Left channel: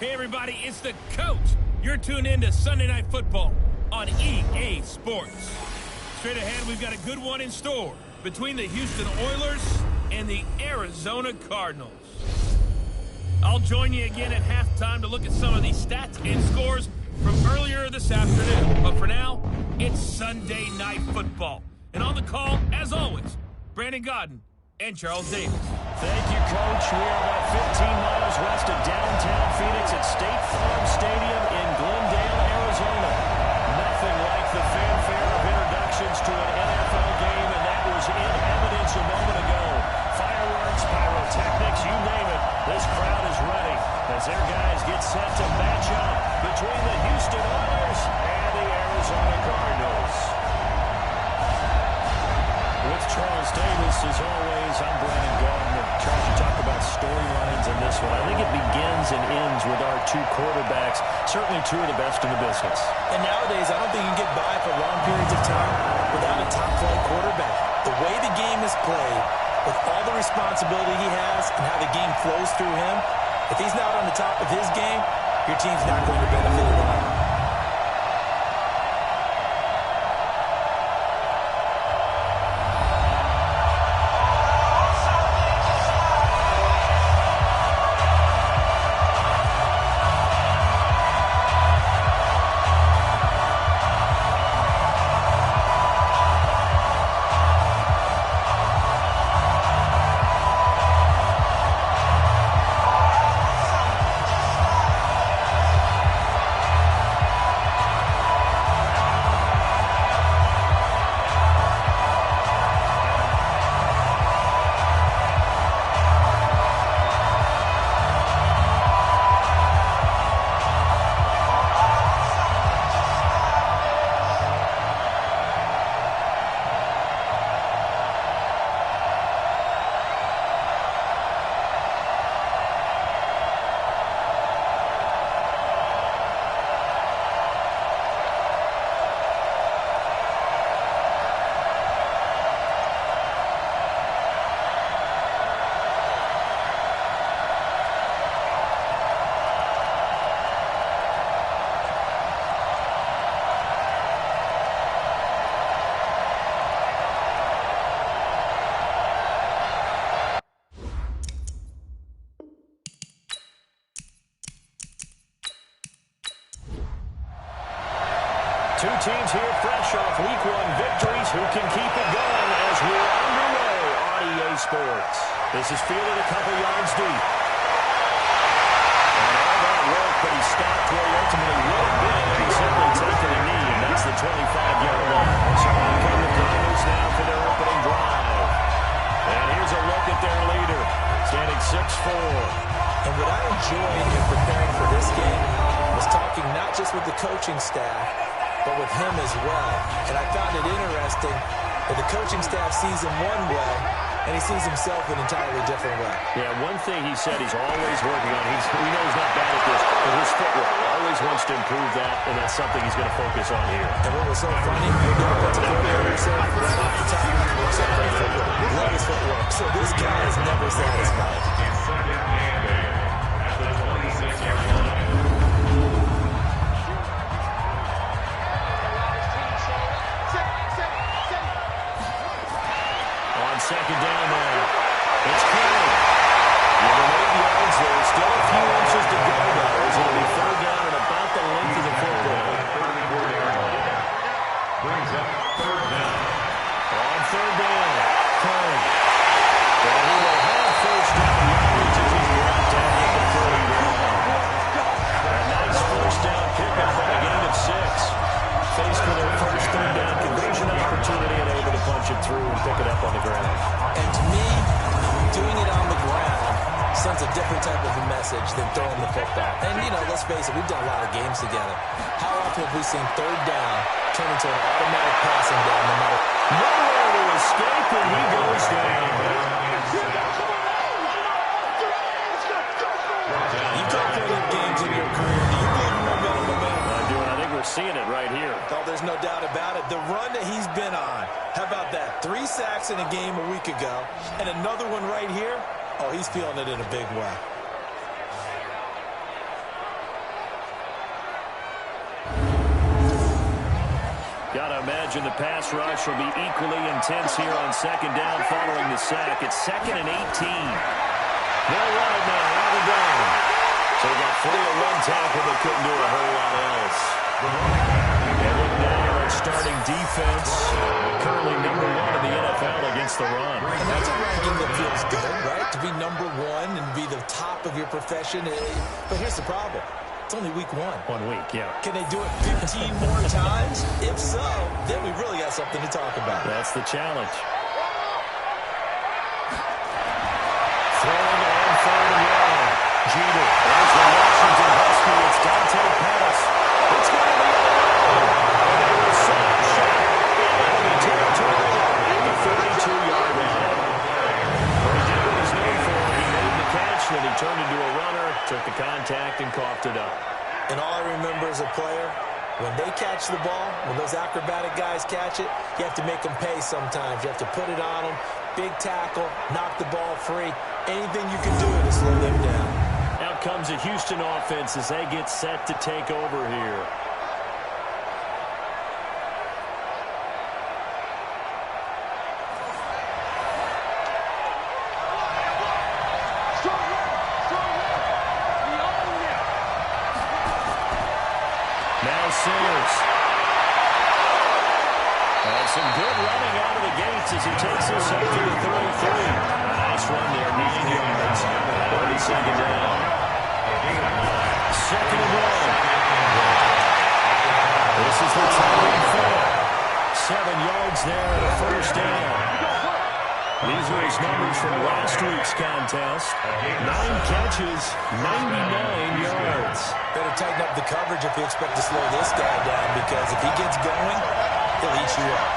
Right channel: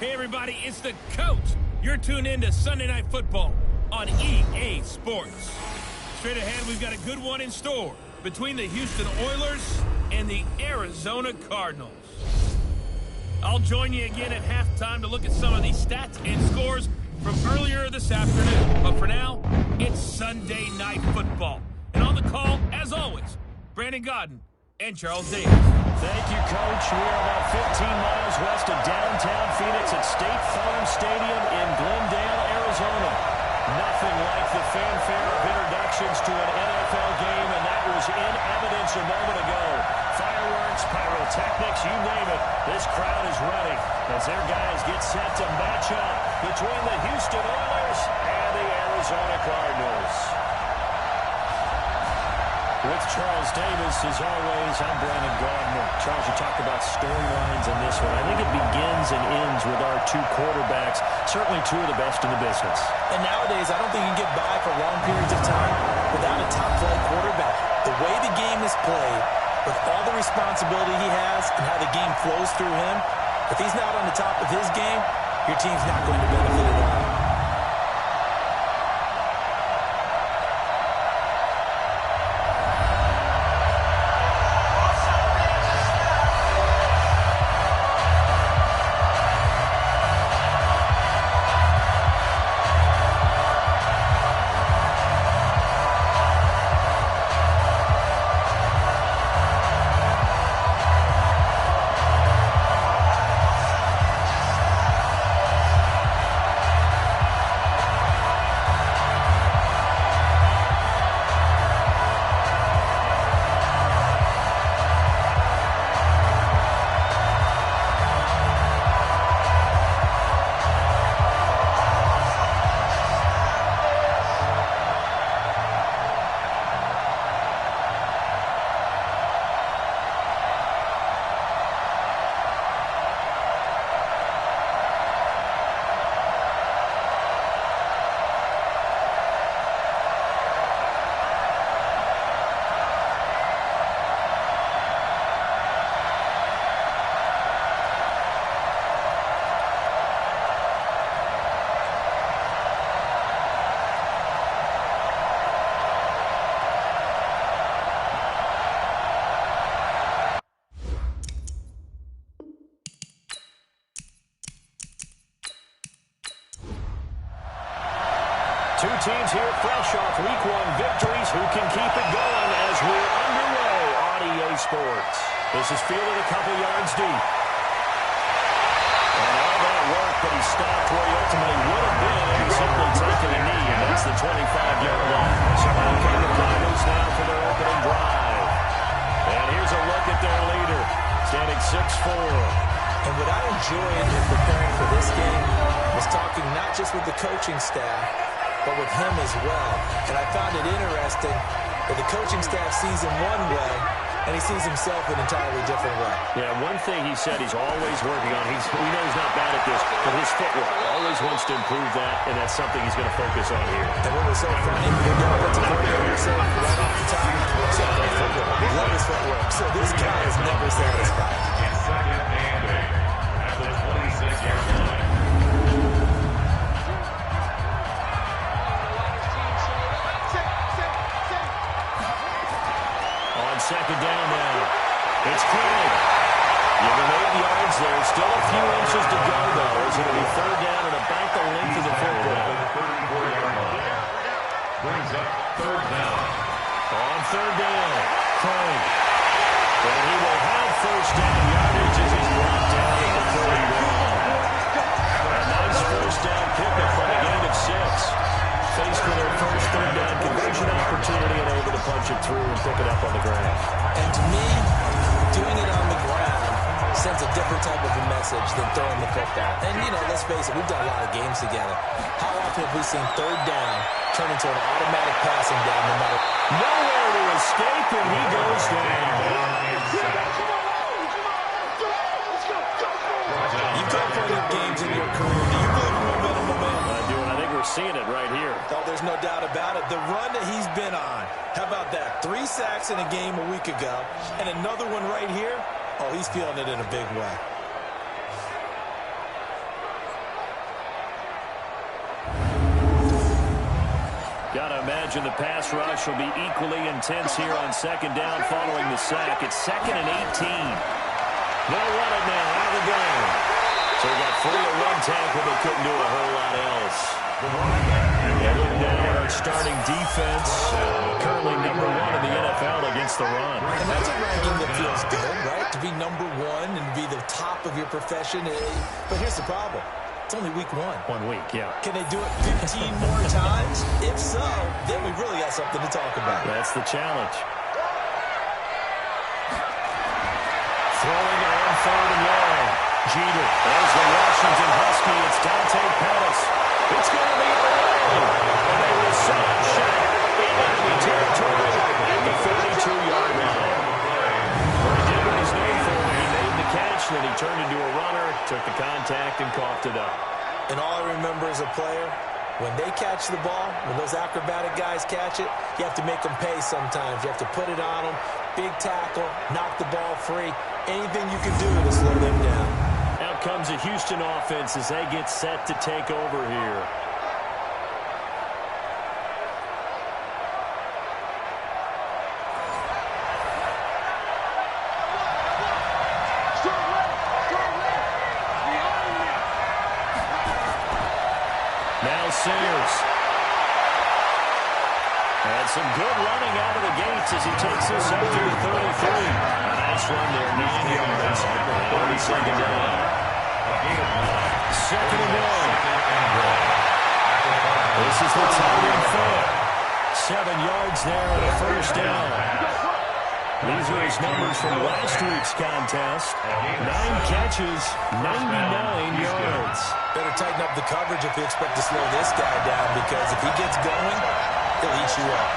Hey, everybody, it's the coach. You're tuned in to Sunday Night Football on EA Sports. Straight ahead, we've got a good one in store between the Houston Oilers and the Arizona Cardinals. I'll join you again at halftime to look at some of these stats and scores from earlier this afternoon. But for now, it's Sunday Night Football. And on the call, as always, Brandon Godden and Charles Davis. Thank you, Coach. We are about 15 miles west of downtown Phoenix at State Farm Stadium in Glendale, Arizona. Nothing like the fanfare of introductions to an NFL game, and that was in evidence a moment ago. Fireworks, pyrotechnics, you name it. This crowd is ready as their guys get set to match up between the Houston Oilers and the Arizona Cardinals. With Charles Davis, as always, I'm Brandon Gaudner. Charles, you talked about storylines in this one. I think it begins and ends with our two quarterbacks, certainly two of the best in the business. And nowadays, I don't think you can get by for long periods of time without a top-flight quarterback. The way the game is played, with all the responsibility he has and how the game flows through him, if he's not on the top of his game, your team's not going to benefit at all. Two teams here fresh off Week 1 victories. Who can keep it going as we're underway on EA Sports? This is fielded a couple yards deep. And all that work, but he stopped where he ultimately would have been if he simply taken a knee, and that's the 25-yard line. So out come the Cardinals now for their opening drive. And here's a look at their leader, standing 6'4". And what I enjoyed in preparing for this game was talking not just with the coaching staff, but with him as well. And I found it interesting that the coaching staff sees him one way, and he sees himself an entirely different way. Yeah, one thing he said he's always working on, we know he's not bad at this, but his footwork, always wants to improve that, and that's something he's going to focus on here. And what was so funny, the defensive coordinator said right off the top, he said great footwork, love his footwork. So this guy is never satisfied. Second and 8 at the 26-yard line. Second down now. It's Craig. Give him 8 yards there. Still a few inches to go, though, as it'll be third down and about the length of the football. 34-yard line. Brings up third down. On third down, Craig. And he will have first down yardage as he's brought down at the 31. A nice first down pickup on a gain of 6. Faced with their first third down conversion opportunity and able to punch it through and pick it up on the ground. And to me, doing it on the ground sends a different type of a message than throwing the football. And, you know, let's face it, we've done a lot of games together. How often have we seen third down turn into an automatic passing down no matter... Nowhere to escape, and he goes down. You've got plenty of games in your career. Do you believe in momentum? I do, and I think we're seeing it right here. Oh, there's no doubt about it. The run that he's been on, how about that? 3 sacks in a game a week ago, and another one right here. Oh, he's feeling it in a big way. Got to imagine the pass rush will be equally intense here on second down following the sack. It's 2nd and 18. They'll run it now out of the gun. So we got 3 to 1 tackle, but couldn't do a whole lot else. Yeah, look now at our starting defense. Currently number 1 in the NFL against the run. And that's a ranking that feels good, right? To be number 1 and be the top of your profession. But here's the problem. It's only week 1. 1 week, yeah. Can they do it 15 more times? If so, then we really got something to talk about. That's the challenge. Throwing on 3rd and long. Jeter. There's the Washington Husky. It's Dante Pettis. It's going the other way. And they will set up shot in enemy territory at the 42-yard line. Well, he did what he's known for. He made the catch, then he turned into a runner, took the contact, and coughed it up. And all I remember as a player, when they catch the ball, when those acrobatic guys catch it, you have to make them pay sometimes. You have to put it on them, big tackle, knock the ball free. Anything you can do to slow them down. Out comes the Houston offense as they get set to take over here. Now Sayers. And some good running out of the gates as he takes this up to the 33. A nice run there, 9 yards. On the second down. 2nd and 1. This is the tight end fair. 7 yards there and a first down. These are his numbers from last week's contest. 9 catches, 99 yards. Better tighten up the coverage if you expect to slow this guy down, because if he gets going, he'll eat you up.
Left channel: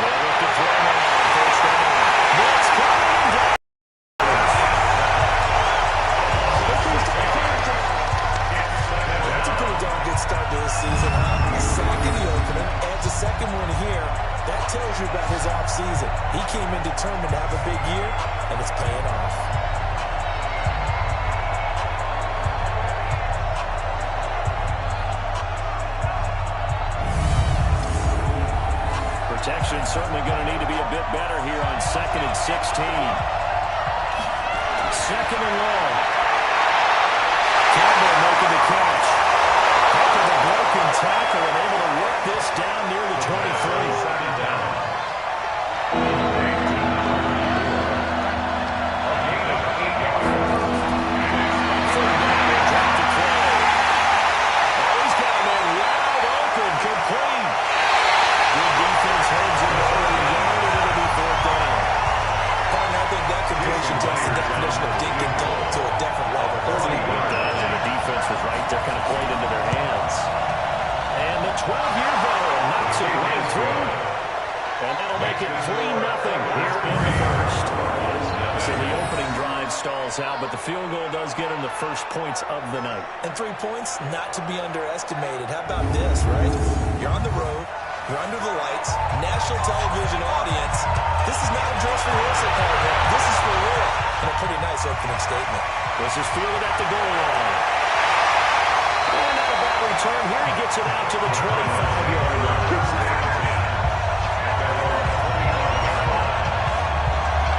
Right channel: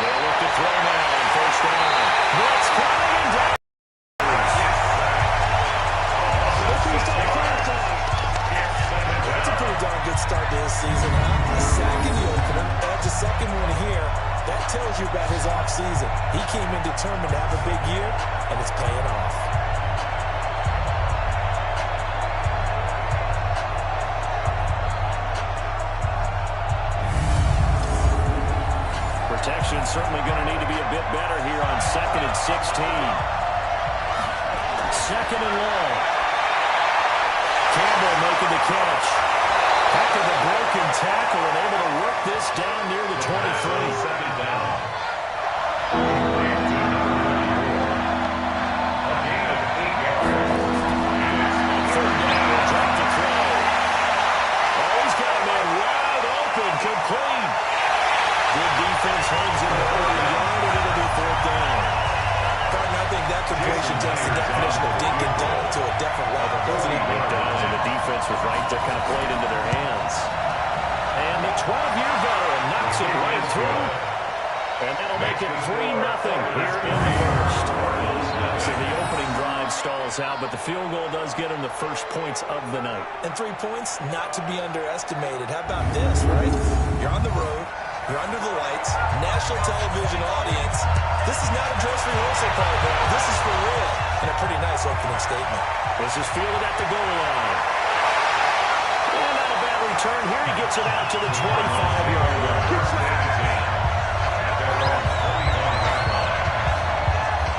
They'll look to throw now on first down. Blitz coming and down. That's a pretty darn good start to his season, huh? A sack in the opener, adds a second one here. That tells you about his offseason. He came in determined to have a big year, and it's paying off. Protection certainly going to need to be a bit better here on 2nd and 16. 2nd and long. Campbell making the catch. Heck of a broken tackle and able to work this down near the 23. Second down. Third down, they'll drop to throw. Oh, he's got a man wide open, complete. Good defense holds him to over a yard, and it'll be 4th down. Partner, I think that completion takes the definition of dink and dunk to a different level, doesn't it? It does, and the defense was right there, kind of played into their hands. And the 12-year veteran knocks it right through. And that'll make it 3-0 here in the first. So the opening drive stalls out, but the field goal does get him the first points of the night. And 3 points, not to be underestimated. How about this, right? You're on the road. You're under the lights. National television audience. This is not a dress rehearsal, partner. This is for real. And a pretty nice opening statement. This is fielded at the goal line. And not a bad return. Here he gets it out to the 25-yard line.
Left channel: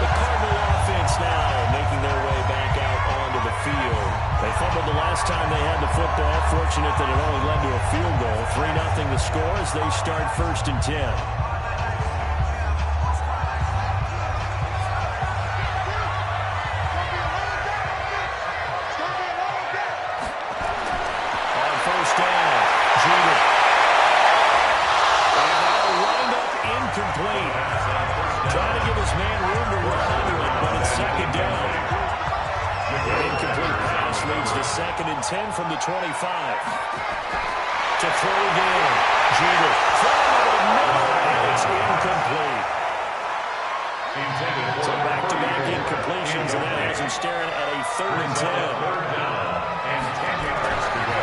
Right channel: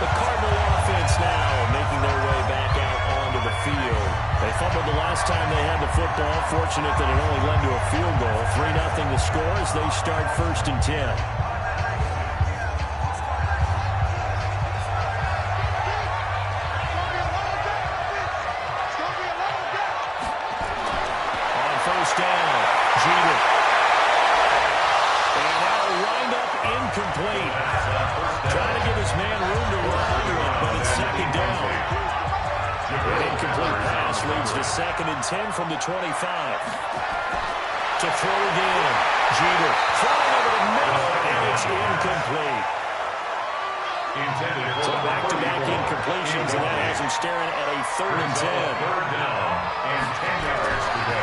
The Cardinal offense now making their way back out onto the field. They fumbled the last time they had the football. Fortunate that it only led to a field goal. 3-0 the score as they start 1st and 10. On first down, Jeter. And now lined up incomplete. Trying to give his man room to run under it, but it's 2nd down. An incomplete pass leads to 2nd and 10 from the 25. To throw again. Jeter throwing over the middle, and it's incomplete. So back-to-back incompletions, and that has him staring at a 3rd and 10. 3rd down and 10 yards to go.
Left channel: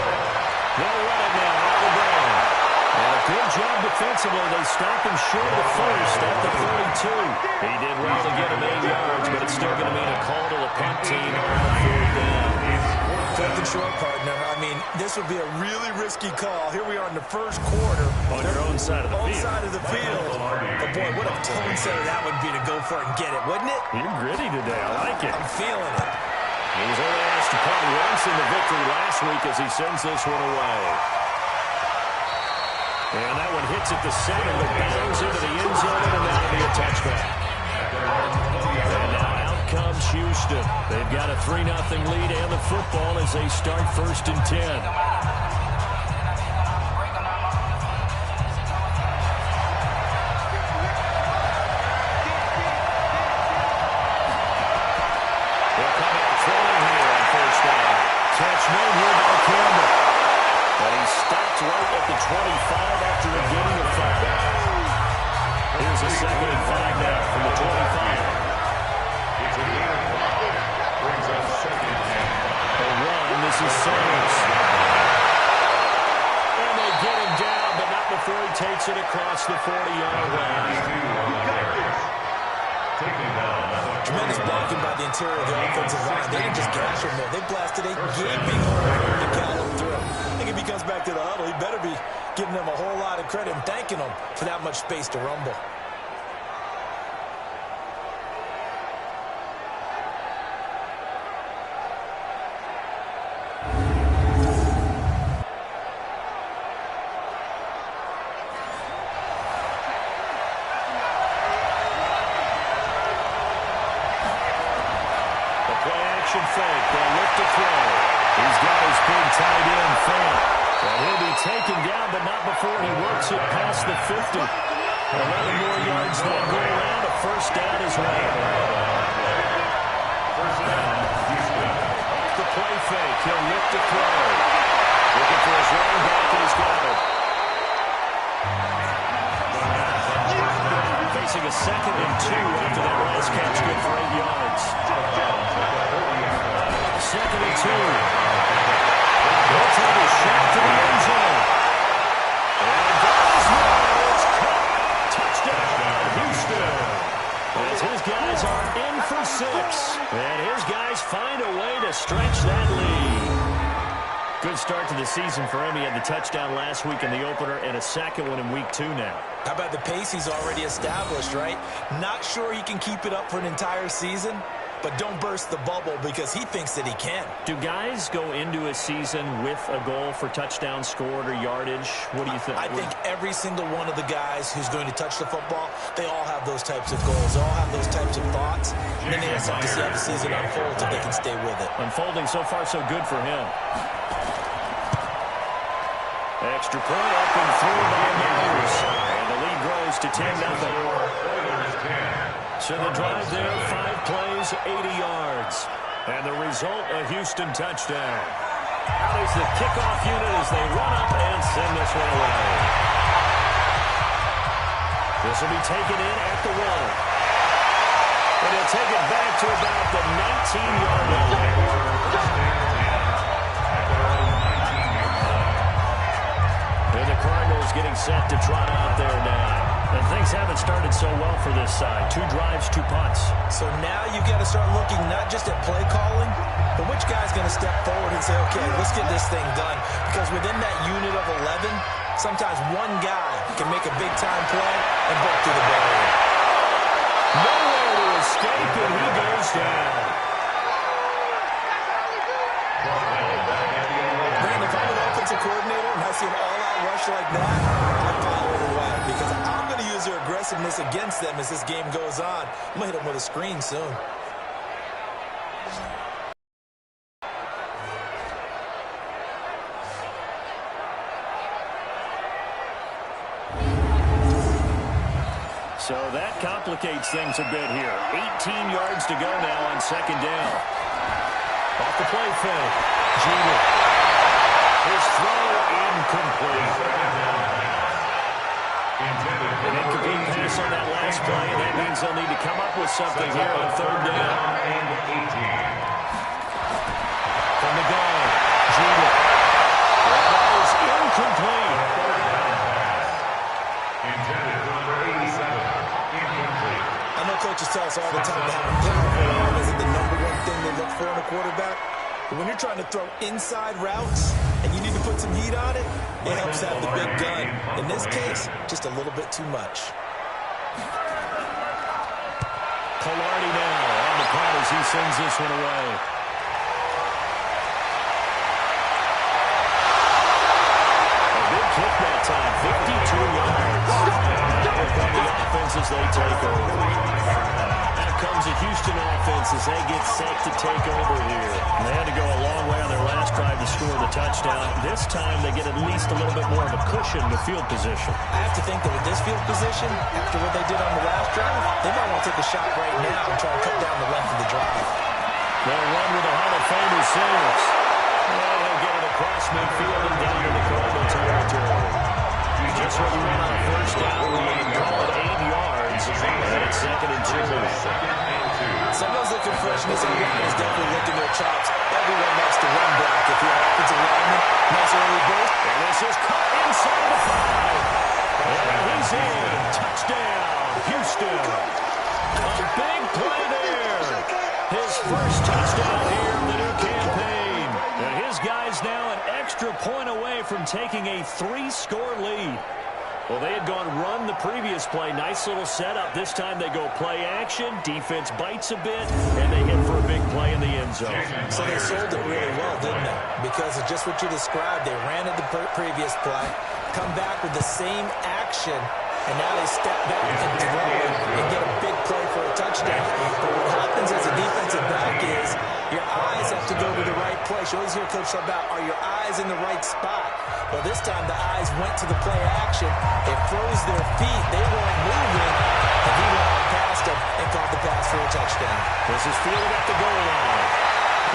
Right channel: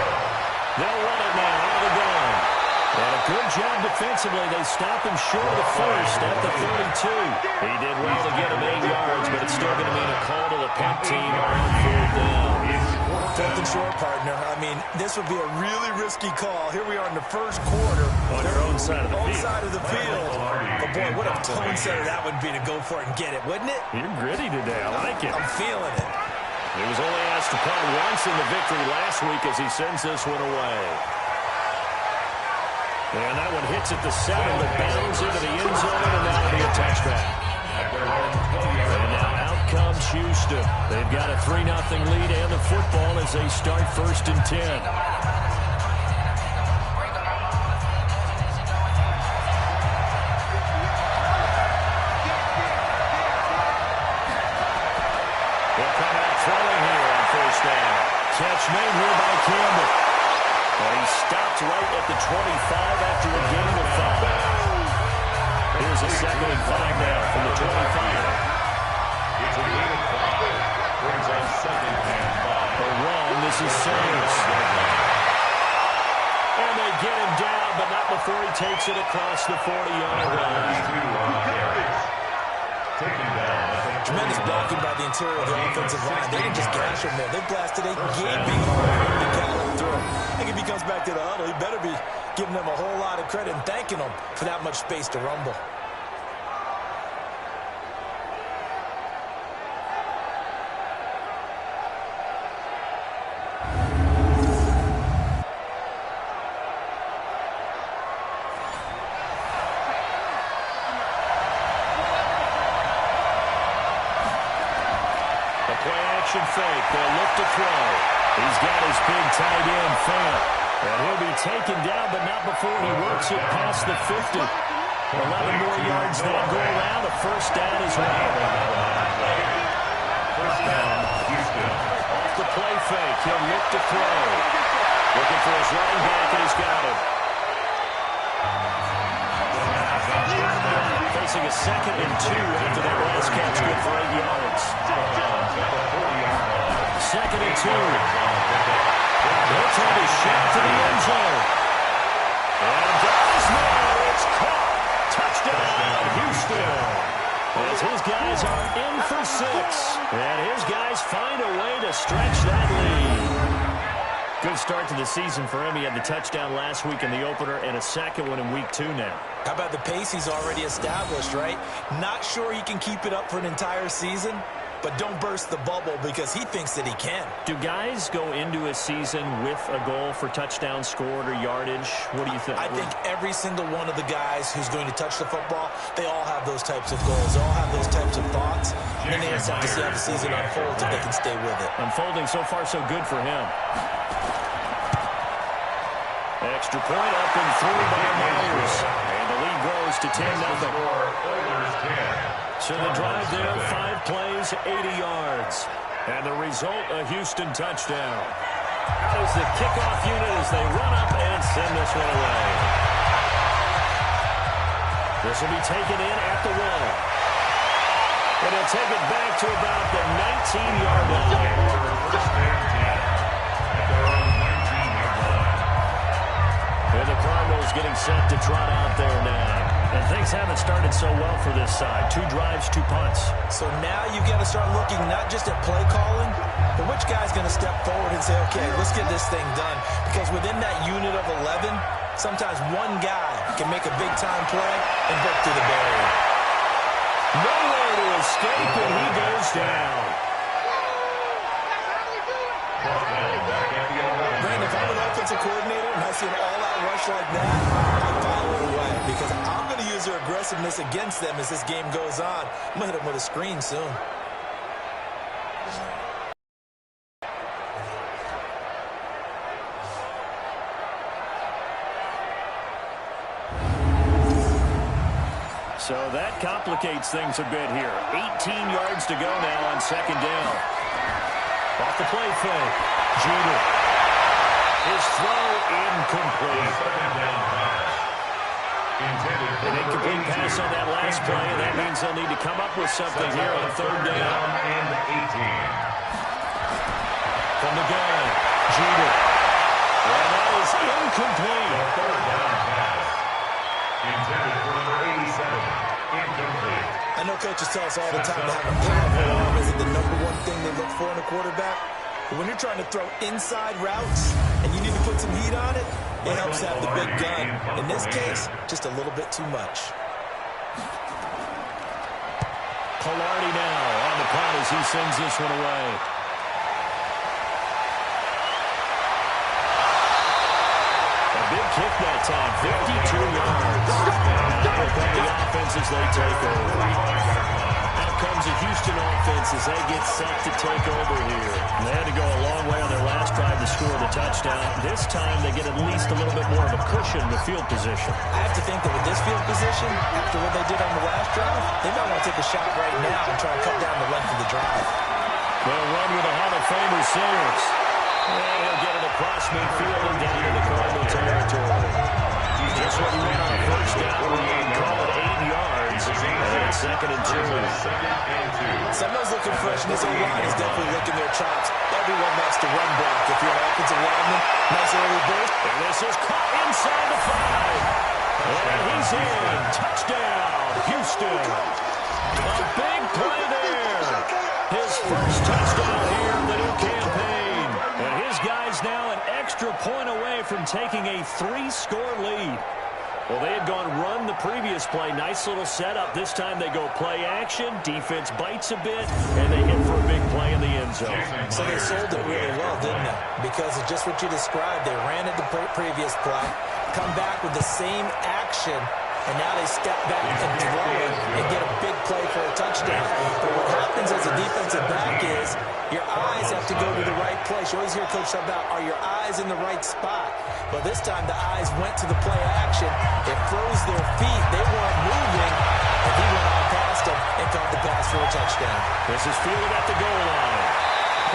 They'll run it now out of the gun. And a good job defensively. They stop him short of the first at the 32. He did well to get him 8 yards, but it's still going to mean a call to the punt team on 4th down. 4th and short, partner. I mean, this would be a really risky call. Here we are in the first quarter. On your own side of the field. Side of the field. But, boy, what a tone setter that would be to go for it and get it, wouldn't it? You're gritty today. I like it. I'm feeling it. He was only asked to punt once in the victory last week as he sends this one away. And that one hits at the 7, but bounds into the end zone, and that'll be a touchback. And now out comes Houston. They've got a 3-0 lead and the football as they start 1st and 10. Catch made here by Campbell. And he stopped right at the 25 after a gain of 5. Here's a 2nd and 5 now from the 25. It's a gain of 5. Brings up 2nd and 5. A run. This is Sanders. And they get him down, but not before he takes it across the 40-yard line. Taken down. Tremendous blocking by the interior of the offensive line. They didn't just gash him there. They blasted a gaping hole for him to gallop through. I think if he comes back to the huddle, he better be giving them a whole lot of credit and thanking them for that much space to rumble. Fake. They'll look to throw. He's got his big tight end, Fant. And he'll be taken down, but not before he works it past the 50. 11 more yards that go around. A 1st down as well. 1st down, Houston. Off the play fake. He'll look to throw. Looking for his running back, and he's got it. Facing a 2nd and 2 after that last catch, good for 8 yards. 2nd and 2. They'll take a shot to the end zone. And there's one. It's caught. Touchdown, Houston. As his guys are in for 6. And his guys find a way to stretch that lead. Good start to the season for him. He had the touchdown last week in the opener and a 2nd one in week 2 now. How about the pace he's already established, right? Not sure he can keep it up for an entire season, but don't burst the bubble because he thinks that he can. Do guys go into a season with a goal for touchdown scored or yardage? What do you think? I think every single one of the guys who's going to touch the football, they all have those types of goals. They all have those types of thoughts. And then they just have to see how the season unfolds if they can stay with it. Unfolding so far so good for him. Extra point up and through by Myers. And the lead grows to 10-0. So the drive there, 5 plays, 80 yards. And the result, a Houston touchdown. Out is the kickoff unit as they run up and send this one away. This will be taken in at the 1. And he'll take it back to about the 19-yard line. And the Cardinals getting set to trot out there now. And things haven't started so well for this side. 2 drives, 2 punts. So now you've got to start looking not just at play calling, but which guy's going to step forward and say, okay, let's get this thing done. Because within that unit of 11, sometimes one guy can make a big-time play and break through the barrier. Nowhere to escape, and he goes down. Man, if I'm an offensive coordinator and I see an all-out rush like that, I follow it away because I'm going to use their aggressiveness against them as this game goes on. I'm going to hit them with a screen soon. So that complicates things a bit here. 18 yards to go now on 2nd down. Off the play fake. Jeter. His throw incomplete. An incomplete pass on that last play, and that means they'll need to come up with something here on 3rd down. From the gun, Jeter. And that is incomplete. Third down pass. Intended for number 87. Incomplete. I know coaches tell us all the time to have a powerful arm isn't the #1 thing they look for in a quarterback. But when you're trying to throw inside routes and you need to put some heat on it, it helps have the big gun. In this case, just a little bit too much. Pilardi now on the punt as he sends this one away. A big kick that time, 52 yards. And out will come the offense as they take over. Out comes the Houston offense as they get set to take over here. And they had to go a long way on their last drive to score the touchdown. This time they get at least a little bit more of a cushion with field position. I have to think that with this field position, after what they did on the last drive, they might want to take a shot right now and try to cut down the length of the drive. They'll run with a Hall of Famer Sayers. And he'll get it across midfield and down into Cardinal territory. Just what you want on a first down. We call it 8 yards. And it's 2nd and 2. Someone's looking fresh, and this O-line is definitely licking their chops. Everyone loves to run block. If you're an offensive lineman, nice early burst. And this is caught inside the 5. And he's in. Touchdown, Houston. A big play there. His first touchdown here in the new campaign. And his guys now an extra point away from taking a 3-score lead. Well, they had gone run the previous play. Nice little setup. This time they go play action. Defense bites a bit, and they hit for a big play in the end zone. So they sold it really well, didn't they? Because of just what you described. They ran it the previous play, come back with the same action, and now they step back and throw it and get a big play for a touchdown. But what happens as a defensive back is your eyes have to go to the right place. You always hear Coach talk about, are your eyes in the right spot? Well, this time the eyes went to the play action. It froze their feet. They weren't moving, and he went on past them and caught the pass for a touchdown. This is fielded at the goal line.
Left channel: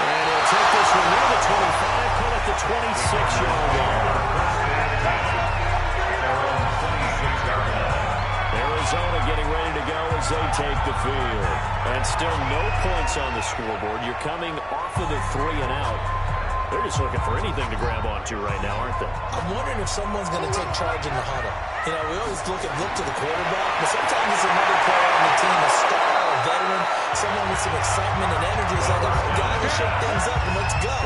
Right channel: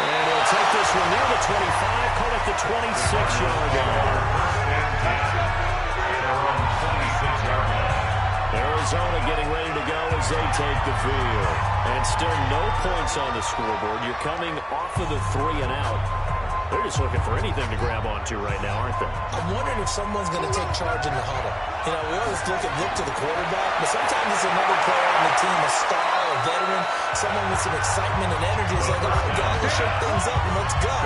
And he'll take this one near the 25, call it the 26-yard line. Arizona getting ready to go as they take the field. And still no points on the scoreboard. You're coming off of the 3 and out. They're just looking for anything to grab onto right now, aren't they? I'm wondering if someone's going to take charge in the huddle. You know, we always look to the quarterback, but sometimes it's another player on the team, a star, a veteran, someone with some excitement and energy. It's like, all right, guys, let's shake things up and let's go.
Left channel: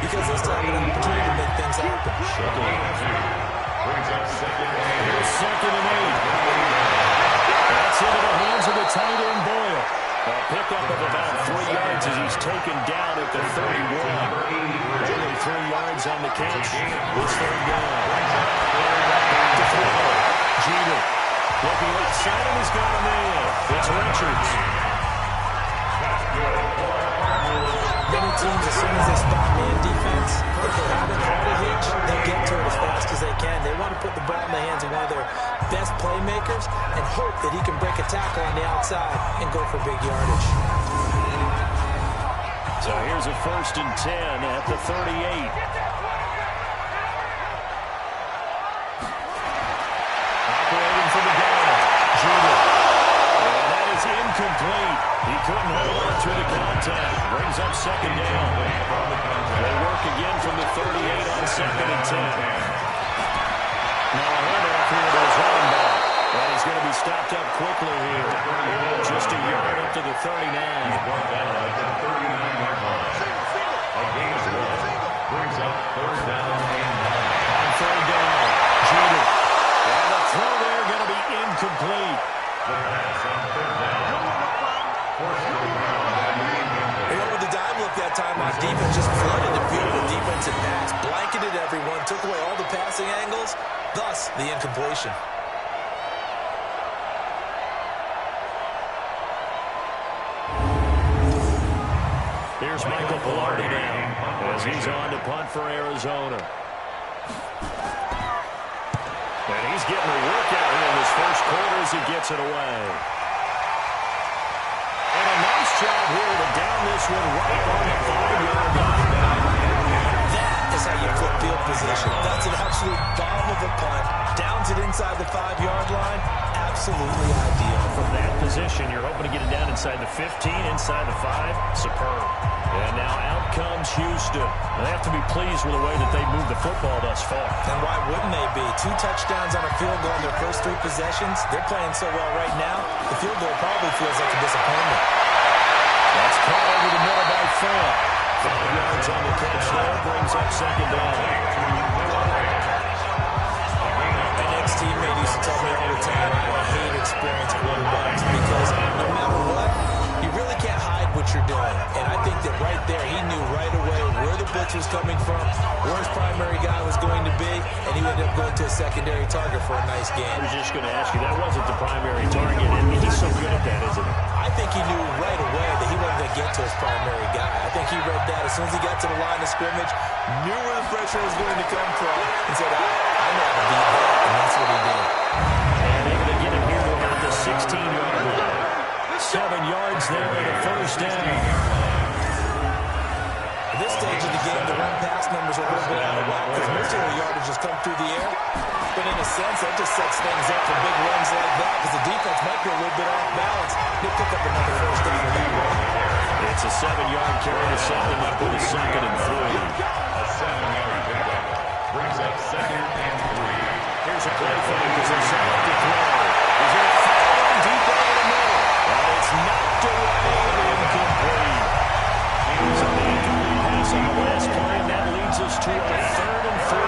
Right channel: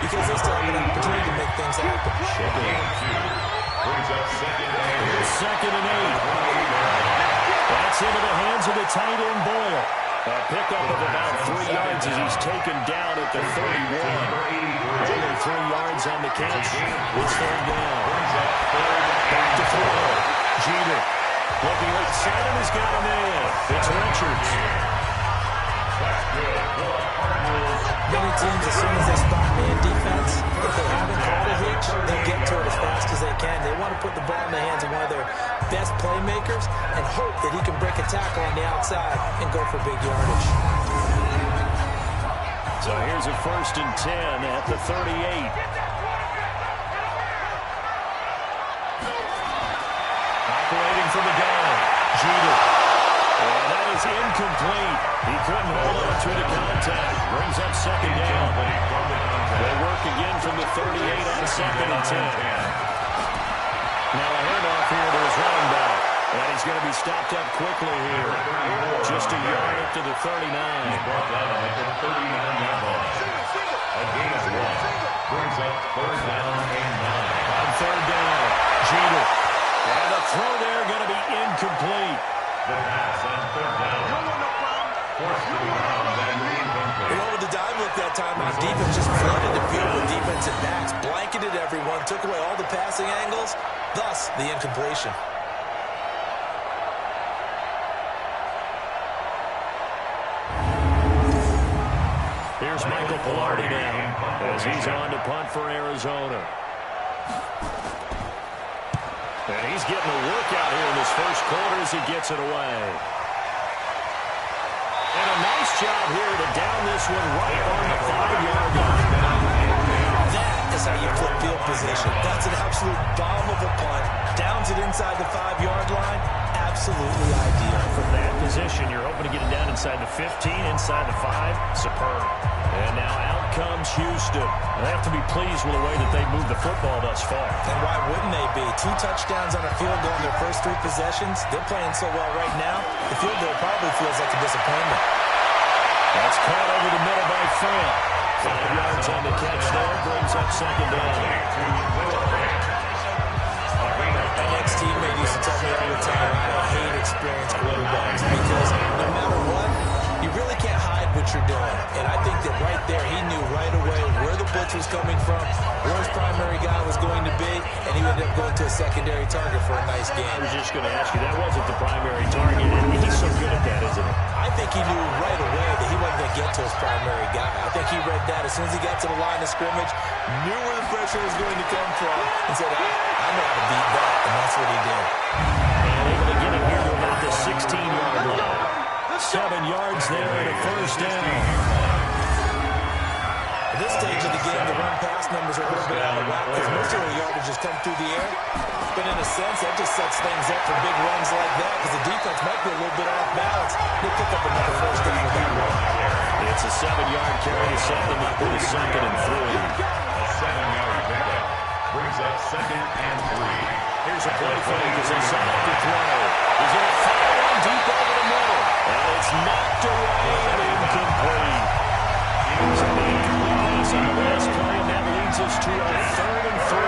Because they still have an opportunity to make things happen. Brings up 2nd and 8. Here's 2nd and 8. That's into the hands of the tight end, Boyle. A pickup of about 3 yards as he's taken down at the 31. Only 3 yards on the catch. It's 3rd down. Back to throw. Jeter looking left side and has got him in. It's Richards. That's good for Cardinals. Many teams, as soon as they spot man defense, if they haven't called a hitch, they'll get to it as fast as they can. They want to put the ball in the hands of one of their best playmakers and hope that he can break a tackle on the outside and go for big yardage. So here's a 1st and 10 at the 38. Operating from the gun, Jeter. And that is incomplete. He couldn't hold on through the contact. Brings up 2nd down. They work again from the 38 on 2nd and 10. Now a handoff here to his running back. And he's going to be stopped up quickly here. Just a yard up to the 39. Brought down at the 39-yard line. A gain of 1. Brings up 3rd down and 9. On 3rd down, Jeter. And the throw there going to be incomplete. The pass on 3rd down. Forced to the ground and incomplete. You know, with the dive look that time, our defense just flooded the field with defensive backs, blanketed everyone, took away all the passing angles, thus the incompletion. Here's Michael Pilardi now as he's on to punt for Arizona. And he's getting a workout here in this first quarter as he gets it away. And a nice job here to down this one right on the 5-yard line. That is how you flip field position. That's an absolute bomb of a punt. Downs it inside the 5-yard line. Absolutely ideal. From that position, you're hoping to get it down inside the 15, inside the 5. Superb. And now out comes Houston. They have to be pleased with the way that they moved the football thus far. And why wouldn't they be? 2 touchdowns on a field goal in their first 3 possessions. They're playing so well right now, the field goal probably feels like a disappointment. That's caught over the middle by Fant. 5 yards on the catch there. Brings up second down. An ex-teammate used to tell me all the time, I hate experienced quarterbacks because no matter what, you really can't hide what you're doing. And I think that right there, he knew right away where the blitz was coming from, where his primary guy was going to be, and he ended up going to a secondary target for a nice game. I was just going to ask you, that wasn't the primary target, and he's so good at that, isn't he? I think he knew right away that he wasn't going to get to his primary guy. I think he read that as soon as he got to the line of scrimmage, knew where the pressure was going to come from, and said, I know how to beat that, and that's what he did. And able to get it here to about the 16-yard line. 7 yards there and a first down. At this stage of the game, the run-pass numbers are a little bit out of whack because most of the yardage has come through the air. But in a sense, that just sets things up for big runs like that because the defense might be a little bit off balance. They pick up another first down with that run. It's a 7-yard carry to set them up with a 2nd and 3. A 7-yard pickup brings up 2nd and 3. Here's a play fake as they set up to throw. He's going to fire one deep over the middle. And it's knocked away and incomplete. So the incomplete pass on the last play, and that leads us to a 3rd and 3.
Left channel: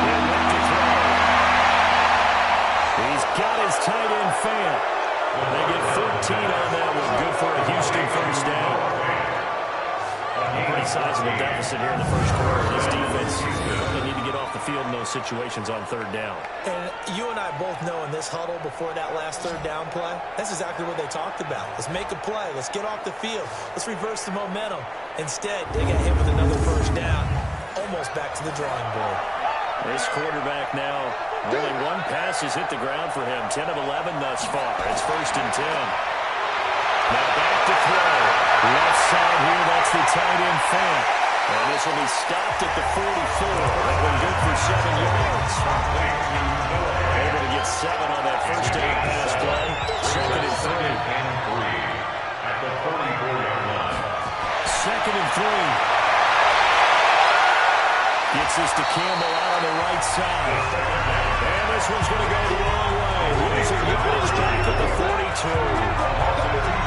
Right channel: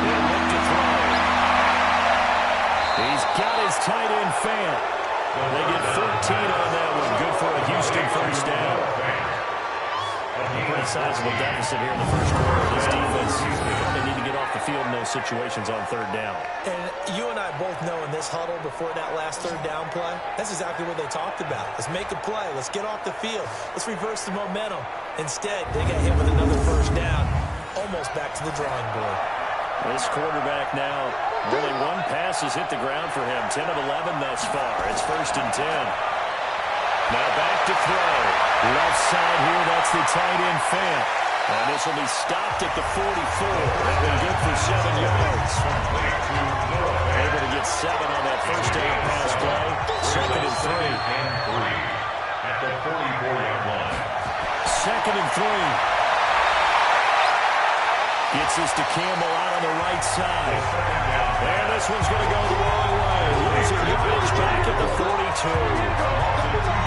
He'll look to throw. He's got his tight end Fant. They get 14 on that one. Good for a Houston first down. A pretty sizable deficit here in the first quarter. This defense probably need to get off the field in those situations on 3rd down. And you and I both know in this huddle before that last 3rd down play, that's exactly what they talked about. Let's make a play. Let's get off the field. Let's reverse the momentum. Instead, they got hit with another first down, almost back to the drawing board. This quarterback now, only one pass has hit the ground for him. 10 of 11 thus far. It's 1st and 10. Now back to throw. Left side here, that's the tight end Fant. And this will be stopped at the 44. That one good for 7 yards. Able to get 7 on that first down pass play. 2nd and 3. At the 44-yard line. 2nd and 3. Gets this to Campbell out on the right side. And this one's going to go the wrong way. Losing yardage back at the 42.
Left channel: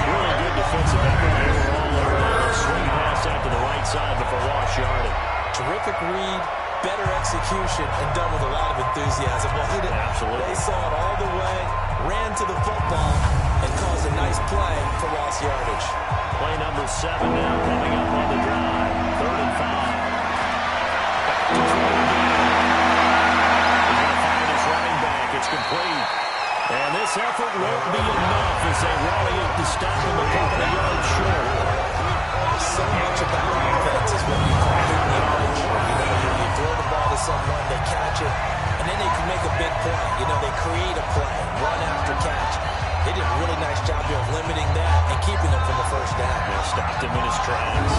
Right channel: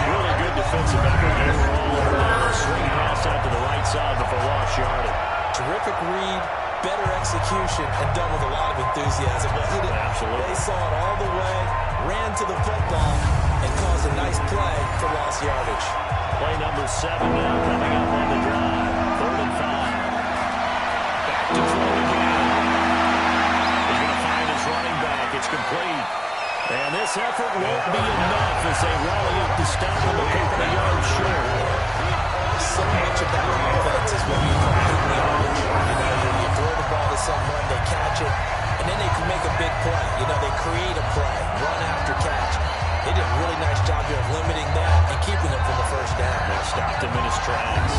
Really good defensive effort. They were all over that. Swing pass out to the right side before lost yardage. Terrific read, better execution, and done with a lot of enthusiasm. Absolutely. They saw it all the way, ran to the football, and caused a nice play for lost yardage. Play number 7 now coming up on the drive. 3rd and 5. To throw again. He's going to find his running back. It's complete. And this effort won't be enough as they rally up to stop him a couple of yards short. So much of that offense is what we call hidden yardage. You know, you throw the ball to someone, they catch it, and then they can make a big play. You know, they create a play, run after catch. They did a really nice job here of limiting that and keeping him from a first down. They stopped him in his tracks.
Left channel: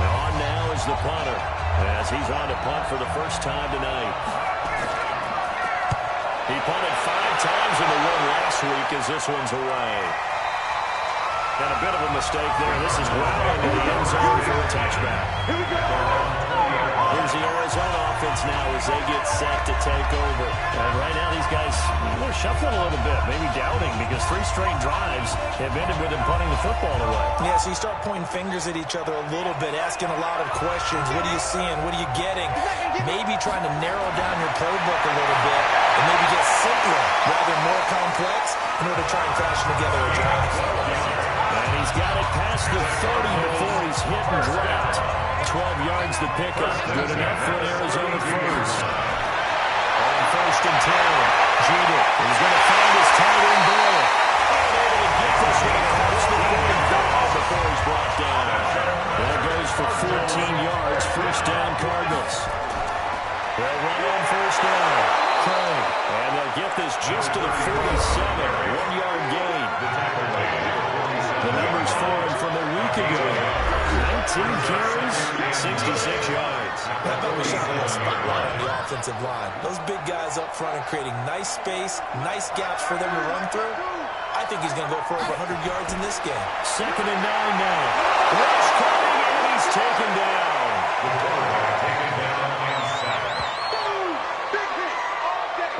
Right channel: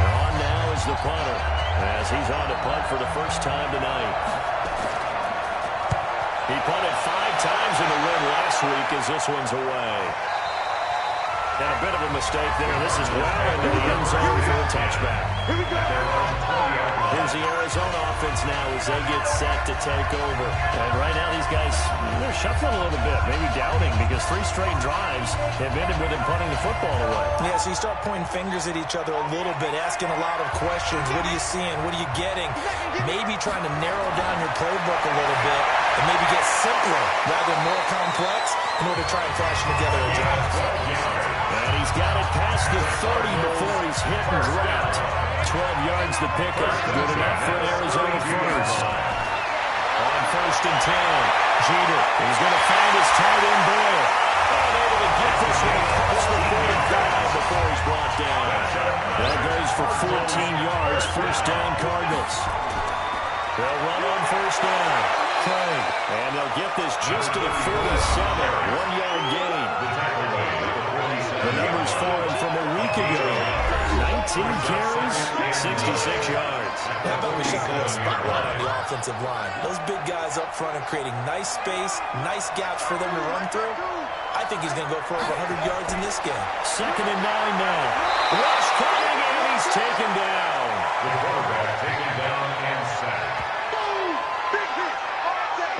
And on now is the punter as he's on to punt for the first time tonight. He punted 5 times in the win last week as this one's away. And a bit of a mistake there. This is well into the end zone for a touchback. Here we go. Here's the Arizona offense now as they get set to take over. And right now these guys, they're shuffling a little bit, maybe doubting because 3 straight drives have ended with them punting the football away. Yeah, so you start pointing fingers at each other a little bit, asking a lot of questions. What are you seeing? What are you getting? Maybe trying to narrow down your playbook a little bit and maybe get simpler rather than more complex in order to try and fashion together a drive. And he's got it past the 30 before he's hit and dropped. 12 yards the pickup. Good enough for an Arizona first. On 1st and 10. Jeter. He's going to find his tight end Boyle. And able to get this one across the 45 before he's brought down. That goes for 14 yards. First down Cardinals. They'll run on first down. Craig. And they'll get this just to the 47. 1-yard gain. The numbers for him from a week ago. 19 carries, 66 yards. How about we shot a little spotlight on the offensive line? Those big guys up front are creating nice space, nice gaps for them to run through. I think he's going to go for over 100 yards in this game. 2nd and 9 now. Rush coming, and he's taken down. The quarterback taken down and sacked.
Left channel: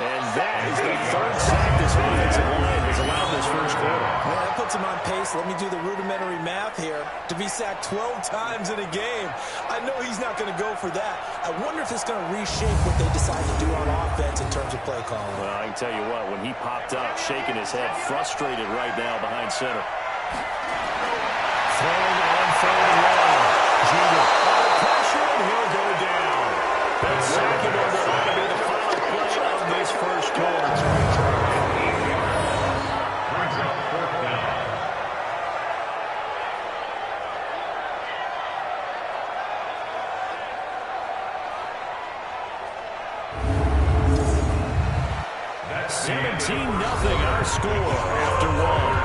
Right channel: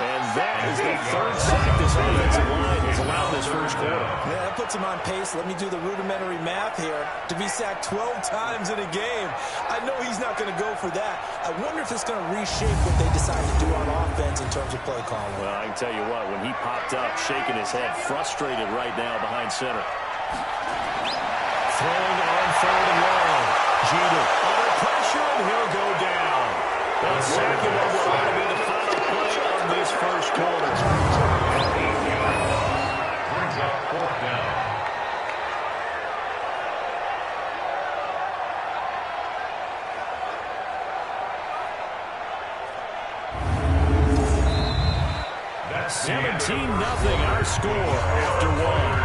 And that is the 3rd sack this offensive line has throughout this first quarter. Yeah, that puts him on pace. Let me do the rudimentary math here. To be sacked 12 times in a game. I know he's not going to go for that. I wonder if it's going to reshape what they decide to do on offense in terms of play calling. Well, I can tell you what, when he popped up, shaking his head, frustrated right now behind center. Thrown on third and long. Jeter under pressure, and he'll go down. They'll sack him on what ought to be the final play of this first quarter. Brings up fourth down. That's 17-0 our score after one.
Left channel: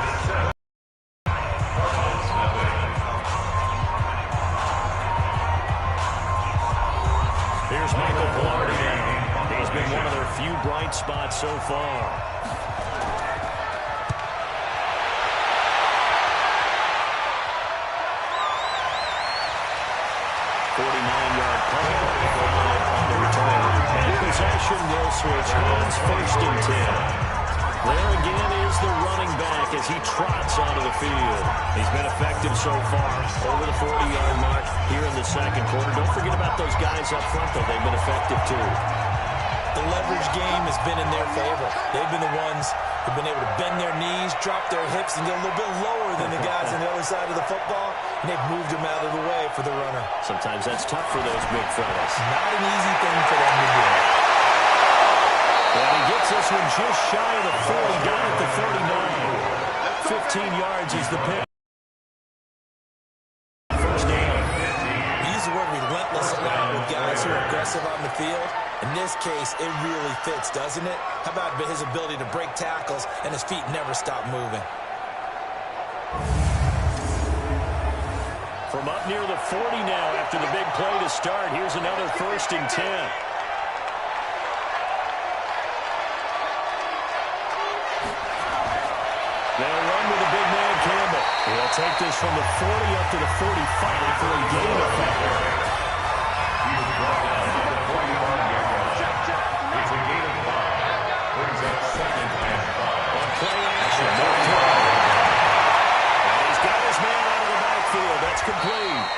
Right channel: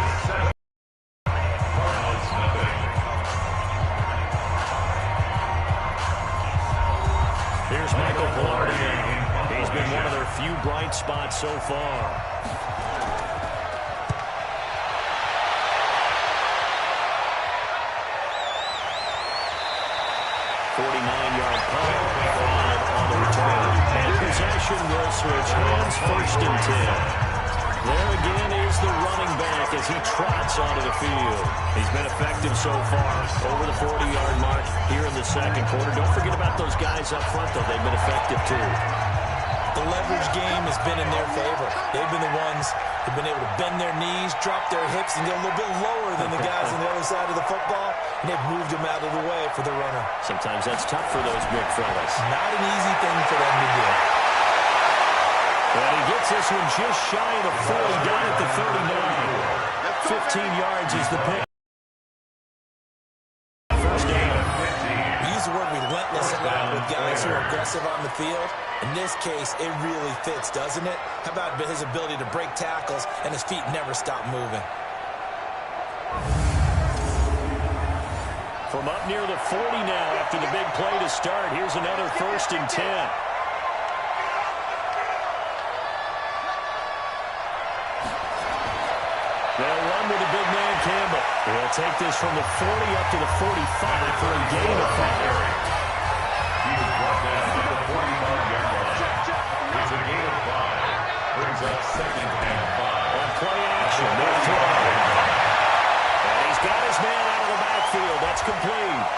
Here's Michael Pilardi now. He's been one of their few bright spots so far. 49-yard punt, 5 on the return. And possession will switch hands, first and 10. There again is the running back as he trots onto the field. He's been effective so far, over the 40-yard mark here in the second quarter. Don't forget about those guys up front, though. They've been effective, too. The leverage game has been in their favor. They've been the ones who've been able to bend their knees, drop their hips, and get a little bit lower than the guys on the other side of the football, and they've moved them out of the way for the runner. Sometimes that's tough for those big fellas. Not an easy thing for them to do. And he gets this one just shy of the 40, down at the 39. 15 yards is the pick. First down. We use the word relentless a lot with guys who are aggressive on the field. In this case, it really fits, doesn't it? How about his ability to break tackles and his feet never stop moving? From up near the 40 now after the big play to start, here's another first and 10. They'll run with the big man, Campbell. He'll take this from the 40 up to the 45 for a gain of 5. He was brought down at the 45-yard line. It's a gain of 5. Brings up second and 5. On play action, no throw. And he's got his man out of the backfield. That's complete.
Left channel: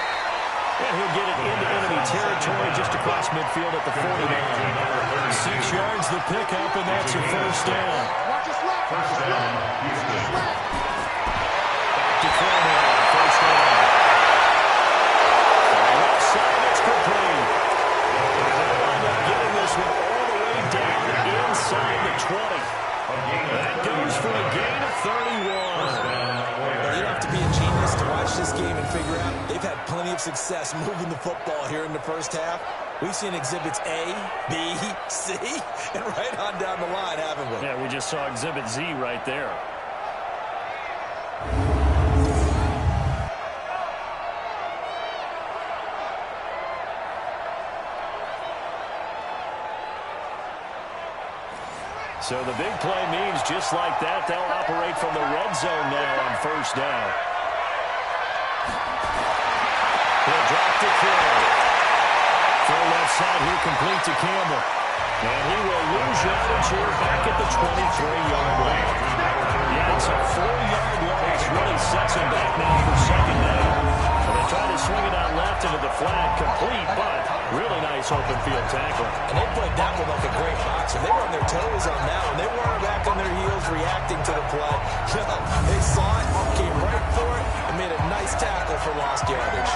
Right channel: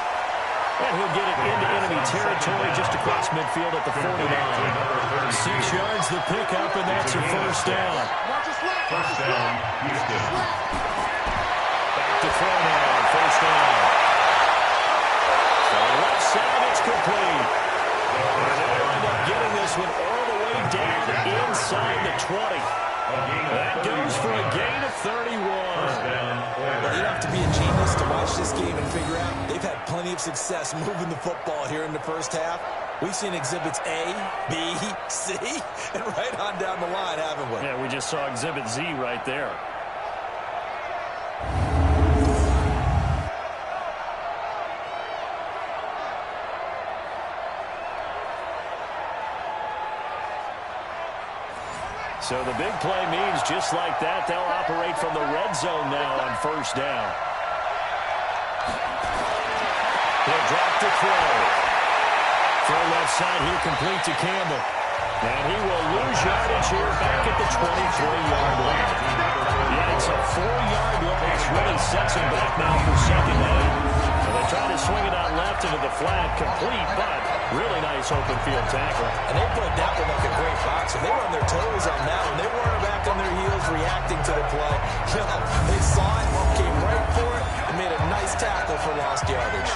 And he'll get it into enemy territory just across midfield at the 49. 6 yards the pickup, and that's a first down. First down, Houston. Back to throw now, first down. On the left side, it's complete. And they'll wind up getting this one all the way down inside the 20. That goes for a gain of 31. Well, you don't have to be a genius to watch this game and figure out they've had plenty of success moving the football here in the first half. We've seen exhibits A, B, C, and right on down the line, haven't we? Yeah, we just saw exhibit Z right there. So the big play means just like that, they'll operate from the red zone now on first down. He'll drop to throw. Throw left side here, complete to Campbell. And he will lose yardage here back at the 23-yard line. Yeah, it's a 4-yard loss. Really sets him back now for second down. So they try to swing it out left into the flat, complete, but really nice open field tackle. And they played that one like a great boxer. They were on their toes on that one. They weren't back on their heels reacting to the play. No, they saw it, came right for it, and made a nice tackle for lost yardage.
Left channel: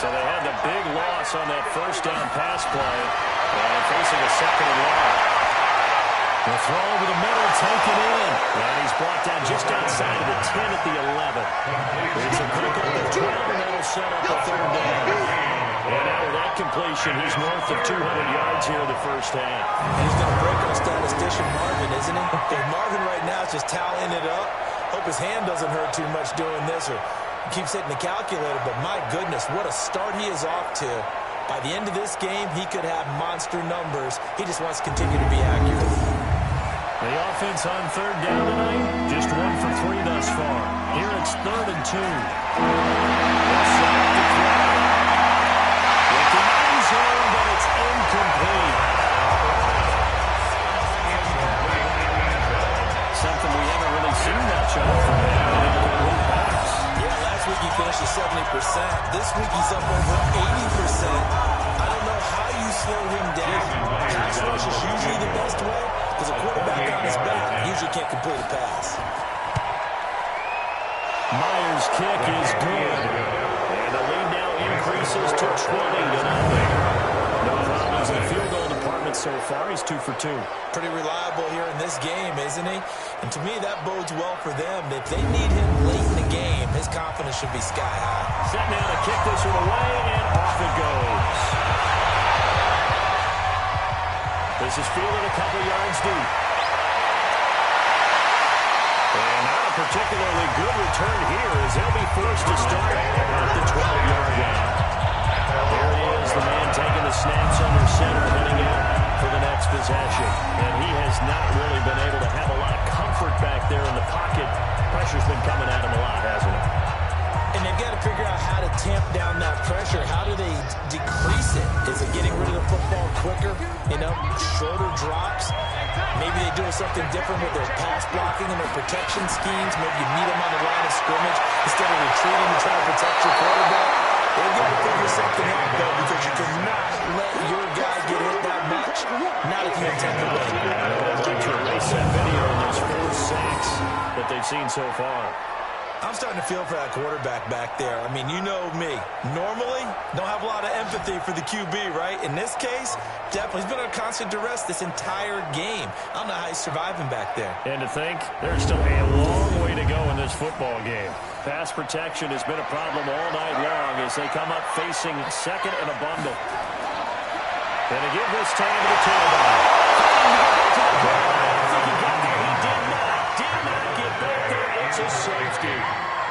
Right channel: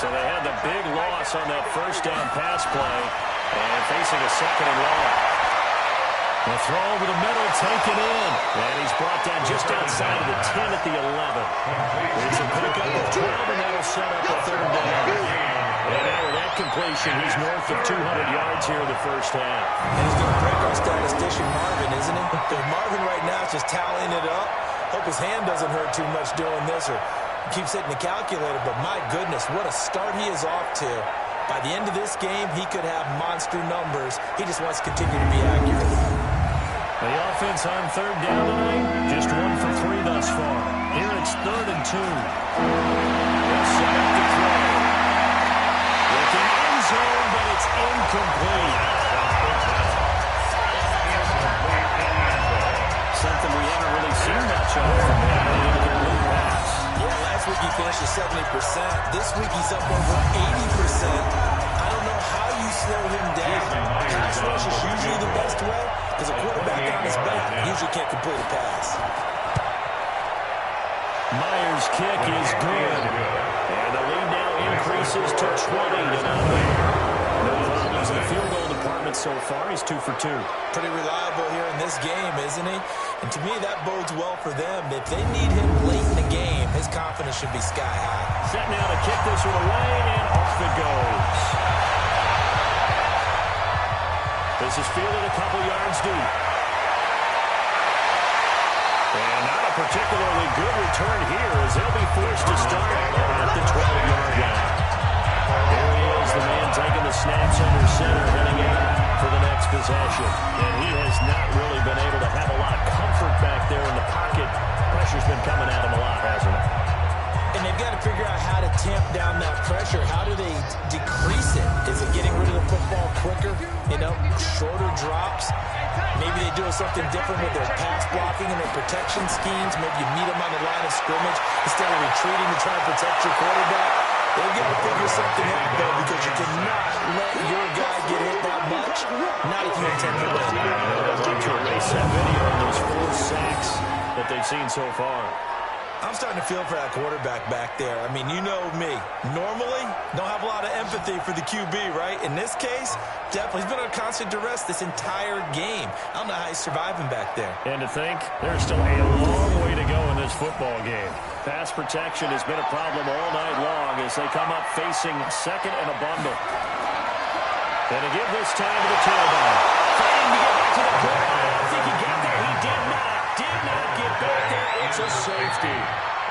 So they had the big loss on that first down pass play, and facing a second and long. The throw over the middle, taken in. And he's brought down just outside of the 10 at the 11. It's a pickup of 12, and that'll set up a third down. And now with that completion, he's north of 200 yards here in the first half. And he's going to break our statistician Marvin, isn't he? Marvin right now is just tallying it up. Hope his hand doesn't hurt too much doing this or keeps hitting the calculator. But my goodness, what a start he is off to. By the end of this game, he could have monster numbers. He just wants to continue to be accurate. The offense on third down tonight, just 1 for 3 thus far. Here it's 3rd and 2. They'll set up the throw. Looking end zone, but it's incomplete. Something system, we haven't really seen much of from him. An incomplete pass. Yeah, last week he finished at 70%. This week he's up over 80%. I don't know how you slow him down. Pass rush is usually the best way because a quarterback on his back usually can't complete a pass. Myers' kick is good. And the lead now increases to 20-0. No problems in the field goal department so far. He's 2 for 2. Pretty reliable here in this game, isn't he? And to me, that bodes well for them. If they need him late in the game, his confidence should be sky high. Set now to kick this one away, and off it goes. This is fielded a couple yards deep. And not a particularly good return here as they'll be forced to start at the 12-yard line. There he is, the man taking the snaps under center, heading out for the next possession. And he has not really been able to have a lot of comfort back there in the pocket. Pressure's been coming at him a lot, hasn't it? And they've got to figure out how to tamp down that pressure. How do they decrease it? Is it getting rid of the football quicker? You know, shorter drops? Maybe they do something different with their pass blocking and their protection schemes. Maybe you meet them on the line of scrimmage instead of retreating to try to protect your quarterback. They've got to figure something out, though, because you cannot let your guy get hit that much. Not if you intend to win. I'd like to erase that video on those 4 sacks that they've seen so far. I'm starting to feel for that quarterback back there. I mean, you know me. Normally, don't have a lot of empathy for the QB, right? In this case, definitely. He's been under constant duress this entire game. I don't know how he's surviving back there. And to think, there's still a long way to go in this football game. Pass protection has been a problem all night long as they come up facing second and a bundle. And to give this time to the tailback. Fighting to get back to the goal line. I don't think he got there. He did not get back there. It's a safety.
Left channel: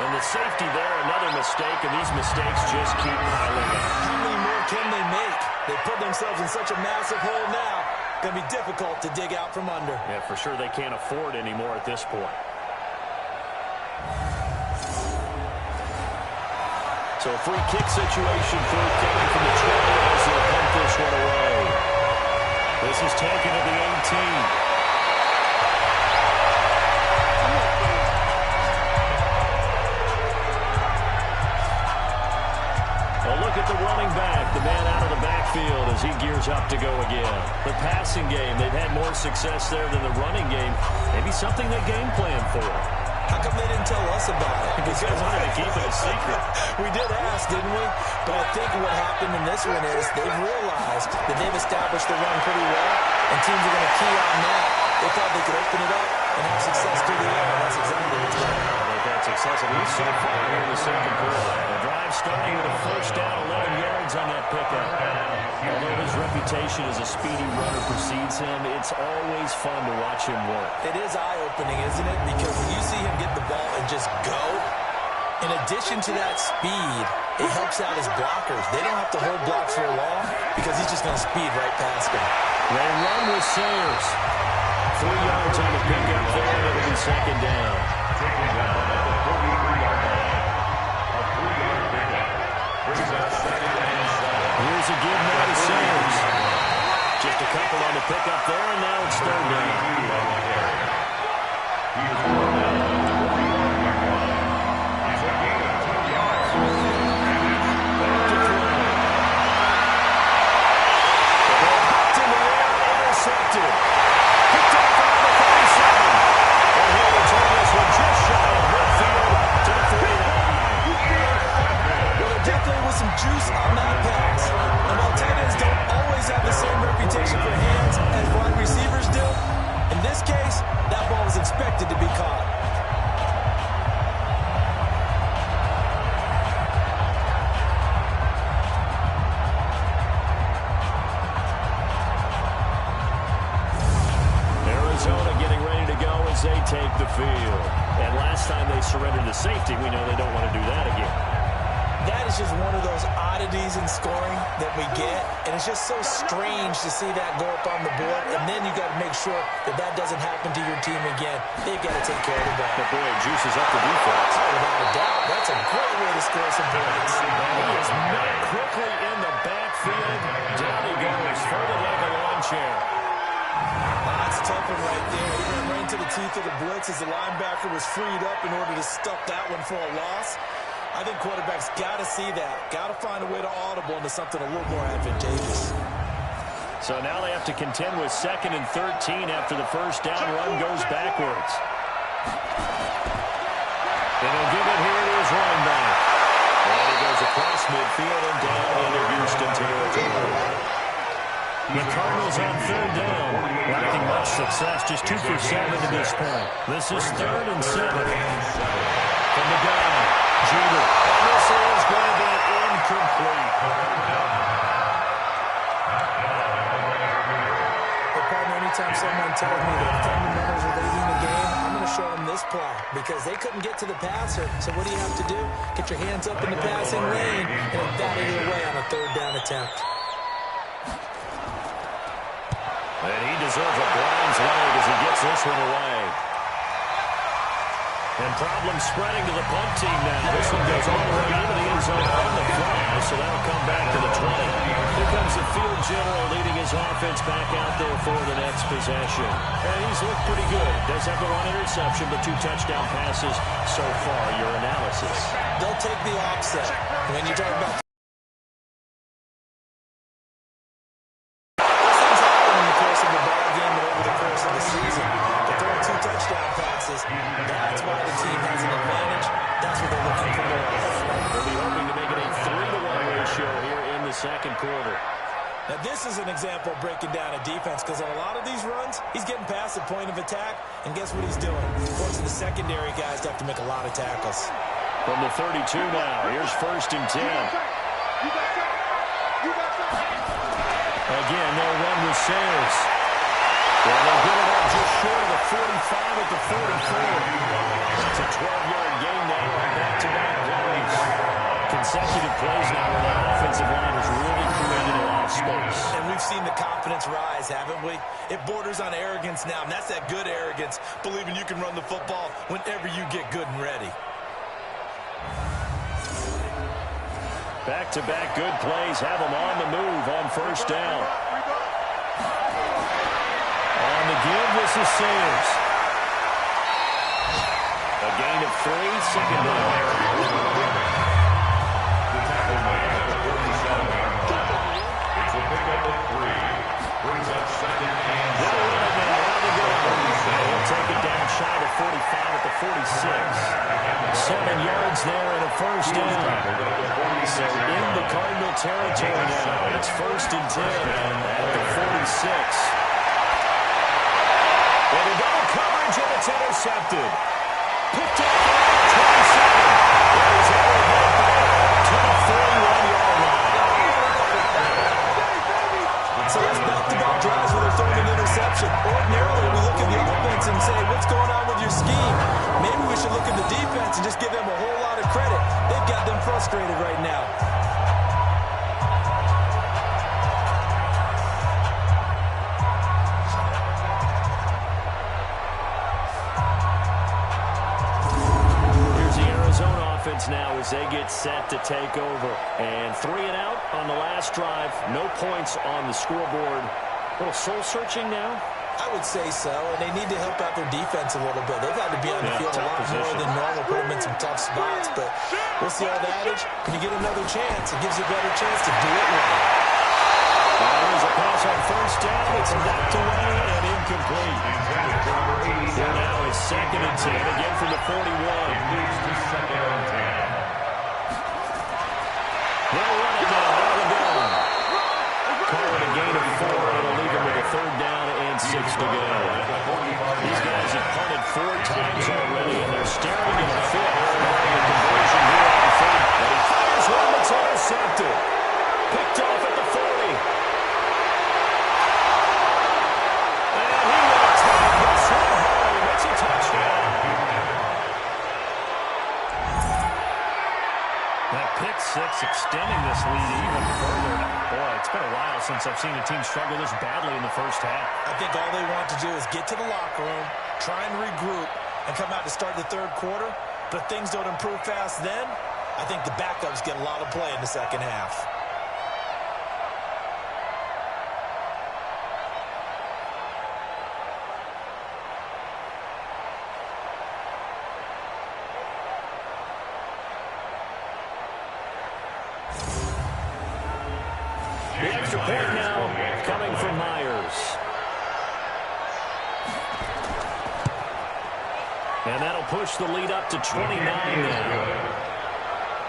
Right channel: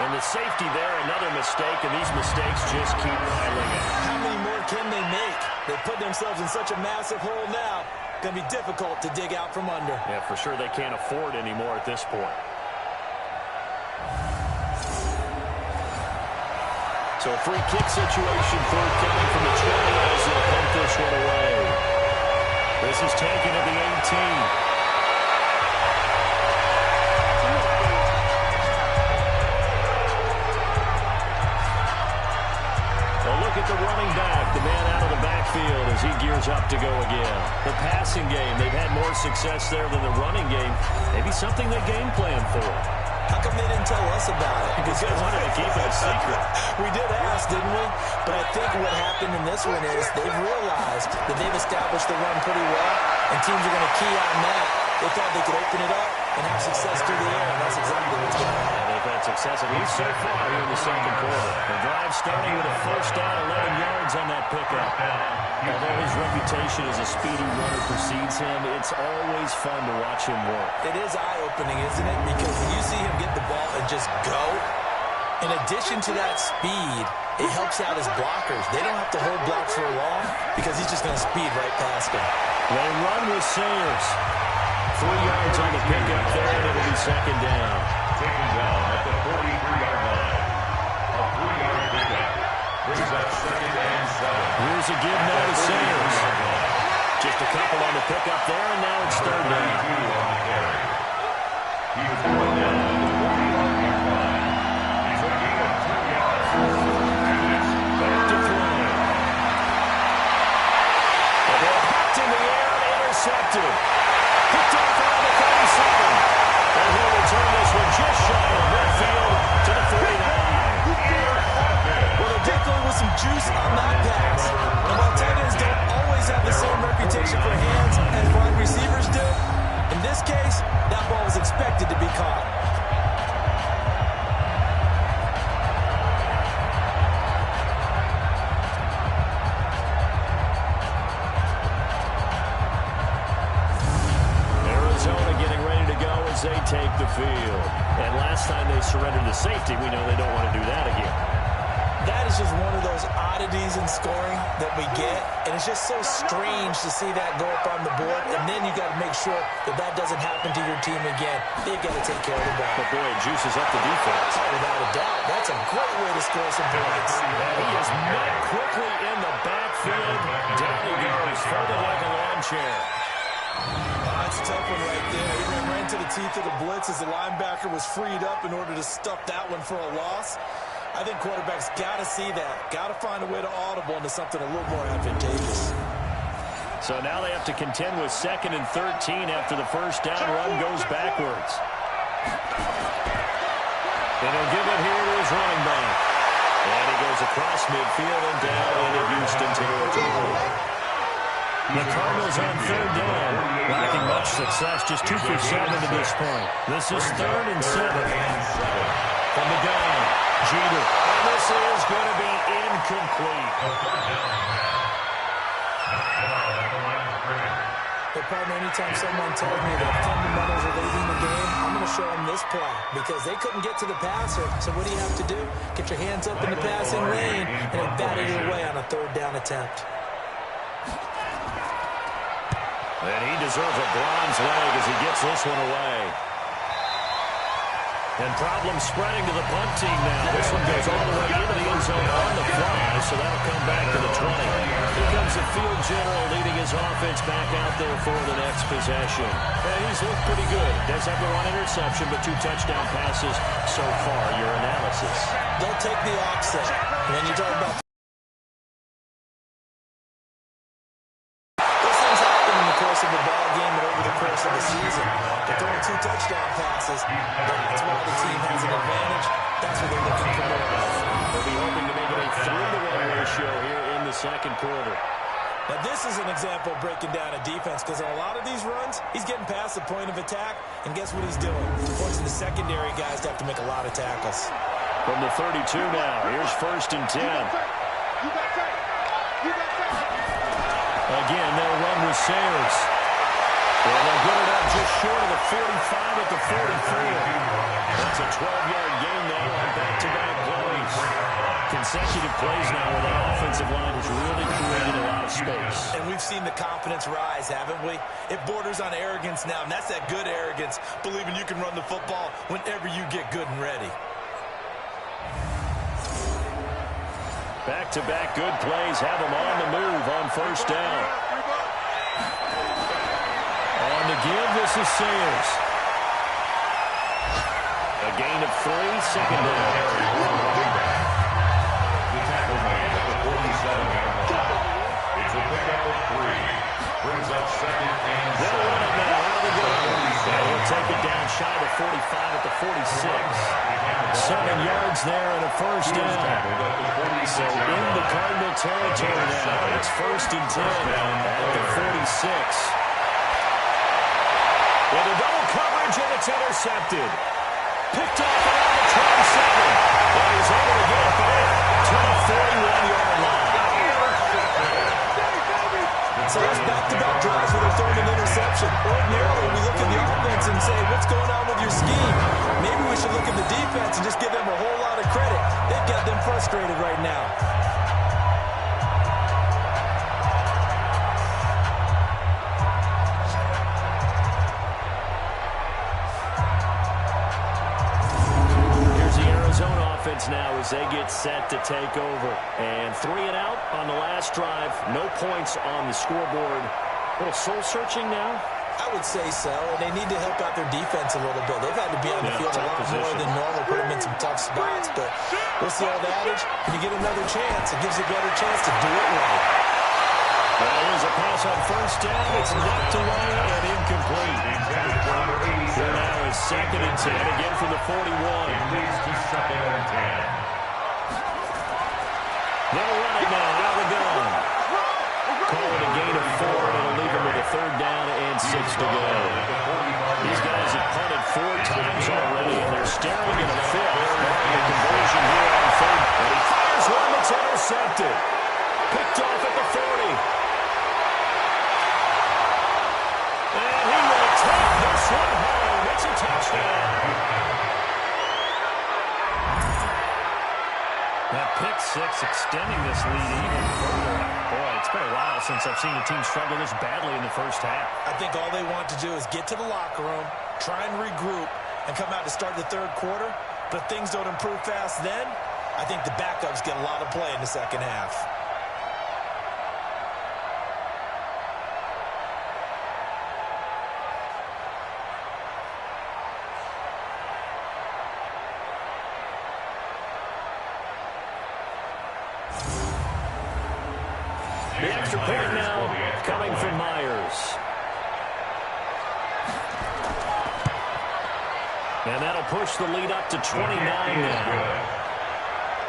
And the safety there, another mistake, and these mistakes just keep piling up. How many more can they make? They put themselves in such a massive hole now. Going to be difficult to dig out from under. Yeah, for sure they can't afford anymore at this point. So a free kick situation forthcoming from the 20 as they'll pump this one away. This is taken at the 18. Well, look at the running back, the man out of the backfield as he gears up to go again. The passing game, they've had more success there than the running game. Maybe something they game plan for. How come they didn't tell us about it? Because they wanted to keep it a secret. We did ask, didn't we? But I think what happened in this one is they've realized that they've established the run pretty well, and teams are going to key on that. They thought they could open it up and have success through the air, and that's exactly what's going to happen. They've had success, at least so far, here in the second quarter. The drive starting with a first down, 11 yards on that pickup. Although his reputation as a speedy runner precedes him, it's always fun to watch him work. It is eye-opening, isn't it? Because when you see him get the ball and just go, in addition to that speed, it helps out his blockers. They don't have to hold blocks for long because he's just going to speed right past them. They run with Sayers. 3 yards on the pickup there, and it'll be second down. Taken down at the 43-yard line. A 3-yard pickup brings up second and 7. Here's a give now to Sayers. Just a couple on the pickup there, and now it's third down. On the carry. He was brought down at the 41-yard line. It's a gain of 2 yards. Back to throw. The ball popped in the air and intercepted. Picked off around the 37. And he'll return this one just shy of midfield to the 49. Well, there definitely was some juice on that pass. And while tight ends don't always have the same reputation for hands as wide receivers do, in this case, that ball was expected to be caught. Arizona getting ready to go as they take the field. And last time they surrendered the safety, we know they don't want to do that again. That is just one of those oddities in scoring that we get. And it's just so strange to see that go up on the board. And then you got to make sure that that doesn't happen to your team again. They've got to take care of the ball. But boy, it juices up the defense. Oh, without a doubt. That's a great way to score some points. And he is met quickly in the backfield. Down he goes, folded like a lawn chair. That's a tough one right there. He ran right into the teeth of the blitz as the linebacker was freed up in order to stuff that one for a loss. I think quarterbacks got to see that. Got to find a way to audible into something a little more advantageous. So now they have to contend with 2nd and 13 after the first down run goes backwards. And he'll give it here to his running back. And he goes across midfield and down into Houston territory. The Cardinals on 3rd down, lacking much success, just 2 for 7 to this point. This is 3rd and 7. From the gun, Jeter. And this is going to be incomplete. But, partner, anytime someone tells me that fundamentals are leading the game, I'm going to show them this play because they couldn't get to the passer. So what do you have to do? Get your hands up in the passing lane and then bat it away on a 3rd down attempt. And he deserves a bronze leg as he gets this one away. And problems spreading to the punt team now. This one goes all the way into the end zone on the fly, so that'll come back to the 20. Here comes the field general leading his offense back out there for the next possession. And he's looked pretty good. Does have the 1 interception, but 2 touchdown passes so far. Your analysis. They'll take the offset. When you talk about of the ball game and over the course of the season. They're throwing 2 touchdown passes. That's why the team has an advantage. That's what they're looking for more of. They'll be hoping to make it a 3-to-1 ratio here in the 2nd quarter. Now, this is an example of breaking down a defense because on a lot of these runs, he's getting past the point of attack, and guess what he's doing? Forcing the secondary guys to have to make a lot of tackles. From the 32 now, here's 1st and 10. Again, they'll run with Sayers. And they'll get it up just short of the 45 at the 44. That's a 12-yard gain now on back-to-back plays. Consecutive plays now where that offensive line has really created a lot of space. And we've seen the confidence rise, haven't we? It borders on arrogance now, and that's that good arrogance, believing you can run the football whenever you get good and ready. Back-to-back good plays have them on the move on 1st down. On the give, this is Sayers. A gain of 3, 2nd down. The tackle made at the 47-yard line. It's a pickup of 3. Brings up 2nd and 7. They'll run it now. Out of the gun. And he'll take it down shy of 45 at the 46. 7 yards there and a 1st down. So in the Cardinal territory now. It's 1st and 10 at the 46. With a double coverage, and it's intercepted. Picked off around the 27. And he's able to get it back to the 41-yard line. So that's back-to-back drives where they're throwing an interception. Ordinarily, we look at the offense and say, what's going on with your scheme? Maybe we should look at the defense and just give them a whole lot of credit. They've got them frustrated right now. Offense now as they get set to take over. And 3 and out on the last drive. No points on the scoreboard. A little soul-searching now? I would say so, and they need to help out their defense a little bit. They've had to be on the field a lot more than normal, put them in some tough spots. But what's the old adage? When you get another chance, it gives you a better chance to do it right. Well, here's a pass on 1st down. It's knocked away and incomplete. Here now is 2nd and 10, again from the 41. Leads to 2nd and 10. They'll run it now out of the gun. Call it a gain of 4, and it'll leave him with a 3rd down and 6 to go. These guys have punted 4 times already, and they're staring at a 5th. Barring a conversion here on 3rd. And he fires one that's intercepted. Picked off at the 40. And he will take this one home. It's a touchdown. That pick 6 extending this lead even further. Boy, it's been a while since I've seen a team struggle this badly in the first half. I think all they want to do is get to the locker room, try and regroup, and come out to start the 3rd quarter. But if things don't improve fast then, I think the backups get a lot of play in the 2nd half. extra point now coming from Myers. And that'll push the lead up to 29 now.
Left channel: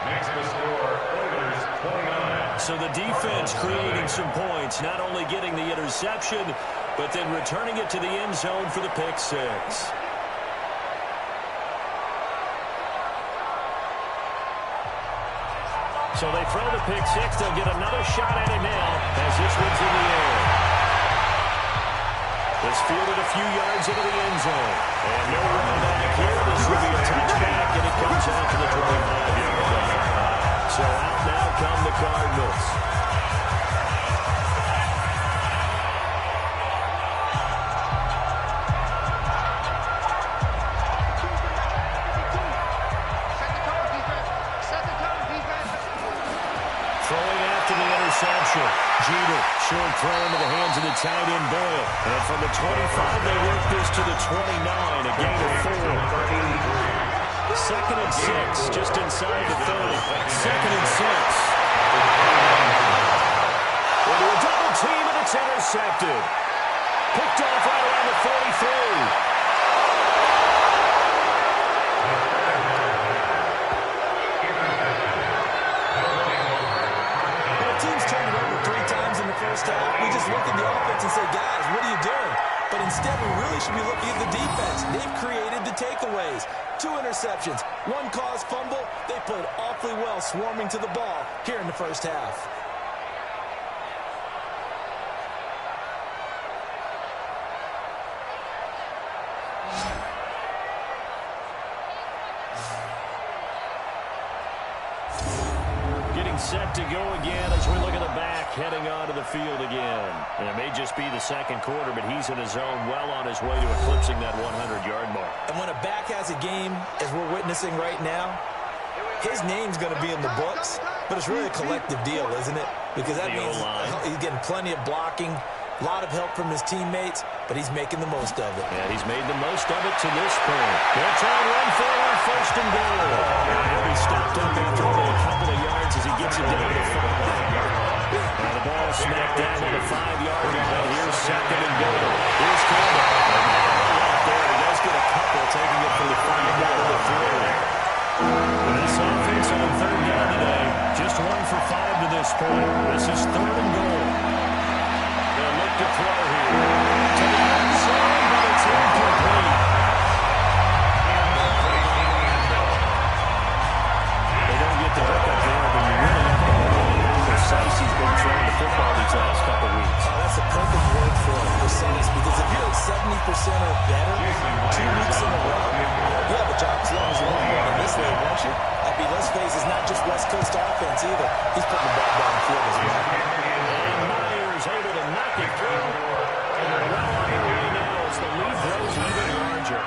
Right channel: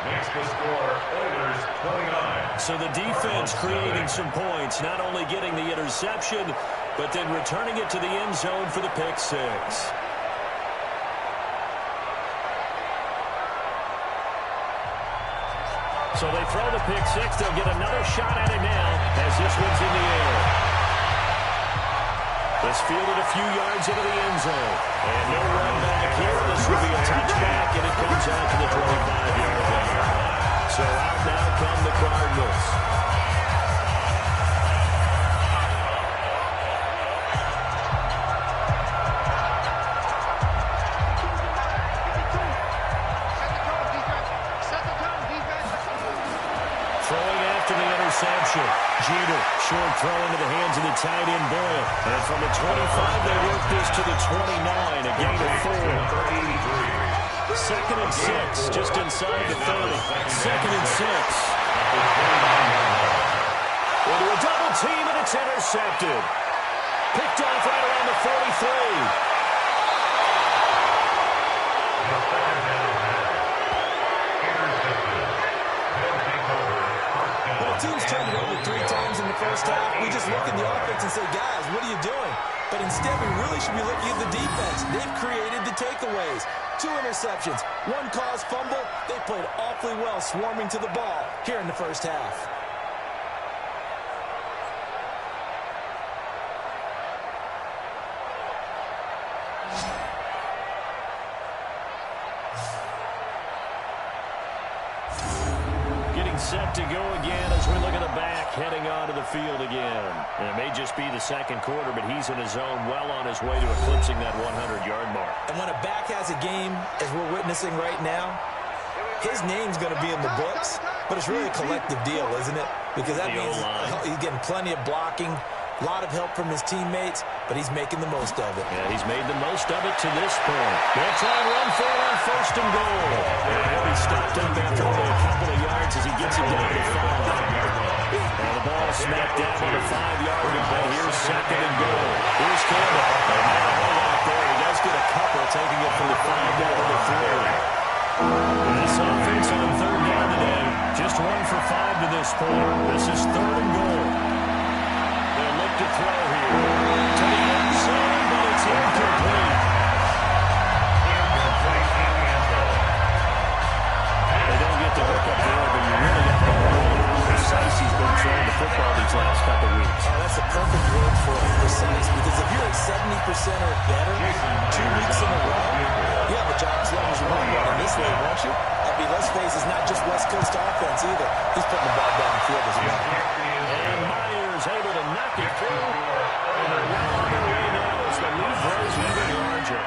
Makes the score Oilers 29. So the defense creating some points, not only getting the interception, but then returning it to the end zone for the pick six. So they throw the pick six. They'll get another shot at it now as this one's in the air. This fielded a few yards into the end zone. And no run back here. This will be a touchback, and it comes out to the 25-yard line. So out now come the Cardinals. Throwing after the interception. Jeter, short throw into the hands of the tight end Boyle. And from the 25, they work this to the 29, a gain of 4. Second and 6, just inside the 30. Second and 6. Into a double team, and it's intercepted. Picked off right around the 43. Teams turned it over 3 times in the first half. We just look at the offense and say, guys, what are you doing? But instead, we really should be looking at the defense. They've created the takeaways. 2 interceptions, 1 caused fumble. They played awfully well swarming to the ball here in the first half. Set to go again as we look at the back heading onto the field again. And it may just be the second quarter, but he's in his zone, well on his way to eclipsing that 100-yard mark. And when a back has a game, as we're witnessing right now, his name's going to be in the books, but it's really a collective deal, isn't it? Because that means he's getting plenty of blocking, a lot of help from his teammates, but he's making the most of it. Yeah, he's made the most of it to this point. They'll try and run for it on first and goal. And he'll be stopped up after only a couple of yards as he gets it down to the 5. And the ball smacked down on the 5-yard line. Here's second and goal. Here's Campbell. Not a whole lot there. He does get a couple, taking it from the 5 down to the 3. This offense on third down today, just 1 for 5 to this point. This is third and goal. They'll look to throw here. To the end zone, but it's incomplete. They don't get the hook up there, but you really have to hold how precise he's been throwing the football these last couple weeks. Oh, that's a perfect word for it, precise, because if you're at 70% or better 2 weeks in a row, you have a job as long as you want one in this way, won't you? I mean, let's face it, it's not just West Coast offense either. He's putting the ball down the field as well. And Myers able to knock it through. And they're well on their way now as the lead grows even larger.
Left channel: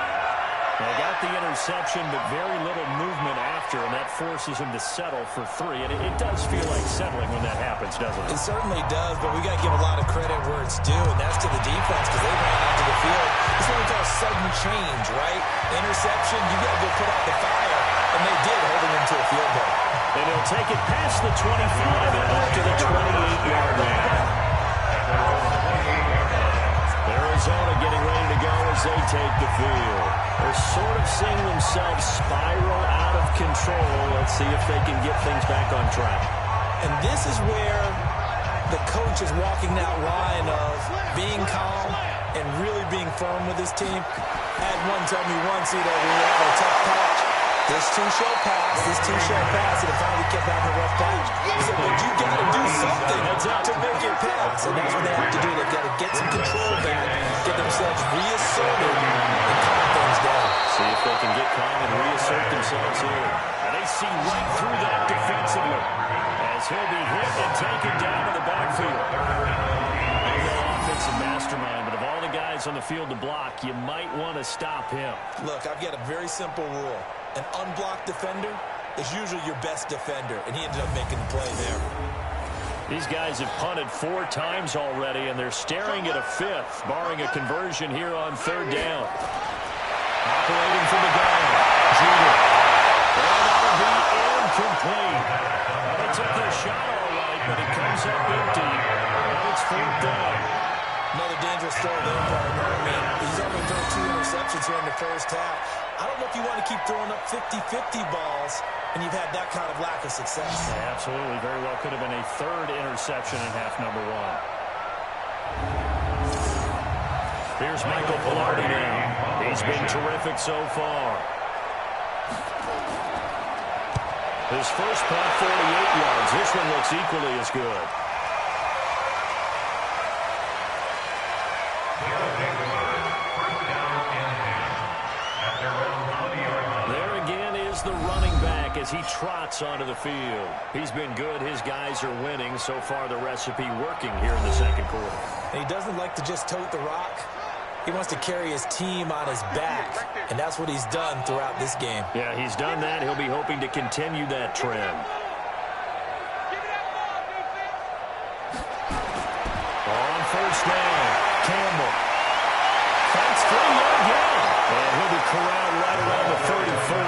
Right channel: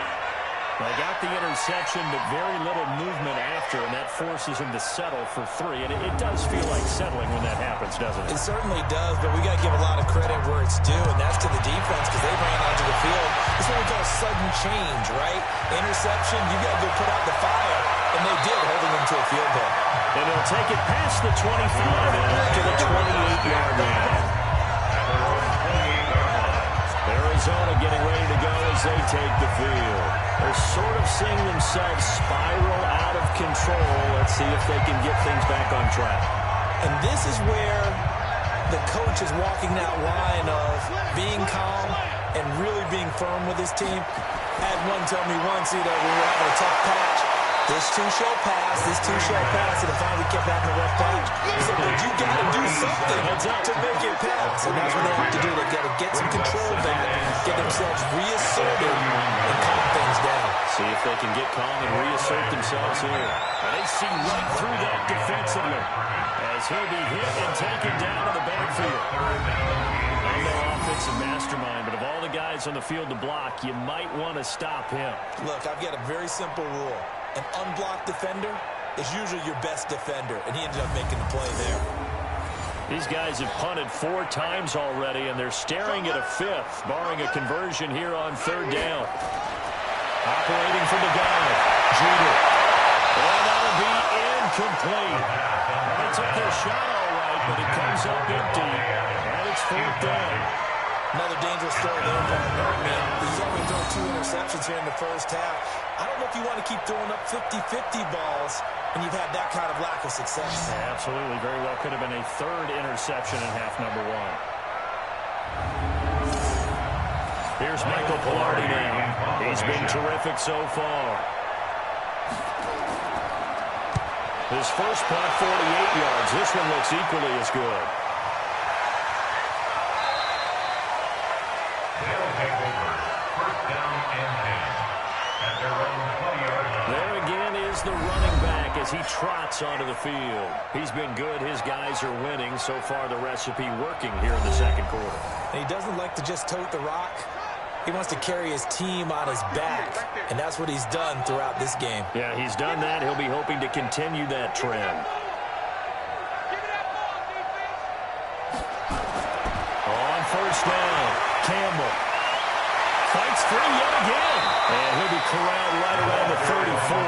They got the interception, but very little movement after, and that forces him to settle for 3. And it does feel like settling when that happens, doesn't it? It certainly does, but we got to give a lot of credit where it's due, and that's to the defense because they ran onto the field. It's what we call sudden change, right? Interception, you got to go put out the fire, and they did, holding them to a field goal. And he'll take it past the 25 and up to the 28-yard line. Arizona getting ready to go as they take the field. They're sort of seeing themselves spiral out of control. Let's see if they can get things back on track. And this is where the coach is walking that line of being calm and really being firm with his team. I had one tell me once, when we were having a tough patch, this too shall pass, this too shall pass, and finally kept having a rough patch. He said, but you got to do something to make it pass. And that's what they have to do. They've got to get some control back, get themselves reasserted, and calm things down. See if they can get calm and reassert themselves here. And they see right through that defensively as he'll be hit and taken down to the backfield. I'm no offensive mastermind, but of all the guys on the field to block, you might want to stop him. Look, I've got a very simple rule. An unblocked defender is usually your best defender, and he ended up making the play there. These guys have punted 4 times already, and they're staring at a 5th, barring a conversion here on third down. Operating from the gun, Jeter. And that'll be incomplete. And they took their shot all right, but it comes up empty, and it's 4th down. Another dangerous throw there, partner. I mean, he's already thrown 2 interceptions here in the first half. I don't know if you want to keep throwing up 50-50 balls when you've had that kind of lack of success. Yeah, absolutely. Very well could have been a 3rd interception in half number 1. Here's Michael Pilardi now. He's been terrific so far. His first punt, 48 yards. This one looks equally as good. There again is the running back as he trots onto the field. He's been good. His guys are winning. So far, the recipe working here in the second quarter. And he doesn't like to just tote the rock. He wants to carry his team on his back, and that's what he's done throughout this game. Yeah, he's done that. He'll be hoping to continue that trend. On first down, Campbell fights free yet again, and he'll be corralled right around the 34.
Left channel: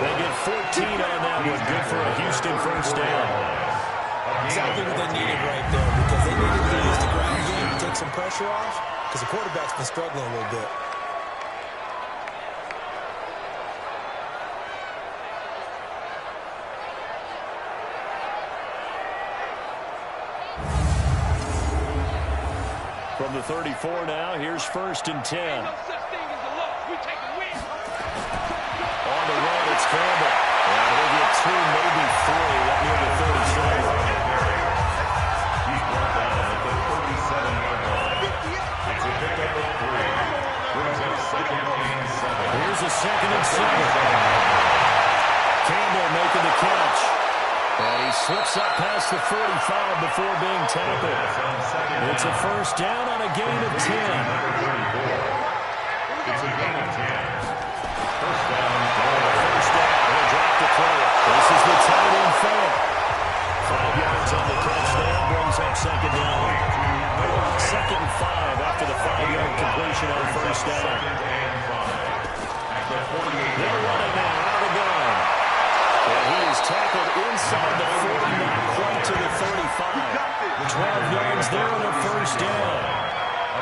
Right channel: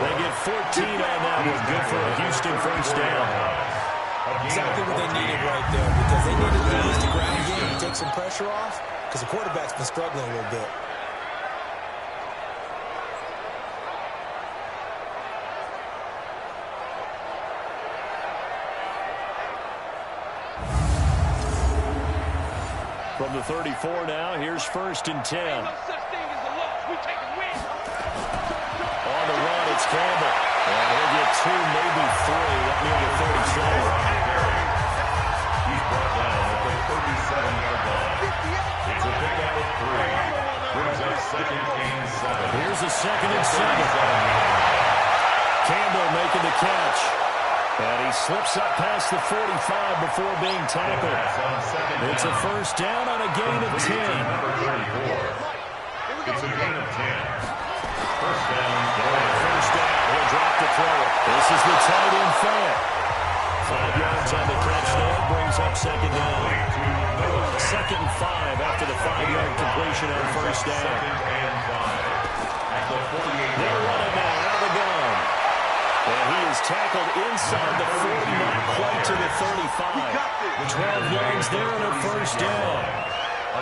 They get 14 on that one. Good for a Houston first down. Exactly what they needed right there, because they needed to use the ground game to take some pressure off, because the quarterback's been struggling a little bit. From the 34 now, here's 1st and 10. On the run, it's Campbell. And he'll get 2, maybe 3 up near the 37. He's brought down at the 37-yard line. It's a pickup of 3. Brings up 2nd and 7. Here's a 2nd and 7. Campbell making the catch. And he slips up past the 45 before being tackled. It's a first down on a gain of 10. It's a gain of 10. First down. First down. He'll drop to throw it. This is the tight end Fant. 5 yards on the catch there. Brings up 2nd down. 2nd and 5 after the 5-yard completion on first down. They'll run it now out of the gun. And he is tackled inside the 40, not quite to the 35. 12 yards there on a first down.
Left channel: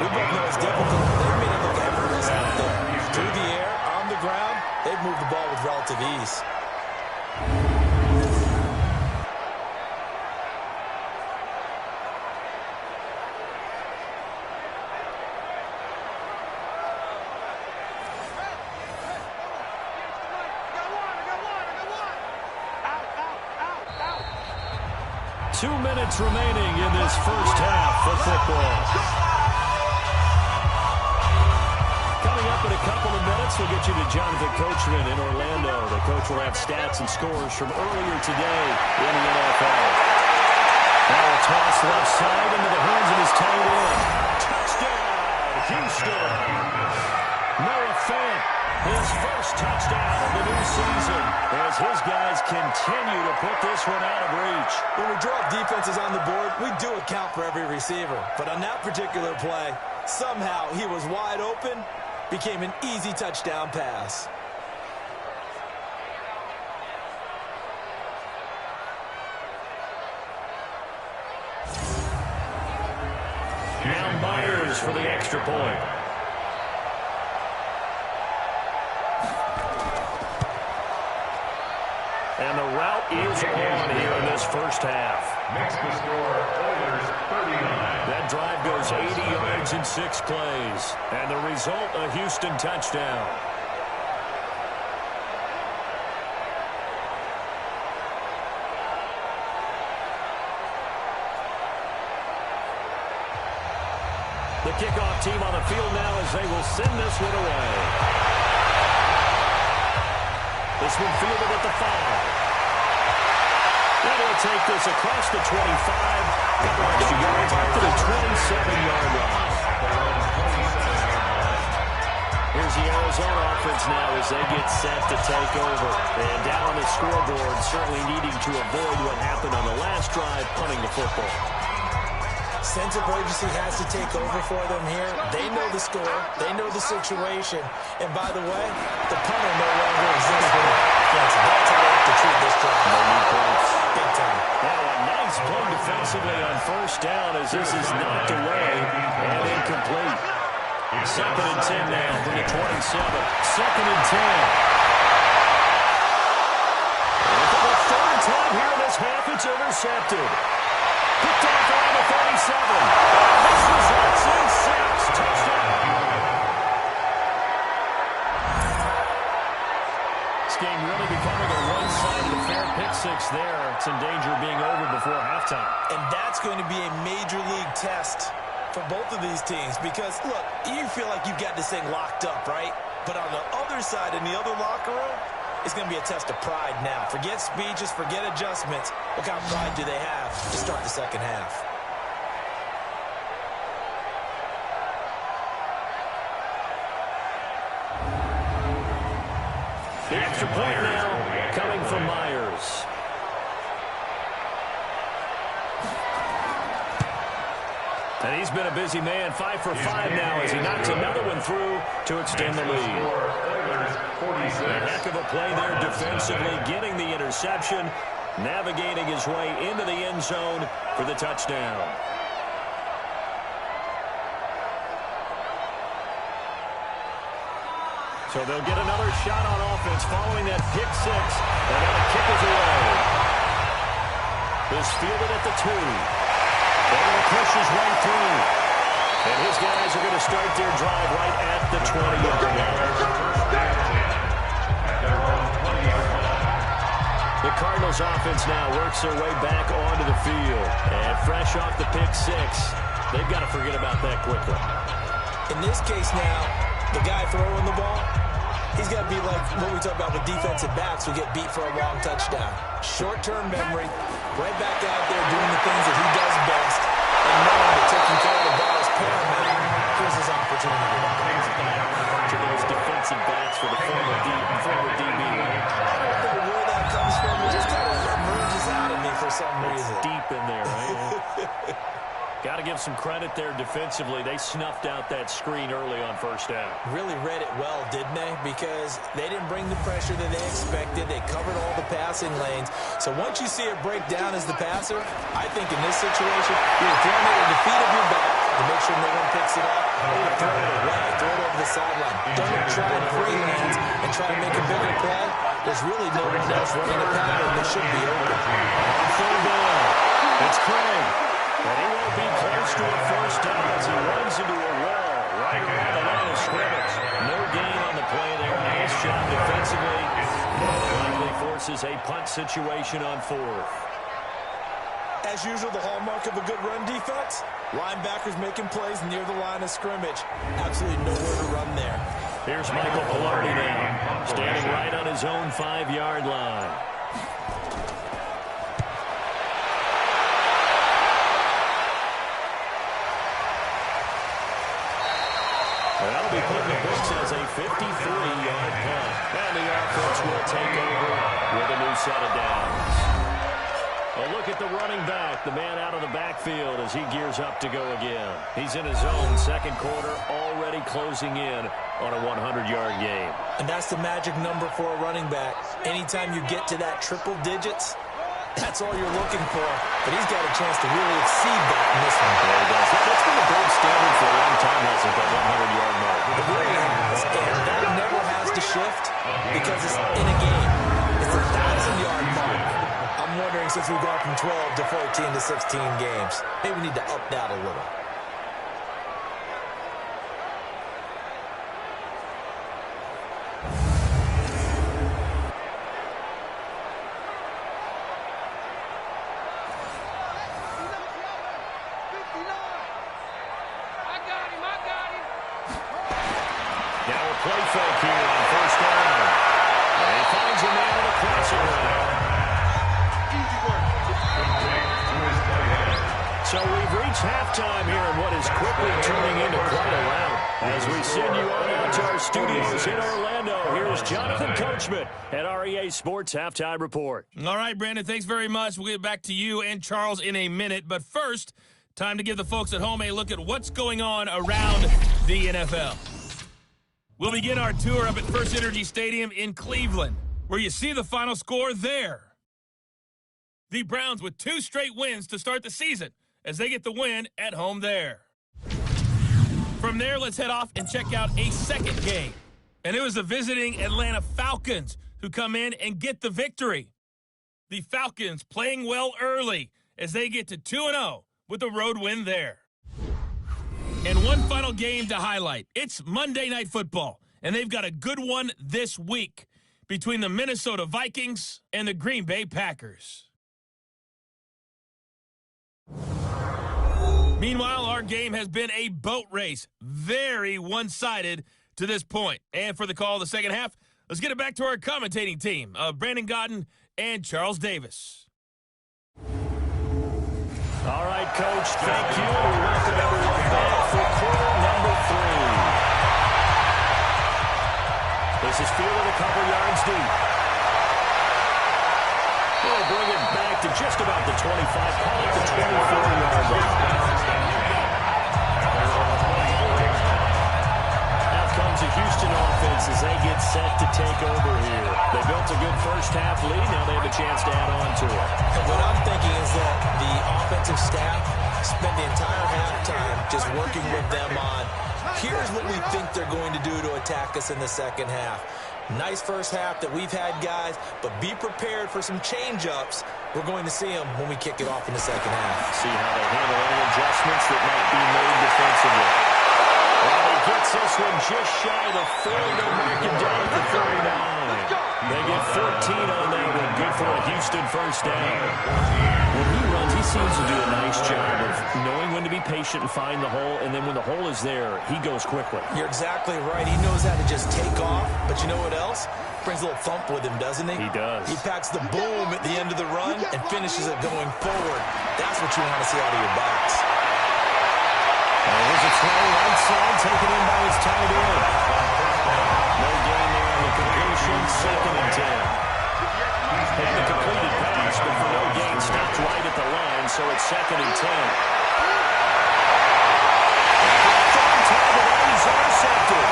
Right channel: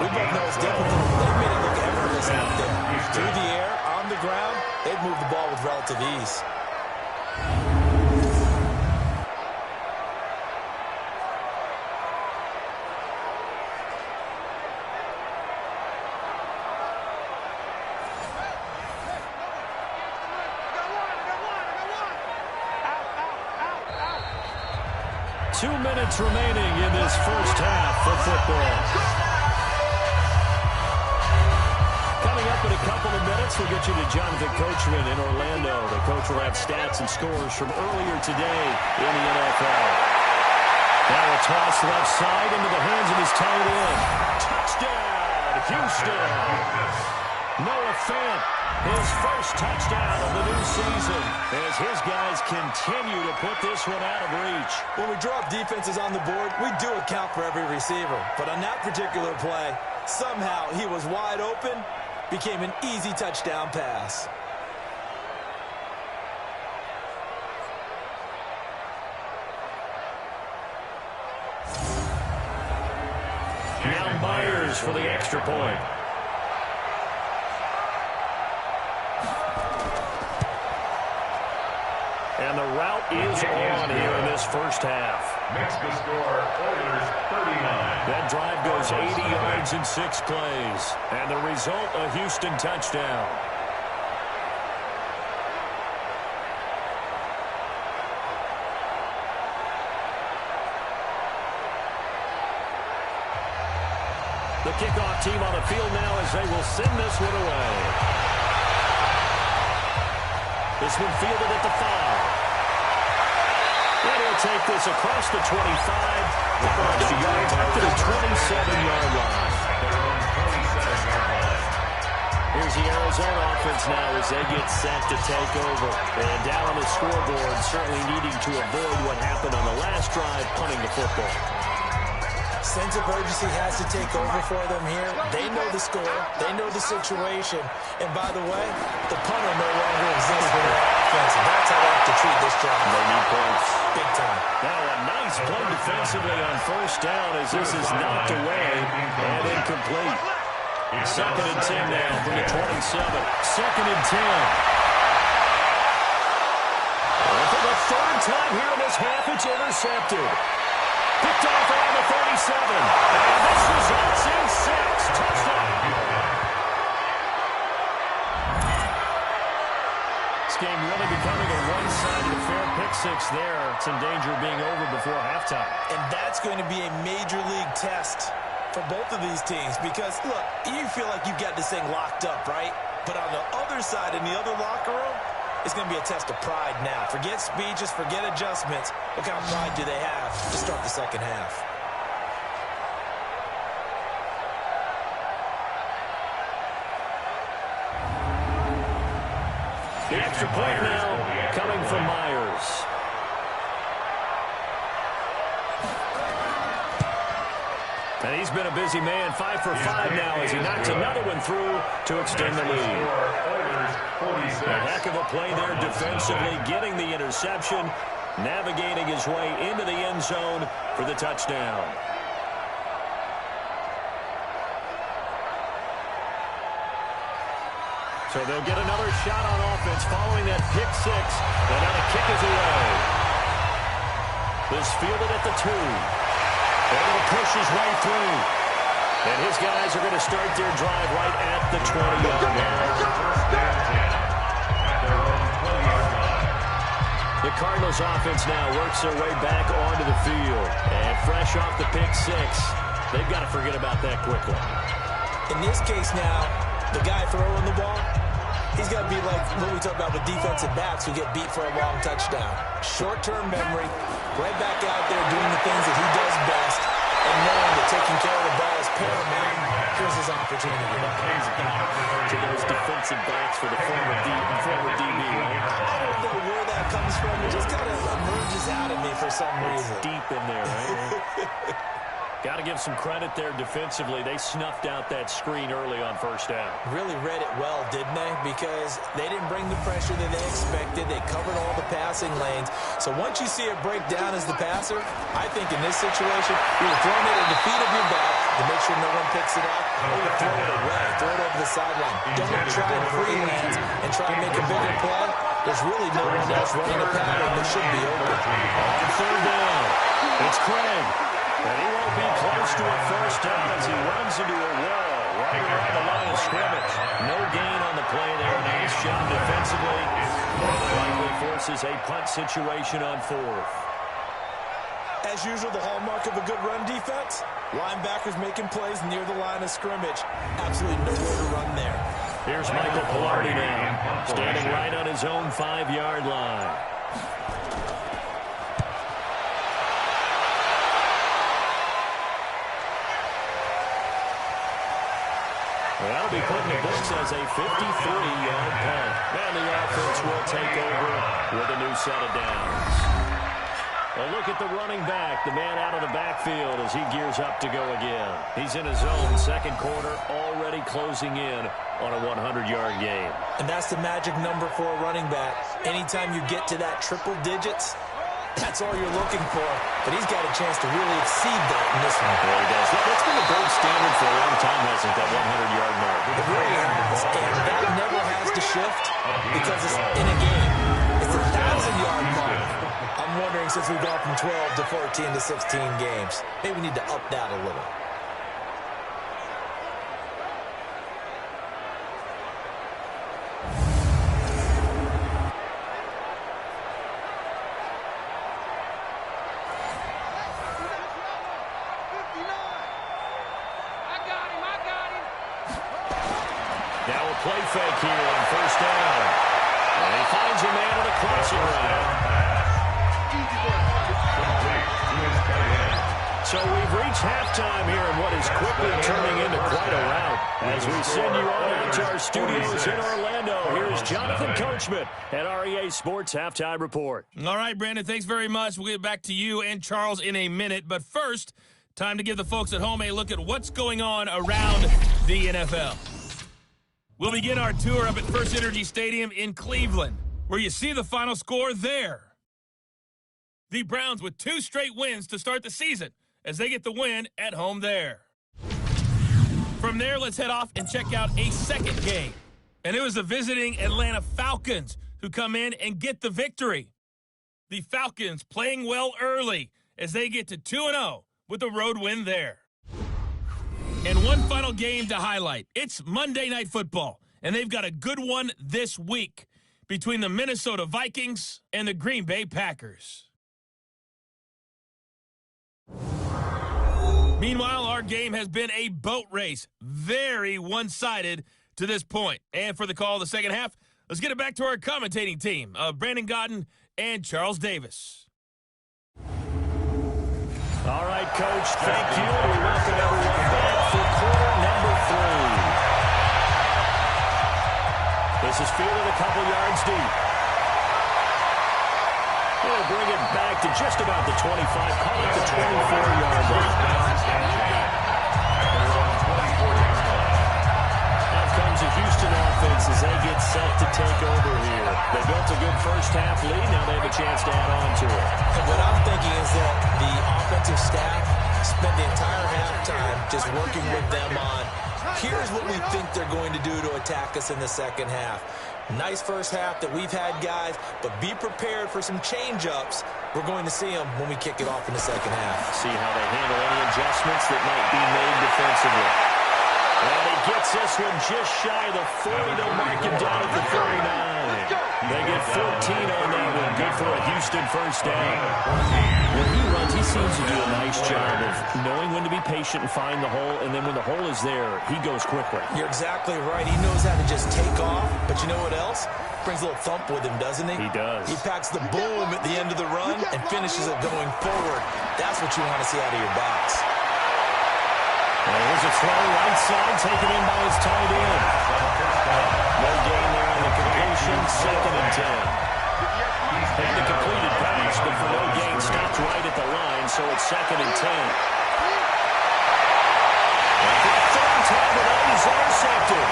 We both know it's difficult. They've made it look effortless out there. Through the air, on the ground, they've moved the ball with relative ease. Two minutes remaining in this first half of football. Coming up in a couple of minutes, we'll get you to Jonathan Coachman in Orlando. The coach will have stats and scores from earlier today in the NFL. Now a toss left side into the hands of his tight end. Touchdown, Houston. Noah Fant, his first touchdown of the new season, as his guys continue to put this one out of reach. When we draw up defenses on the board, we do account for every receiver. But on that particular play, somehow he was wide open, became an easy touchdown pass. Now Myers for the extra point. And the route is on here in this first half. Makes the score, Oilers 39. That drive goes 80 yards in 6 plays. And the result, a Houston touchdown. The kickoff team on the field now as they will send this one away. This one fielded at the 5. And he'll take this across the 25. Couple extra yards up to the 27-yard line. Here's the Arizona offense now as they get set to take over. And down on the scoreboard, certainly needing to avoid what happened on the last drive, punting the football. Sense of urgency has to take over for them here. They know the score. They know the situation. And by the way, the punter no longer exists for the offense. That's how they have to treat this drive. They need points. Big time. Now a nice play defensively on first down as this is knocked away and incomplete. Second and 10 now from the 27. Second and 10. And for the third time here in this half, it's intercepted. Picked off around the 37. And this results in 6. Touchdown. This game really becoming a one-sided affair. Pick 6 there. It's in danger of being over before halftime. And that's going to be a major league test for both of these teams because, look, you feel like you've got this thing locked up, right? But on the other side, in the other locker room, it's going to be a test of pride now. Forget speeches, forget adjustments. What kind of pride do they have to start the second half? The extra point now coming from Myers. And he's been a busy man, 5 for 5 now as he knocks another one through to extend the lead. A heck of a play there defensively, getting the interception, navigating his way into the end zone for the touchdown. So they'll get another shot on offense following that pick 6. And now the kick is away. This fielded at the 2. Able to push his way through. And his guys are going to start their drive right at the 20-yard line. The Cardinals offense now works their way back onto the field. And fresh off the pick 6, they've got to forget about that quickly. In this case now, the guy throwing the ball, he's got to be like what we talk about with defensive backs who get beat for a long touchdown. Short-term memory, right back out there doing the things that he does best, and knowing that taking care of the ball is paramount. Here's his opportunity. Comes back to those defensive backs for the former DB, right? I don't know where that comes from. It just kind of emerges out of me for some reason. It's deep in there, right? Got to give some credit there defensively. They snuffed out that screen early on first down. Really read it well, didn't they? Because they didn't bring the pressure that they expected. They covered all the passing lanes. So once you see it break down as the passer, I think in this situation, you're throwing it at the feet of your back to make sure no one picks it up, or you throw it away, throw it over the sideline. Don't try and freelance and try and make a bigger play. There's really no one else running a pattern that should be open. On third down, it's Craig. And he won't be close to a first down as he runs into a wall right around the line of scrimmage. No gain on the play there. Nice job defensively. And it likely forces a punt situation on 4th. As usual, the hallmark of a good run defense, linebackers making plays near the line of scrimmage. Absolutely nowhere to run there. Here's Michael Pilardi now, standing right on his own 5-yard line. That'll be put in the books as a 53-yard punt. And the offense will take over with a new set of downs. A look at the running back, the man out of the backfield as he gears up to go again. He's in his own second quarter, already closing in on a 100-yard game. And that's the magic number for a running back. Anytime you get to that triple digits, that's all you're looking for. But he's got a chance to really exceed that in this one. Yeah, he does. That's been the gold standard for a long time, hasn't it, that 100-yard mark? It really has. And that never has to shift because it's in a game. It's a 1,000-yard mark. I'm wondering, since we've gone from 12 to 14 to 16 games, maybe we need to up that a little. Now a play fake here on first down. And he finds a man in a crossing route. So we've reached halftime here in what is quickly turning into quite a rout. As we send you on out to our studios in Orlando, here's Jonathan Coachman at REA Sports Halftime Report. All right, Brandon, thanks very much. We'll get back to you and Charles in a minute. But first, time to give the folks at home a look at what's going on around the NFL. We'll begin our tour up at First Energy Stadium in Cleveland, where you see the final score there. The Browns with 2 straight wins to start the season as they get the win at home there. From there, let's head off and check out a second game. And it was the visiting Atlanta Falcons who come in and get the victory. The Falcons playing well early as they get to 2-0 with a road win there. And one final game to highlight. It's Monday Night Football, and they've got a good one this week between the Minnesota Vikings and the Green Bay Packers. Meanwhile, our game has been a boat race, very one-sided to this point. And for the call of the second half, let's get it back to our commentating team of Brandon Godden and Charles Davis. All right, Coach, thank you. And we welcome everyone back for quarter number 3. This is fielded a couple yards deep. We'll bring it back to just about the 25, call it the 24-yard line. Out comes the Houston offense as they get set to take over here. They built a good first-half lead. Now they have a chance to add on to it. And what I'm thinking is that the offensive staff spent the entire halftime just working with them on, here's what we think they're going to do to attack us in the second half. Nice first half that we've had, guys, but be prepared for some change-ups. We're going to see them when we kick it off in the second half. See how they handle any adjustments that might be made defensively. Well, he gets this one just shy of the 40. They'll mark it down at the 39. They get 14 on that one. Good for a Houston first down. When he runs, he seems to do a nice job of knowing when to be patient and find the hole, and then when the hole is there, he goes quickly. You're exactly right. He knows how to just take off, but you know what else? Brings a little thump with him, doesn't he? He does. He packs the boom at the end of the run and finishes it going forward. That's what you want to see out of your backs. Here's a throw right side, taken in by his tight end. No gain there on the completion, 2nd and 10. And the completed pass, but for no gain, stopped right at the line, so it's 2nd and 10. And for the third time today, he's intercepted.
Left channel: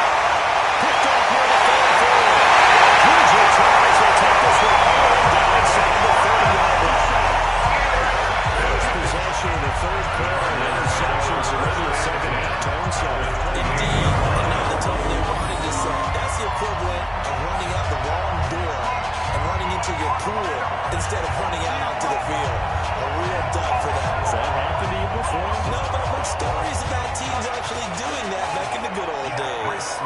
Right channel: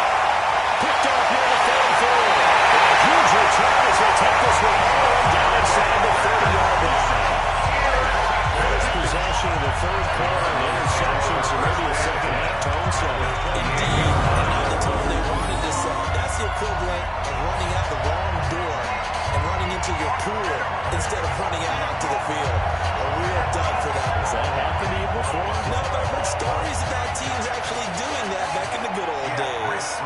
Picked off near the 34. Huge return as they take this one all the way down inside the 30-yard line. First possession of the third quarter, an interception, so maybe a second-half tone setter. Indeed, and not the tone they wanted to set. That's the equivalent of running out the wrong door and running into your pool instead of running out onto the field. A real dud for that one. Has that happened to you before? No, but I've heard stories about teams actually doing that back in the good old days.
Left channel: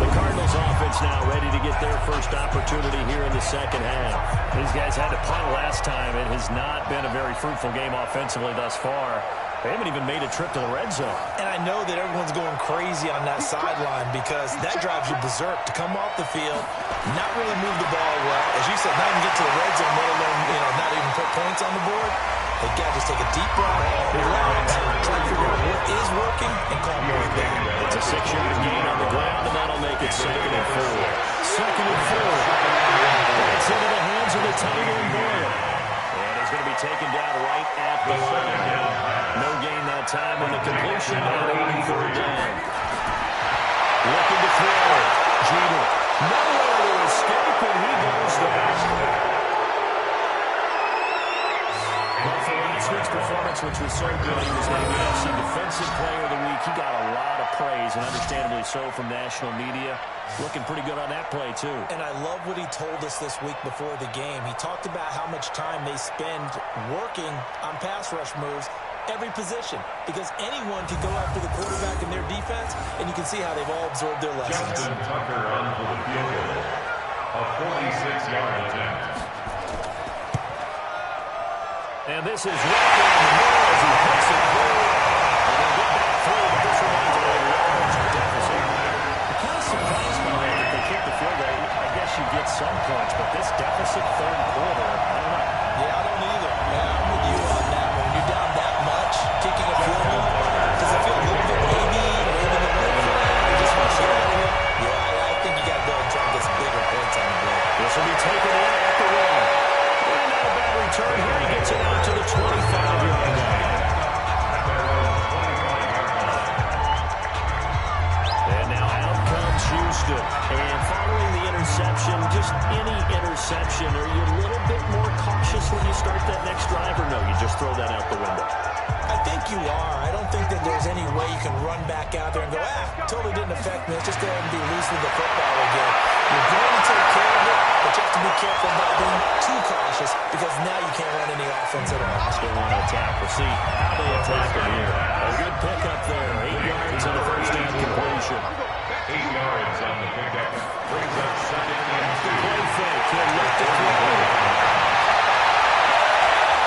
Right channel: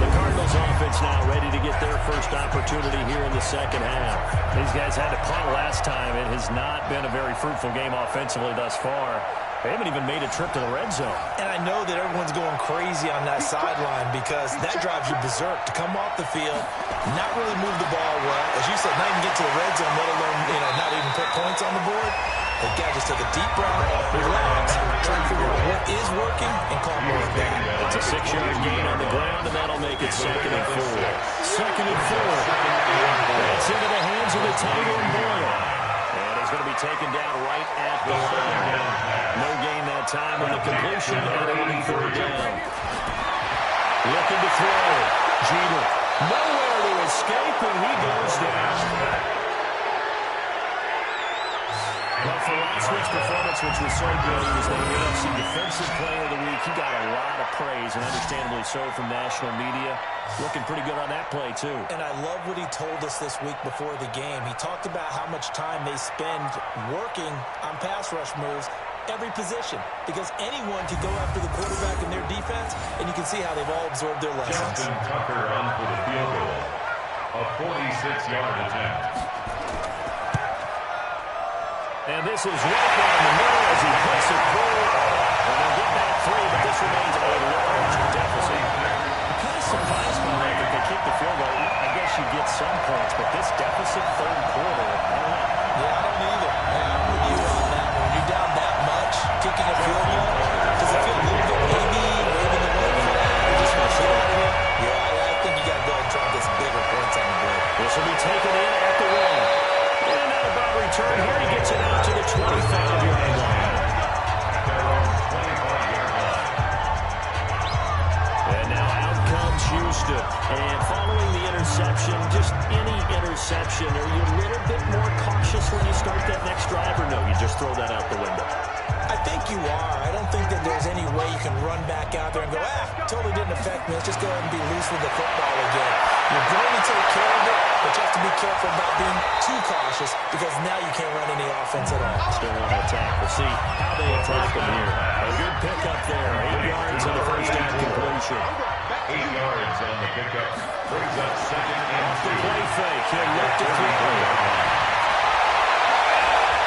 The Cardinals offense now ready to get their first opportunity here in the second half. These guys had to punt last time. It has not been a very fruitful game offensively thus far. They haven't even made a trip to the red zone. And I know that everyone's going crazy on that sideline because that drives you berserk to come off the field, not really move the ball well. As you said, not even get to the red zone, let alone, not even put points on the board. They got to just take a deep breath, relax, try to figure out what is working, and call more of that. It's a 6-yard gain on the ground, and that'll make it 2nd and 4. 2nd and 4. That's into the hands of the tight end Boyle. And he's going to be taken down right at the line. No gain that time on the completion, and it'll be 3rd down. Looking to throw. Jeter. Nowhere to escape, and he goes down. Well, for last week's performance, which was so good, he was named NFC Defensive Player of the Week. He got a lot of praise, and understandably so, from national media. Looking pretty good on that play, too. And I love what he told us this week before the game. He talked about how much time they spend working on pass rush moves, every position, because anyone can go after the quarterback in their defense, and you can see how they've all absorbed their lessons. Justin Tucker on for the field goal. A 46-yard attempt. And this is right down the middle as he puts it through. And they'll get back 3, but this remains a large deficit. I'm kind of surprised by that if they kick the field goal. I guess you get some points, but this deficit third quarter, I don't know. Yeah, I don't either. Yeah, I'm with you on that one. When you're down that much, kicking a field goal, does it feel a little bit maybe waving the white flag? Or just want to get out of here? Yeah, I think you got to go and try and get some bigger points on the board. This will be taken in at the 1. And not a bad return here. He gets it out to the 25-yard line. And now out comes Houston. Understood. And following the interception, just any interception, are you a little bit more cautious when you start that next drive, or no, you just throw that out the window? I think you are. I don't think that there's any way you can run back out there and go, totally didn't affect me. Let's just go ahead and be loose with the football again. You're going to take care of it, but you have to be careful about being too cautious because now you can't run any offense at all. Still want to attack. We'll see how they attack him here. A good pickup there. 8 yards on the first down completion. 8 yards on the pickup. Brings up second and off the play fake. He'll look to throw.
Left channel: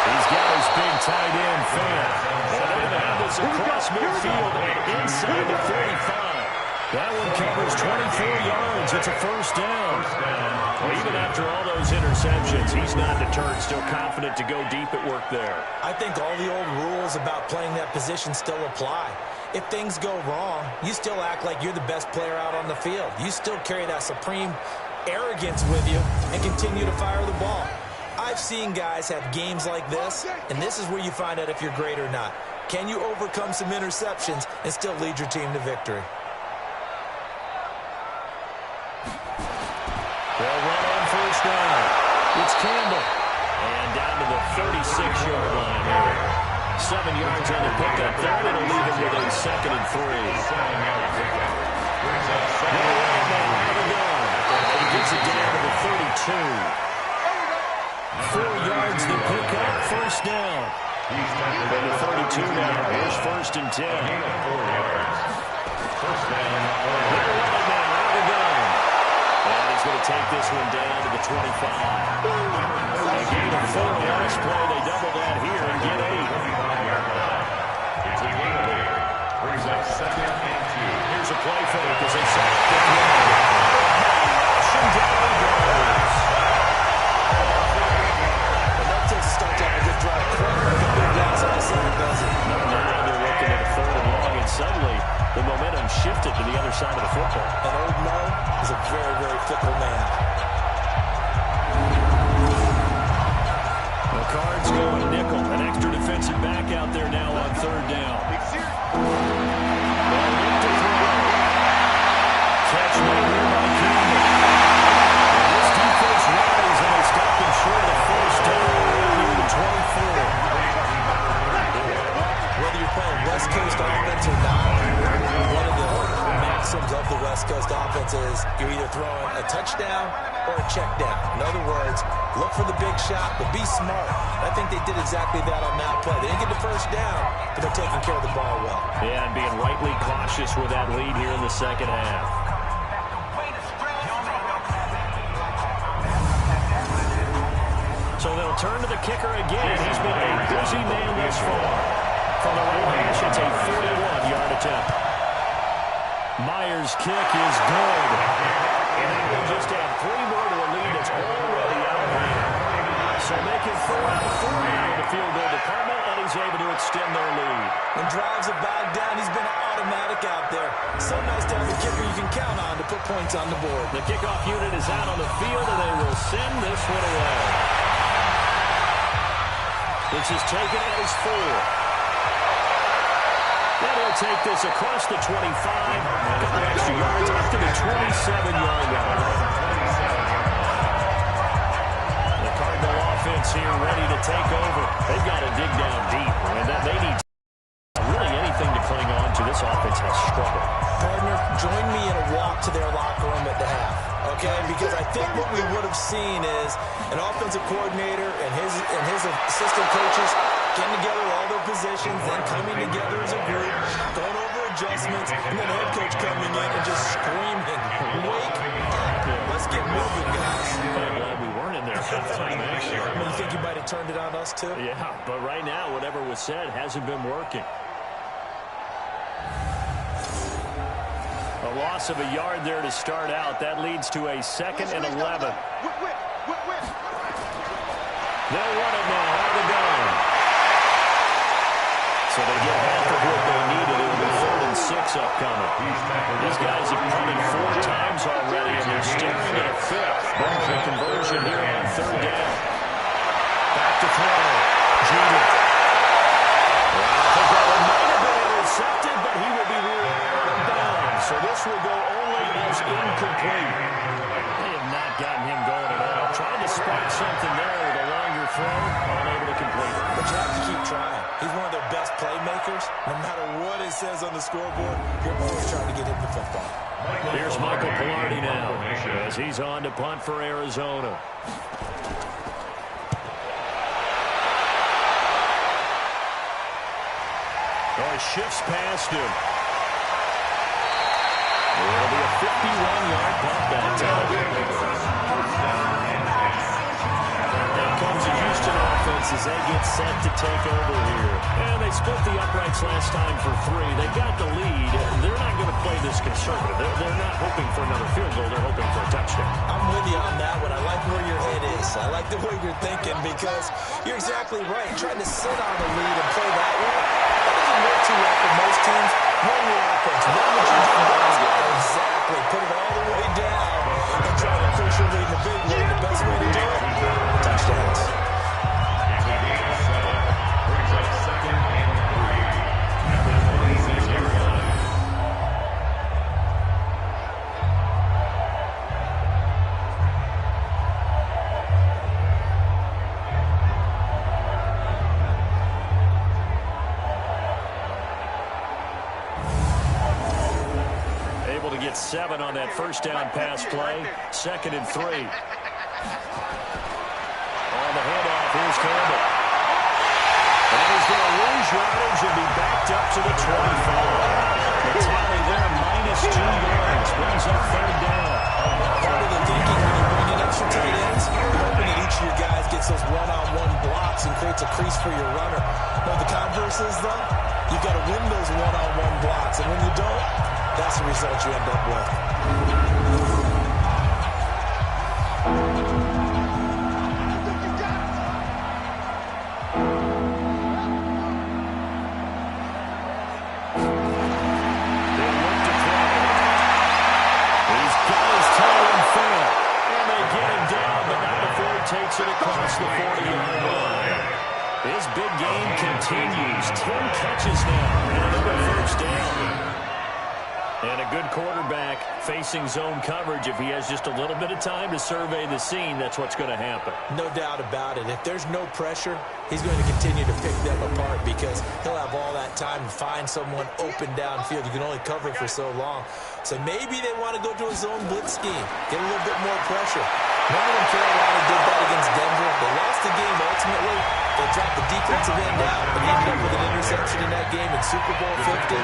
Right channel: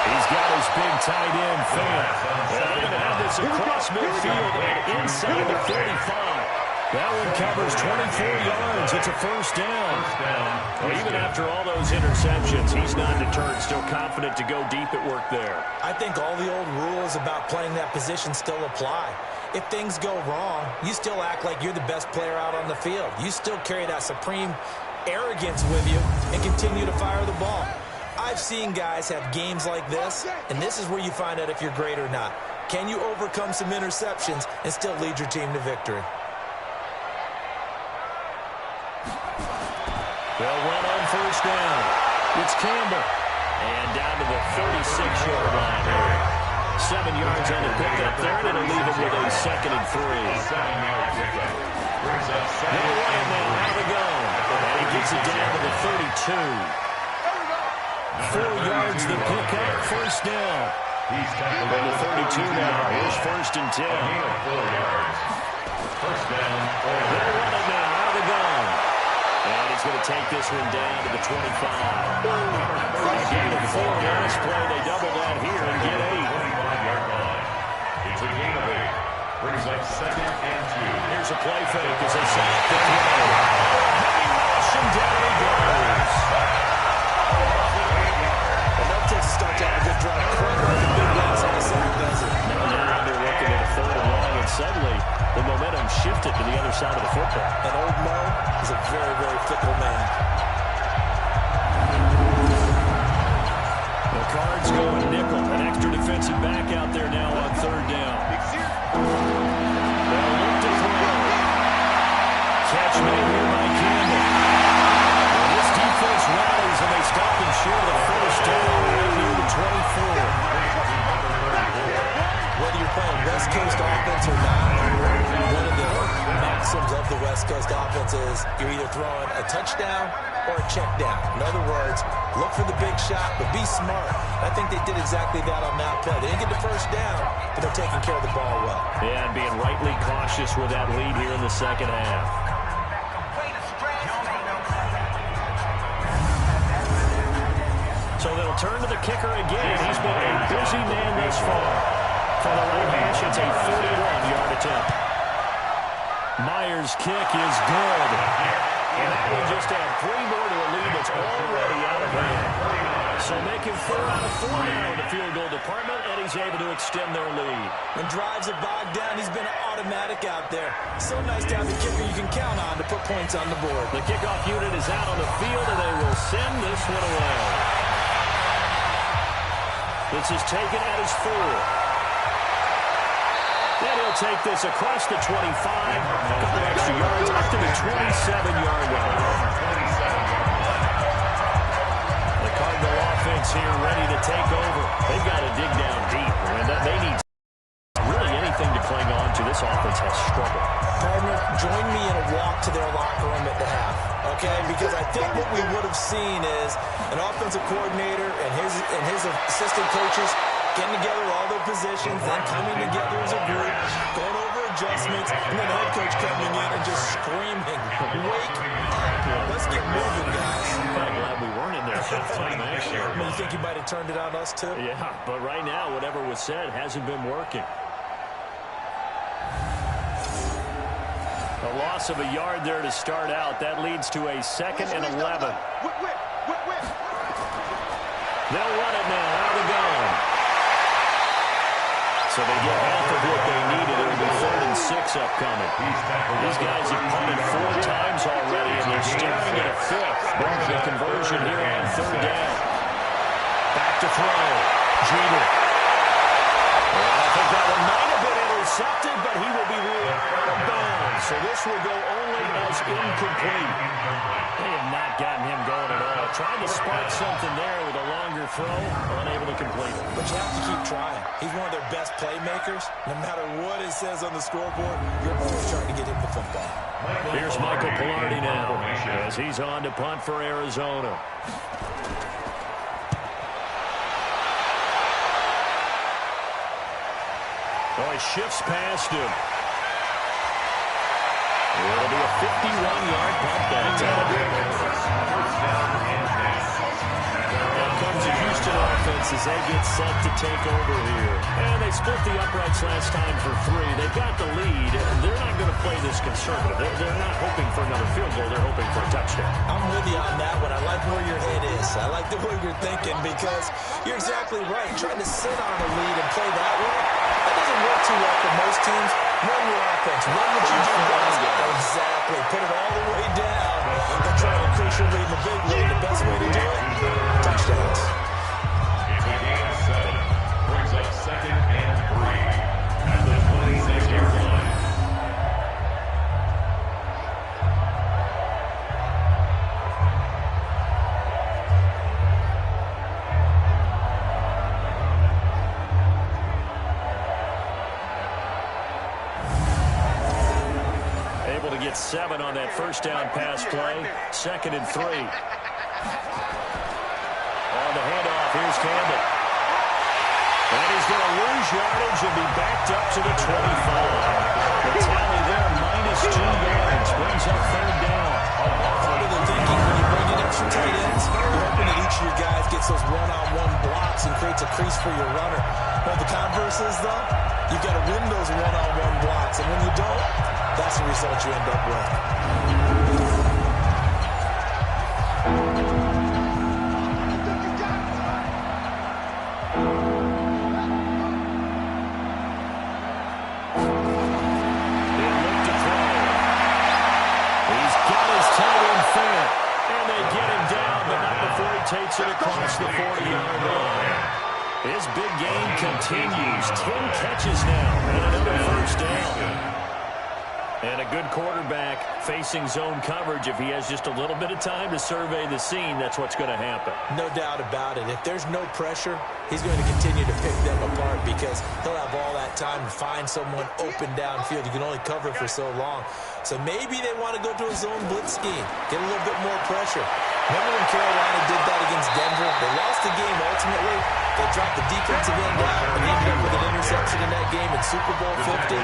He's got his big tight end fan. And they're going to have this across midfield and inside the 45. That one covers 24 yards. It's a first down. Well, even after all those interceptions, he's not deterred, still confident to go deep at work there. I think all the old rules about playing that position still apply. If things go wrong, you still act like you're the best player out on the field. You still carry that supreme arrogance with you and continue to fire the ball. I've seen guys have games like this, and this is where you find out if you're great or not. Can you overcome some interceptions and still lead your team to victory? They'll run on first down. It's Campbell. And down to the 36-yard line here. 7 yards on the pickup there, and it'll leave him with a second and 3. 7-yard pickup. They'll run it now. Out of the gun. And he gets it down to the 32. 4 yards the pickup, first down. He's tackled at the 32 now. Here's first and 10. A gain of 4 yards. First down. They'll run it now. Out of the gun. And he's going to take this one down to the 25. A gain of 4 last play. They double that here and get 8. 25-yard line. It's a gain of 8. Brings up second and 2. Here's a play fake as they sack the throw. And down he goes. Enough to start to have a good drive. Quite like a big loss on the sack, does it? Now they're looking at a 3rd and long, and suddenly the momentum shifted to the other side of the football. And old Mo is a very, very fickle man. The Cards going nickel. An extra defensive back out there now on 3rd down. They'll look to throw. Catch made here by Campbell. And this defense rallies, and they stop him short of the first down right near the 24. Whether you're playing West Coast offense or not, one of the maxims of the West Coast offense is you're either throwing a touchdown or a check down. In other words, look for the big shot, but be smart. I think they did exactly that on that play. They didn't get the first down, but they're taking care of the ball well. Yeah, and being rightly cautious with that lead here in the second half. So they'll turn to the kicker again. He's been a busy man thus far. From the right hash, it's a 41-yard attempt. Myers' kick is good. And that will just add 3 more to a lead that's already out of hand. So making 4 out of 4 now in the field goal department, and he's able to extend their lead. When drives are bogged down, he's been automatic out there. So nice to have a kicker you can count on to put points on the board. The kickoff unit is out on the field, and they will send this one away. This is taken at his 4. Then he'll take this across the 25, a couple extra yards up to the 27-yard line. The Cardinal offense here ready to take over. They've got to dig down deep. I mean, they need really anything to cling on to. This offense has struggled. Partner, join me in a walk to their locker room at the half, okay? Because I think what we would have seen is an offensive coordinator and his assistant coaches getting together all their positions, then coming together as a group, going over adjustments, and then the head coach coming in and just screaming, wake up. Let's get moving, guys. I'm kind of glad we weren't in there at halftime, actually. You think you might have turned it on us, too? Yeah, but right now, whatever was said hasn't been working. A loss of a yard there to start out. That leads to a 2nd and 11. They'll run it now out of the gun. So they get half of what they needed. It'll be 3rd and 6 upcoming. These guys have punted 4 times already, and they're staring at a 5th. The conversion here on 3rd down. Back to throw. Jeter. Well, I think that one might have been intercepted, but he will be ruled out of bounds. So this will go only as incomplete. They have not gotten him going at all. Trying to spark something there with a longer throw, unable to complete it. But you have to keep trying. He's one of their best playmakers. No matter what it says on the scoreboard, you're always trying to get him the football. Here's Michael Pilardi now as he's on to punt for Arizona. Oh, he shifts past him. It'll be a 51-yard punt that time. Now comes the Houston offense as they get set to take over here. And they split the uprights last time for 3. They've got the lead. They're not going to play this conservative. They're not hoping for another field goal. They're hoping for a touchdown. I'm with you on that one. I like where your head is. I like the way you're thinking because you're exactly right. Trying to sit on a lead and play that way, that doesn't work too well for most teams. Run your offense. Run what you do best. Exactly. Put it all the way down and try to increase your lead in the big way. The best way to do it, touchdowns. It's a gain of 7. Brings up 2nd and 3 at the 26-yard line. Able to get 7 on that first down pass play. 2nd and 3. On the handoff, here's Campbell. And he's going to lose yardage and be backed up to the 25. The tally there, -2 yards. Brings up 3rd down. Part of the thinking when you bring in extra tight ends, you're hoping that each of your guys gets those one-on-one blocks and creates a crease for your runner. But the converse is, though, you've got to win those one-on-one blocks. And when you don't, that's the result you end up with. They look to throw. He's got his toe in fair. And they get him down, but not before he takes it across the 40-yard line. His big game continues. 10 catches now and another first down. And a good quarterback facing zone coverage. If he has just a little bit of time to survey the scene, that's what's going to happen. No doubt about it. If there's no pressure, he's going to continue to pick them apart because he'll have all that time to find someone open downfield. You can only cover for so long. So maybe they want to go to a zone blitz scheme, get a little bit more pressure. Remember when Carolina did that against Denver? They lost the game ultimately. They dropped the defensive end out and ended up with an interception in that game in Super Bowl 50.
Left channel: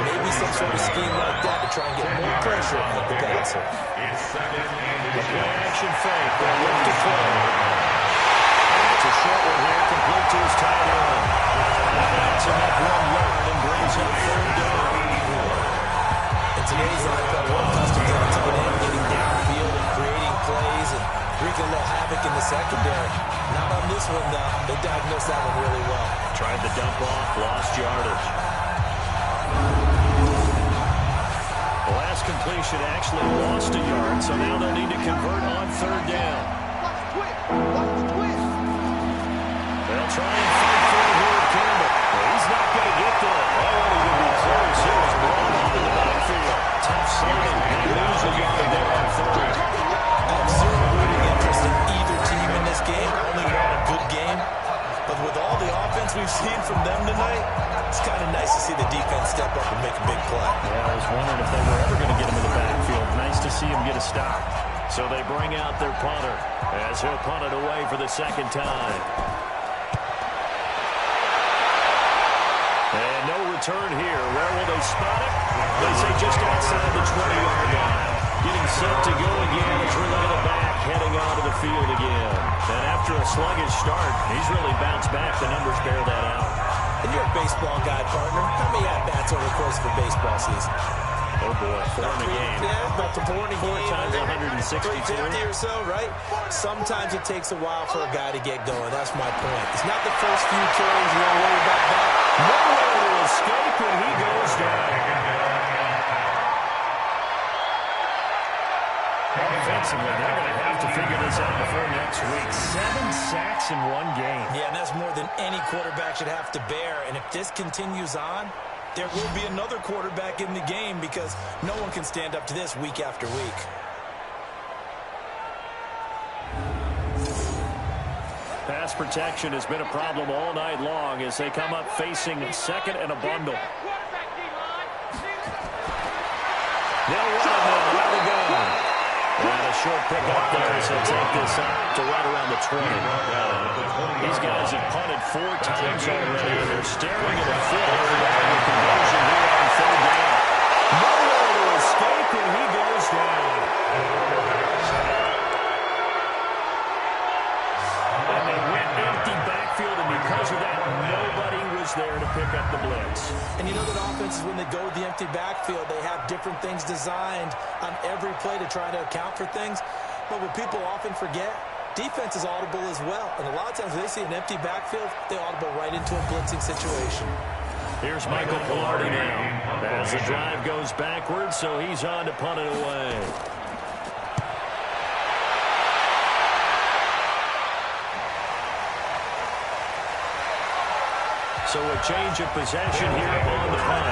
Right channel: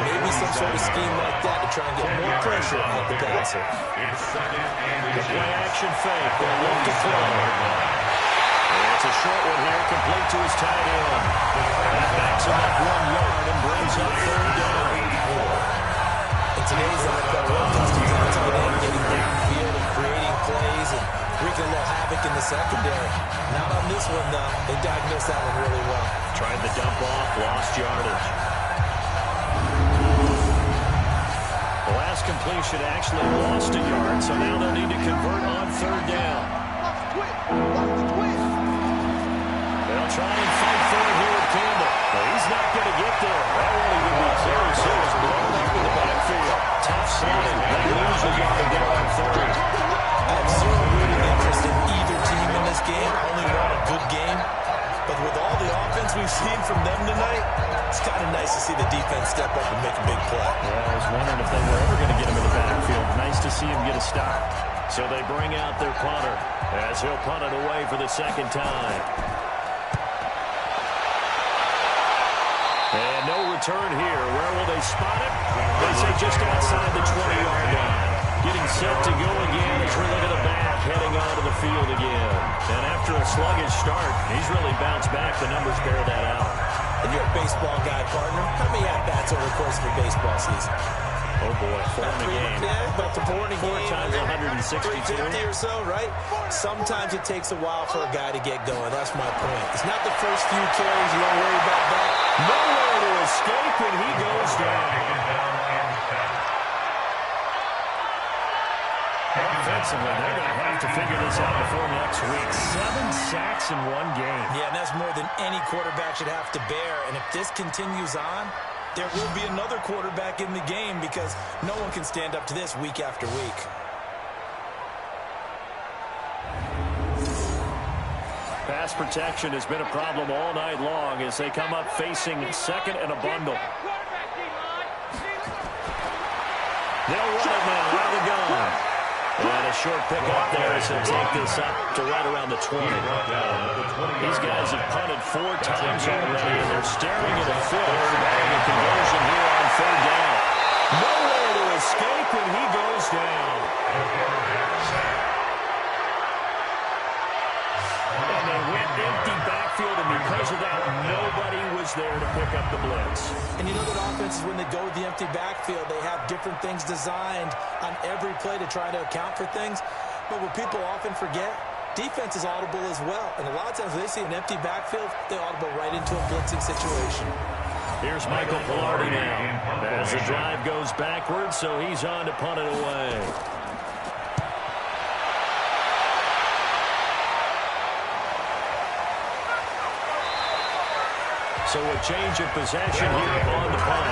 Maybe some sort of scheme like that to try and get more pressure at the passer. The play-action fake. They'll look to throw. And it's a short one here, complete to his tight end. That backs him up 1 yard and brings up 3rd down. In today's NFL, we're accustomed to the tight end getting downfield and creating plays and wreaking a little havoc in the secondary. Not on this one, though. They diagnosed that one really well. Tried the dump off, lost yardage. The last completion actually lost a yard, so now they'll need to convert on 3rd down. Watch the twist. Watch the twist. They'll try and fight for it here with Campbell. Well, he's not going to get there. That won't even be close. It was blown up in the backfield. Tough sliding. They lose a yard there on 3rd. I have zero rooting interest in either team in this game. I only want a good game. But with all the offense we've seen from them tonight, it's kind of nice to see the defense step up and make a big play. Yeah, I was wondering if they were ever going to get him in the backfield. Nice to see him get a stop. So they bring out their punter as he'll punt it away for the 2nd time. And no return here. Where will they spot it? They say just outside the 20-yard line. Getting set to go again as we look at the back, heading onto the field again. And after a sluggish start, he's really bounced back. The numbers bear that out. And you're a baseball guy, partner. How many at-bats over the course of a baseball season? Oh, boy, 4 in a game. Yeah, about 4 in a game. 4 times 162. 350 or so, right? Sometimes it takes a while for a guy to get going. That's my point. It's not the first few carries. You don't worry about that. Nowhere to escape when he goes down. Offensively, they're going to have to figure this out before next week. 7 sacks in 1 game. Yeah, and that's more than any quarterback should have to bear. And if this continues on, there will be another quarterback in the game because no one can stand up to this week after week. Pass protection has been a problem all night long as they come up facing second and a bundle. They'll run it now out of the gun. And a short pick up there as he'll take this up to right around the 20. These guys have punted 4 times already, and they're staring at a fifth, getting a conversion here on 3rd down. Nowhere to escape, and he goes down. And they went empty backfield, and because of that, nobody was there to pick up the blitz. And you know that offenses, when they go with the empty backfield, they have different things designed on every play to try to account for things. But what people often forget, defense is audible as well. And a lot of times when they see an empty backfield, they audible right into a blitzing situation. Here's Michael Pilardi now as the drive goes backwards, so he's on to punt it away. So a change of possession here on the punt.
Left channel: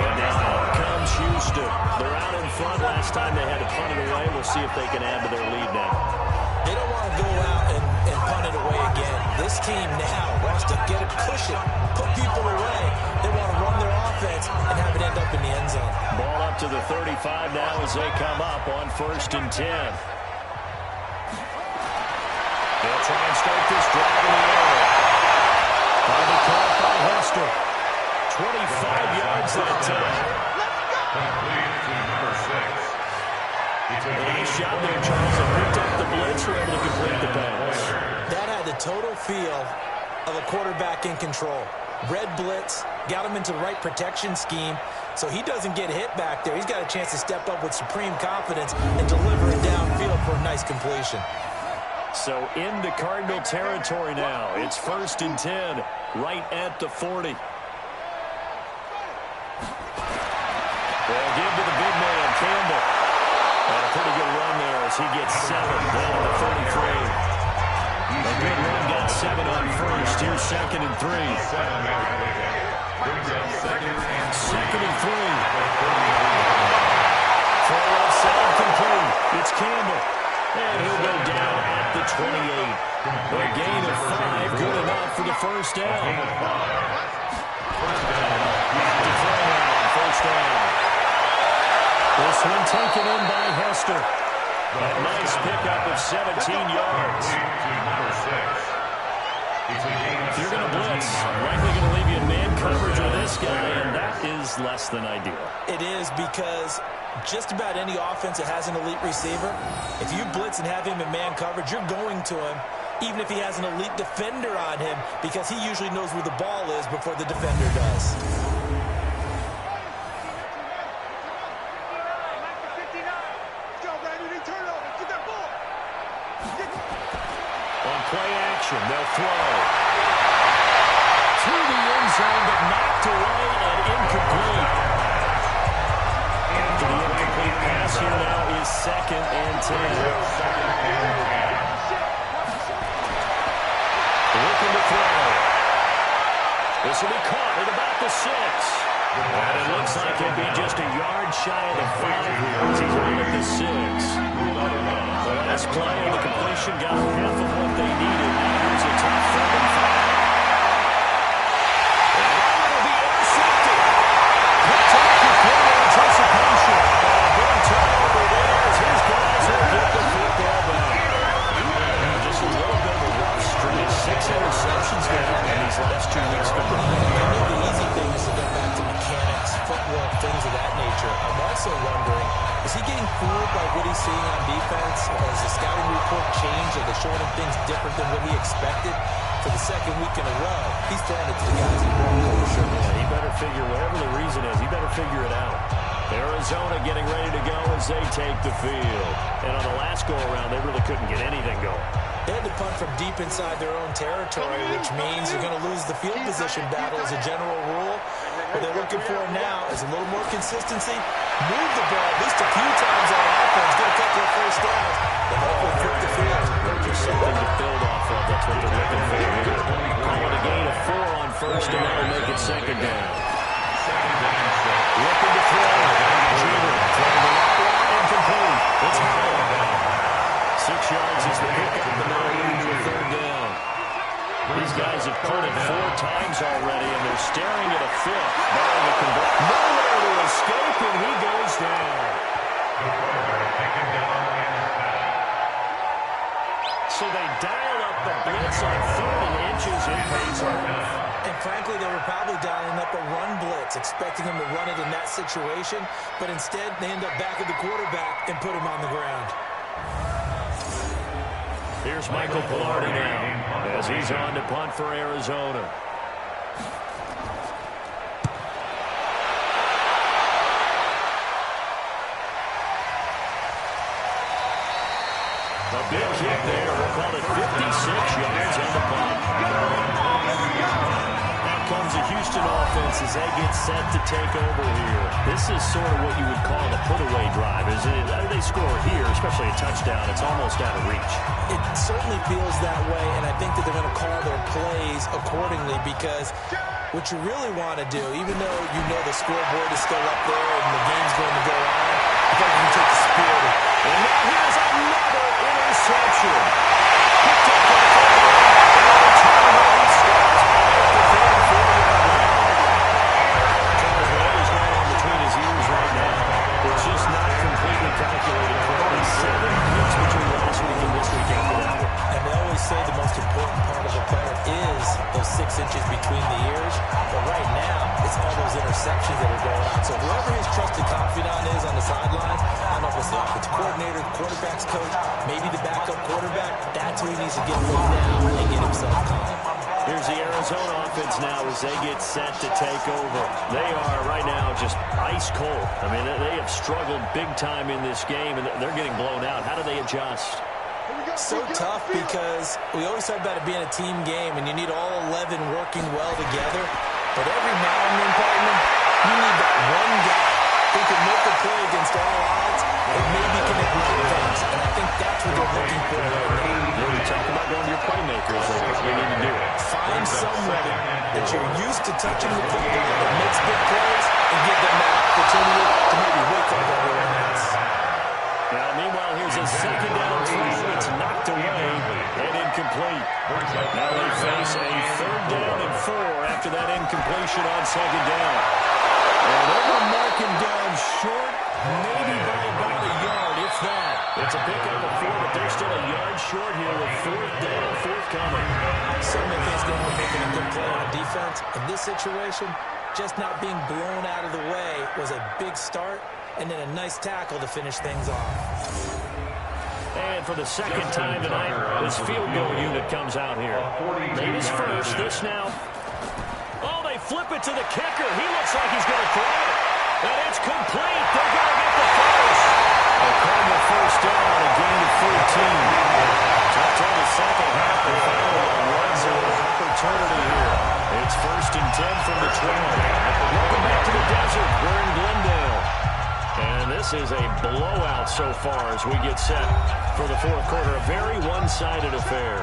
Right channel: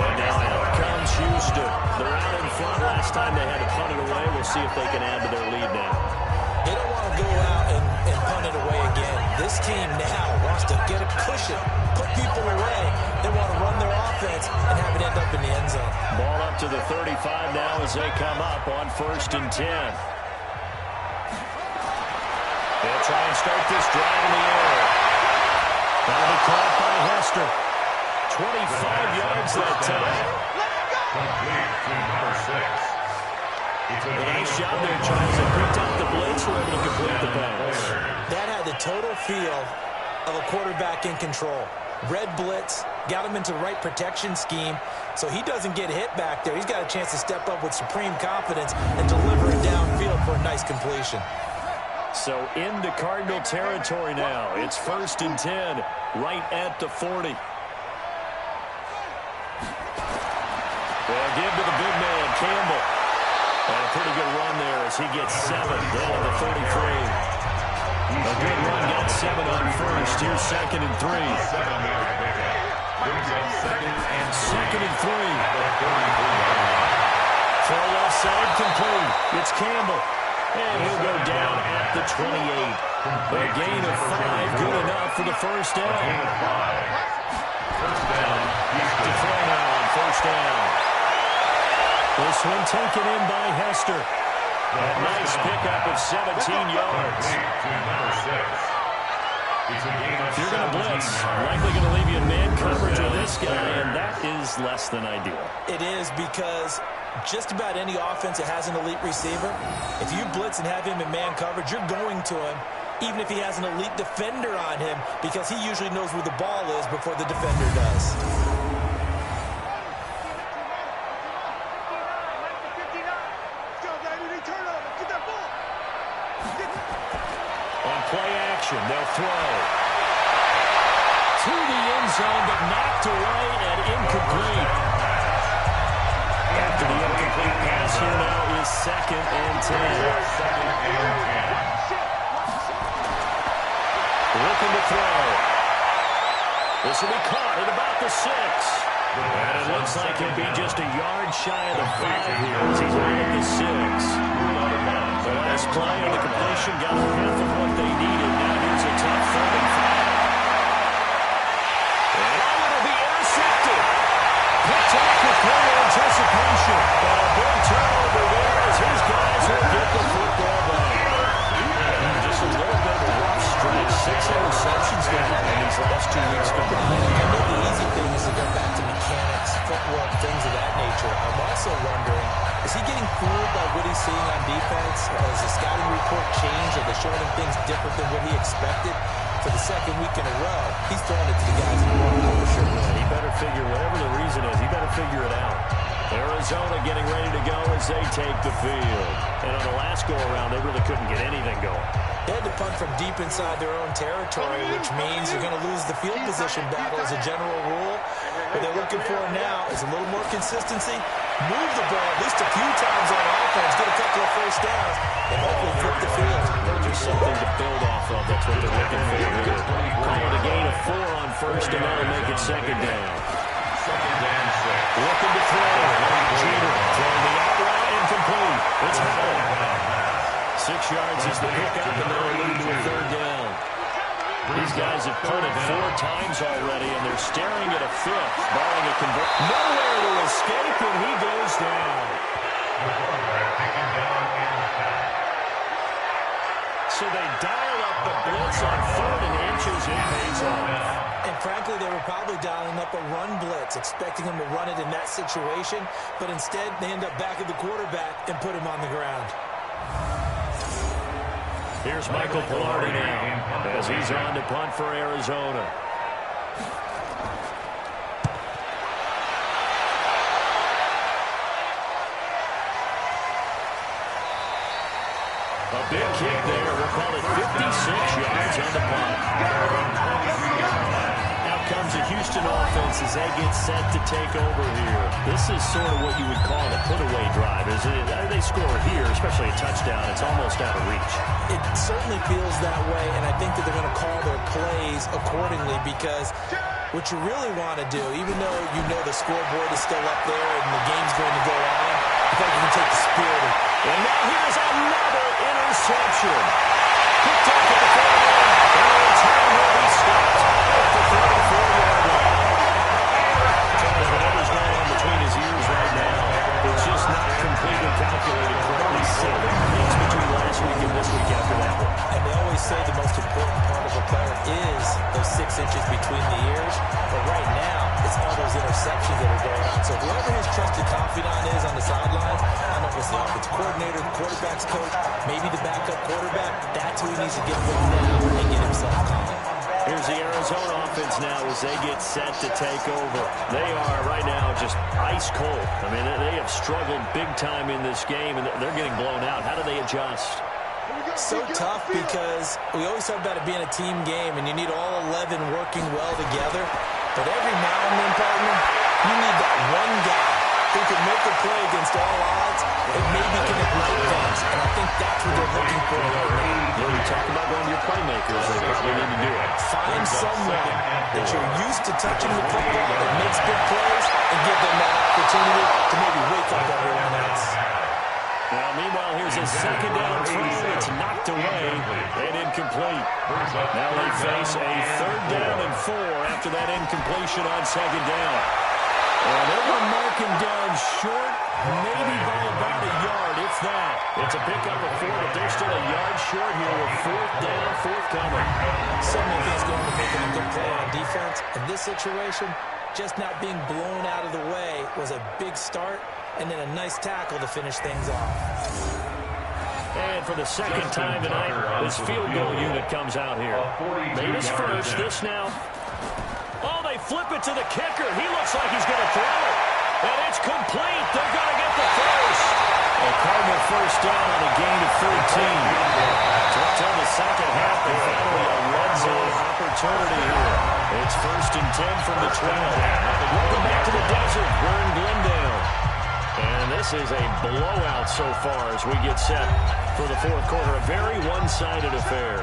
And now out comes Houston. They're out in front. Last time they had to punt it away. We'll see if they can add to their lead now. They don't want to go out and punt it away again. This team now wants to get a cushion, put people away. They want to run their offense and have it end up in the end zone. Ball up to the 35 now as they come up on 1st and 10. They'll try and start this drive in the air. That'll be caught by Hester. 25 yards that time. Complete to number 6. Nice job there, Charles. They picked up the blitz, were able to complete the pass. That had the total feel of a quarterback in control. Red blitz, got him into the right protection scheme, so he doesn't get hit back there. He's got a chance to step up with supreme confidence and deliver it downfield for a nice completion. So into Cardinal territory now. It's 1st and 10, right at the 40. They'll give to the big man, Campbell. And a pretty good run there as he gets 7 down to the 33. A good run, got 7 on 1st. Here's 2nd and 3. 7-yard pickup. Brings up 2nd and 3. Full left side complete. It's Campbell. And he'll go down at the 28. A gain of 5, good enough for the 1st down. Gain of 5. 1st down. To throw now on 1st down. This one taken in by Hester. A nice pickup of 17 yards. If you're going to blitz, likely going to leave you in man coverage with this guy, and that is less than ideal. It is because just about any offense that has an elite receiver, if you blitz and have him in man coverage, you're going to him, even if he has an elite defender on him, because he usually knows where the ball is before the defender does. On play action, they'll throw. Through the end zone, but knocked away and incomplete. After the incomplete pass, here now is 2nd and 10. Looking to throw. This will be caught at about the 6. And it looks like he'll be just a yard shy of the 5 here as he's out at the 6. The last play on the completion got half of what they needed. Now here's a tough 3rd and 5. And it'll be intercepted. Picked off with great anticipation. A big turnover there as his guys will get the football back. Just a little bit of a rough stretch. 6 interceptions now in these last 2 weeks combined. I know the easy thing is to go back to mechanics, footwork, things of that nature. I'm also wondering, is he getting fooled by what he's seeing on defense? Has the scouting report changed? Are they showing him things different than what he expected? For the 2nd week in a row, he's throwing it to the guys in wrong color shirts. Yeah, he better figure, whatever the reason is, he better figure it out. Arizona getting ready to go as they take the field. And on the last go-around, they really couldn't get anything going. They had to punt from deep inside their own territory, which means you're going to lose the field position battle as a general rule. What they're looking for now is a little more consistency move the ball at least a few times on offense, get a couple of first downs, and hopefully flip the field. Just something to build off of. That's what they're looking for here. Call it a gain of 4 on first, and that'll make it second down. Second down, 6. Looking to throw. Jeter throwing the out route incomplete. It's Howell. 6 yards is the pickup, and that'll lead to a third down. These guys have punted 4 times already, and they're staring at a 5th, barring a conversion. Nowhere to escape, and he goes down. So they dial up the blitz on 3rd and inches. It pays off. And frankly, they were probably dialing up a run blitz, expecting him to run it in that situation, but instead they end up back at the quarterback and put him on the ground. Here's Michael Pilardi now as he's on to punt for Arizona. A big kick there. We'll call it 56 yards on the punt. Now comes a Houston offense as they get set to take over here. This is sort of what you would call a put-away drive. They score here, especially a touchdown. It's almost out of reach. It certainly feels that way, and I think that they're going to call their plays accordingly because what you really want to do, even though you know the scoreboard is still up there and the game's going to go on, I think you can take the spirit. And now here's another interception. Picked up at the 40. And the time where he stops at the 34-yard line. Charles, whatever's going on between his ears right now, it's just not completely calculated correctly. 7 picks between last week and this week after that one. And they always say the most important part of a player is those 6 inches between the ears. But right now, it's all those interceptions that are going on. So whoever his trusted confidant is on the sidelines, I don't know if it's the offensive coordinator, the quarterback's coach, maybe the backup quarterback, that's who he needs to get with now and get himself calm. Here's the Arizona offense now as they get set to take over. They are right now just ice cold. I mean, they have struggled big time in this game, and they're getting blown out. How do they adjust? So tough because we always talk about it being a team game, and you need all 11 working well together. But every now and then, partner, you need that one guy who can make a play against all odds and maybe can ignite things. And I think that's what they're looking for right now. When you talk about going to your playmakers, they probably need to do it. Find someone that you're used to touching the football that makes big plays and give them that opportunity to maybe wake up everyone else. Now, meanwhile, here's a second down throw. It's knocked away and incomplete. Now they face a 3rd down and 4 after that incompletion on second down. And they're going to mark him down short, maybe by about a yard, if that. It's a pickup of 4, but they're still a yard short here with 4th down, forthcoming. So many things going to making a good play on defense. In this situation, just not being blown out of the way was a big start, and then a nice tackle to finish things off. And for the second time tonight, this field goal unit comes out here. Made his first. This now. Oh, they flip it to the kicker. He looks like he's going to throw it. And it's complete. They're going to get the first. A Cardinal first down on a gain of 13. Took till the second half and finally a red zone opportunity here. It's 1st and 10 from the 12. Welcome back to the desert. We're in Glendale. And this is a blowout so far as we get set for the 4th quarter. A very one-sided affair.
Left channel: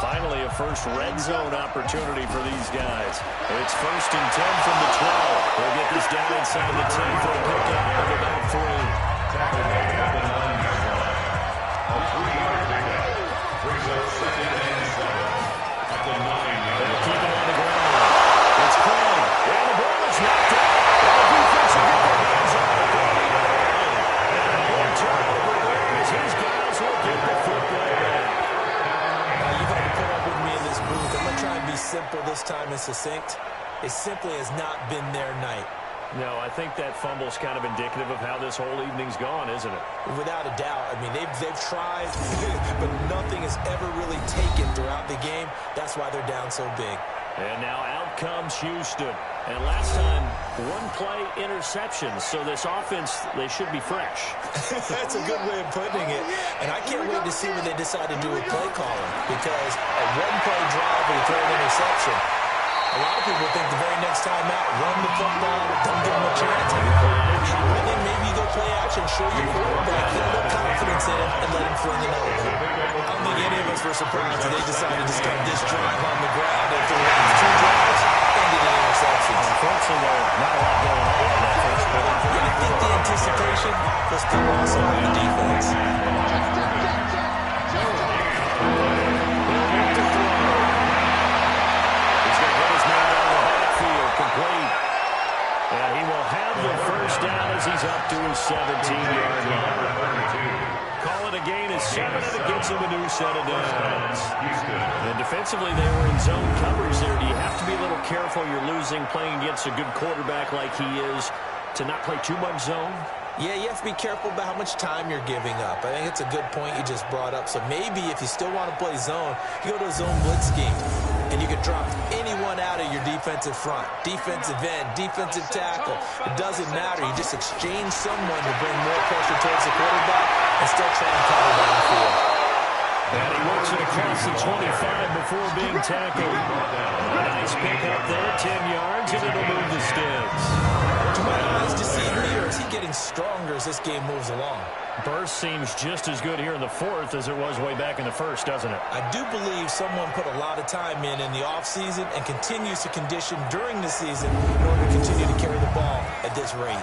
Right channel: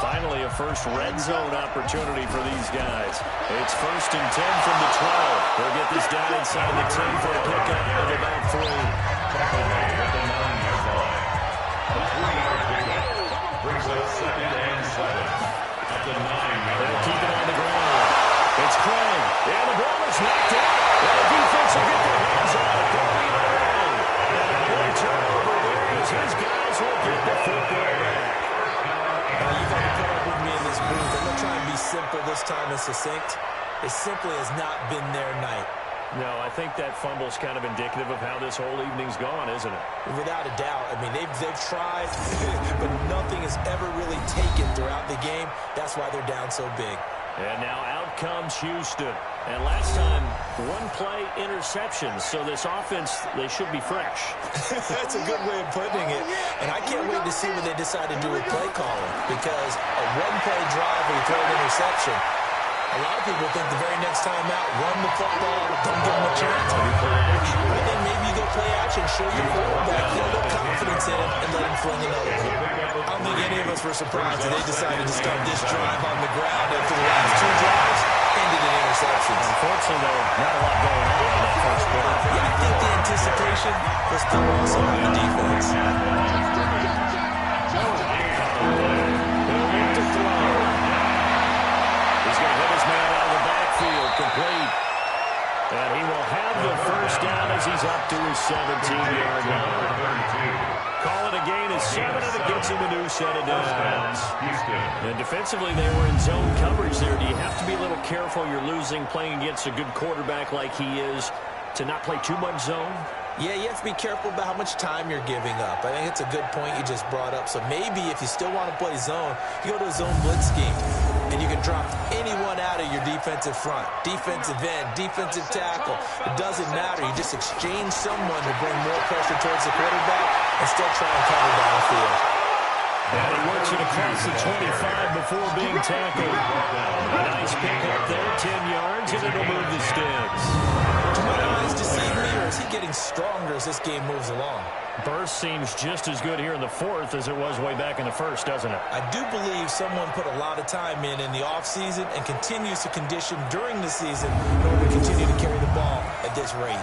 Finally, a first red zone opportunity for these guys. It's 1st and 10 from the 12. They'll get this down inside the 10 for a pickup of about 3. Tackle made at the 9-yard line. A 3-yard pickup brings up 2nd and 7 at the 9-yard line. They'll keep it on the ground. It's Craig. And the ball is knocked out. And the defense will get their hands on it. And a big turnover there as his guys will get the football back. Now, you've had to put up with me in this booth. I'm going to try and be simple this time and succinct. It simply has not been their night. No, I think that fumble's kind of indicative of how this whole evening's gone, isn't it? Without a doubt. I mean, they've tried, but nothing has ever really taken throughout the game. That's why they're down so big. And now out comes Houston. And last time, 1-play interceptions. So this offense, they should be fresh. That's a good way of putting it. And I can't wait to see what they decide to do with play calling. Because a 1-play drive where you throw an interception, A lot of people think the very next time out, run the football, don't give him a chance. Maybe play action. I think maybe you go play action, show your quarterback, get a little confidence in him, and let him fling another one. I don't think any of us were surprised that they decided to start this drive on the ground after the last two drives ended in interceptions. Unfortunately, though, not a lot going on in that first quarter. Yeah, I think the anticipation was still awesome on the defense. He'll look to throw. He's going to hit his man out of the backfield, complete. And he will have the first down as he's up to his 17-yard line. Call it a gain of 7, and it gets him a new set of downs. And defensively, they were in zone coverage there. Do you have to be a little careful? You're losing, playing against a good quarterback like he is, to not play too much zone? Yeah, you have to be careful about how much time you're giving up. I think it's a good point you just brought up. So maybe if you still want to play zone, you go to a zone blitz scheme, and you can drop anyone out of your defensive front, defensive end, defensive tackle. It doesn't matter. You just exchange someone to bring more pressure towards the quarterback and still try and cover downfield. And he works it across the 25 before being tackled. A nice pick up there, 10 yards, and it'll move the sticks. Do my eyes deceive me, or is he getting stronger as this game moves along? Burst seems just as good here in the fourth as it was way back in the first, doesn't it? I do believe someone put a lot of time in the offseason and continues to condition during the season in order to continue to carry the ball at this rate.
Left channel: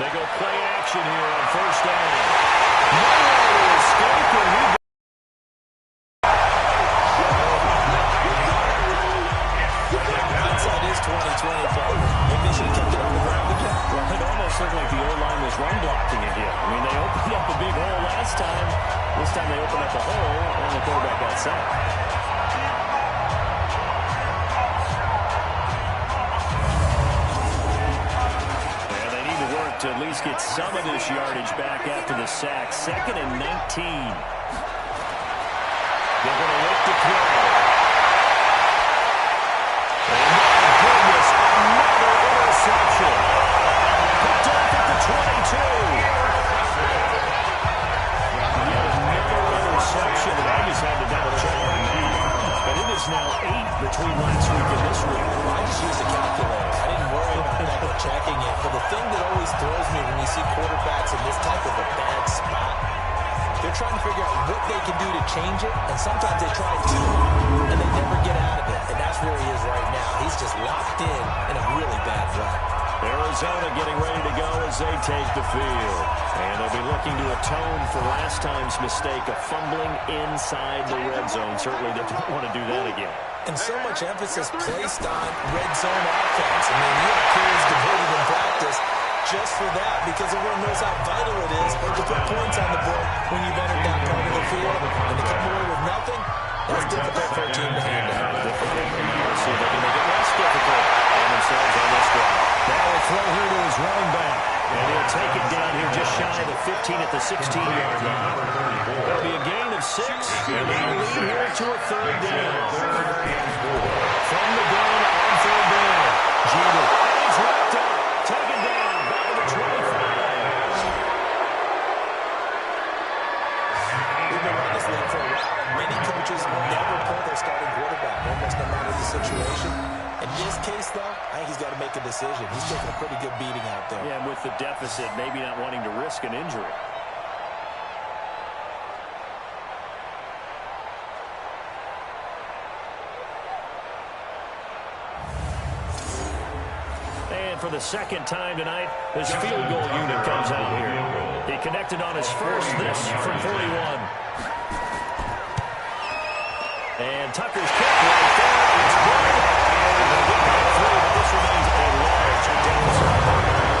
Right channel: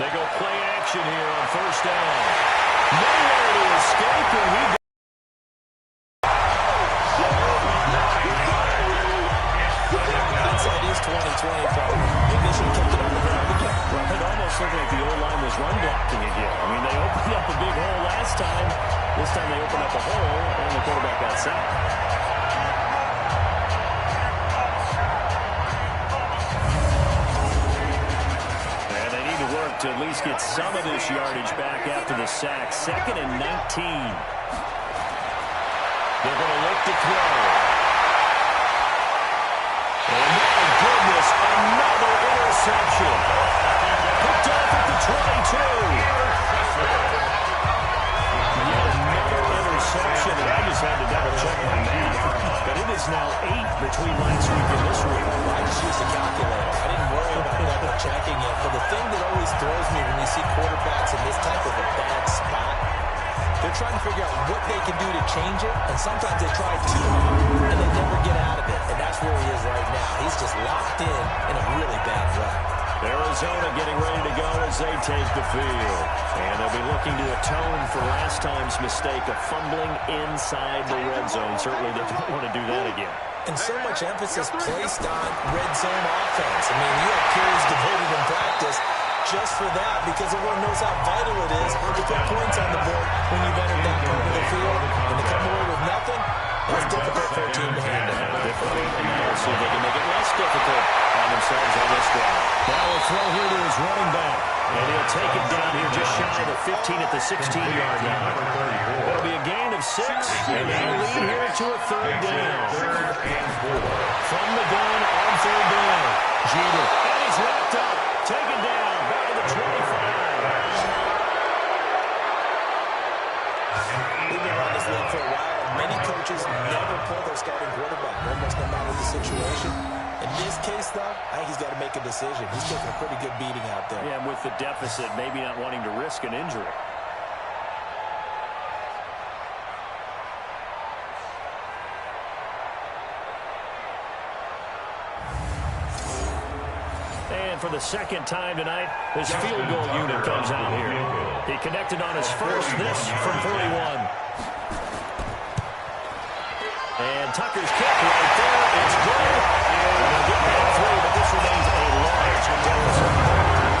They go play action here on first down. Nowhere to escape, and he Hindsight is 20/20, partner. Maybe they should have kept it on the ground again. Well, it almost looked like the O-line was run blocking again. I mean, they opened up a big hole last time. This time they opened up a hole, and the quarterback got sacked. To at least get some of this yardage back after the sack. 2nd and 19. They're going to look to throw. And my goodness, another interception. Picked off at the 22. Yet another interception, and I just had to double-check my math. But it is now 8 between last week and this week. Well, I just used a calculator. I didn't worry about double-checking it. But the thing that always throws me when you see quarterbacks in this type of a bad spot, they're trying to figure out what they can do to change it, and sometimes they try too hard, and they never get out of it. And that's where he is right now. He's just locked in a really bad rut. Arizona getting ready to go as they take the field. And they'll be looking to atone for last time's mistake of fumbling inside the red zone. Certainly they don't want to do that again. And so much emphasis placed on red zone offense. I mean, you have periods devoted in practice just for that, because everyone knows how vital it is to put points on the board when you've entered that part of the field. And to come away with nothing, that's difficult for a team to handle. Difficult, and now we'll see if they can make it less difficult on themselves on this drive. Now we'll throw here to his running back. And he'll take it down here just shy of the 15 at the 16-yard line. That'll be a gain of 6, and they'll lead here to a 3rd down. From the gun on 3rd down. Jeter. And he's wrapped up. Taken down. Back at the 25. We've been around this league for a while, and many coaches never pull their starting quarterback, almost no matter the situation. In this case, though, I think he's got to make a decision. He's taking a pretty good beating out there. Yeah, and with the deficit, maybe not wanting to risk an injury. And for the second time tonight, this field goal unit comes out here. He connected on his first, this from 41. And Tucker's kick right there. It's good. They'll get back 3, but this remains a large deficit.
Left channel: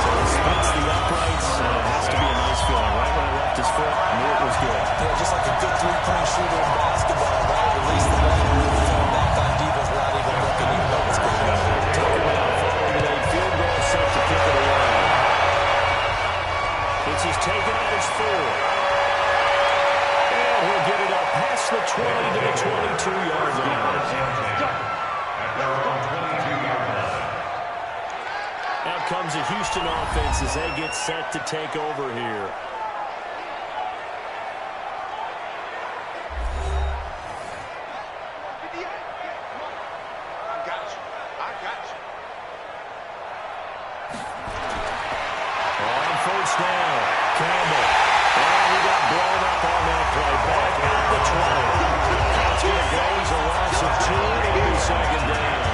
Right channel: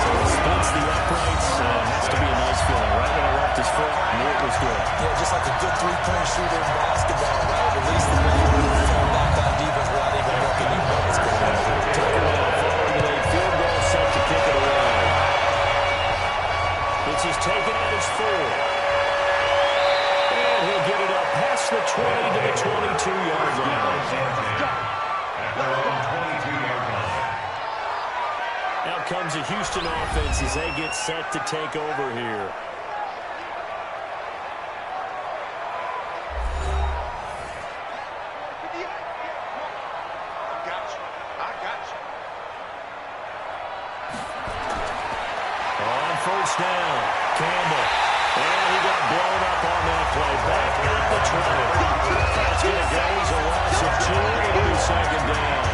So he splits the uprights, and it has to be a nice feeling. Right when he left his foot, knew it was good. Yeah, just like a good three-point shooter in basketball, right? Release the ball, fall back on defense without even looking. You know what's going on. Tucker now following the late field goal, set to kick it away. It's his taken at his 4. And he'll get it up past the 20 to the 22-yard line. Out comes the Houston offense as they get set to take over here. I got you. On first down, Campbell. And he got blown up on that play. Back at the 20. That's going to go as a loss of 2. It'll be second down.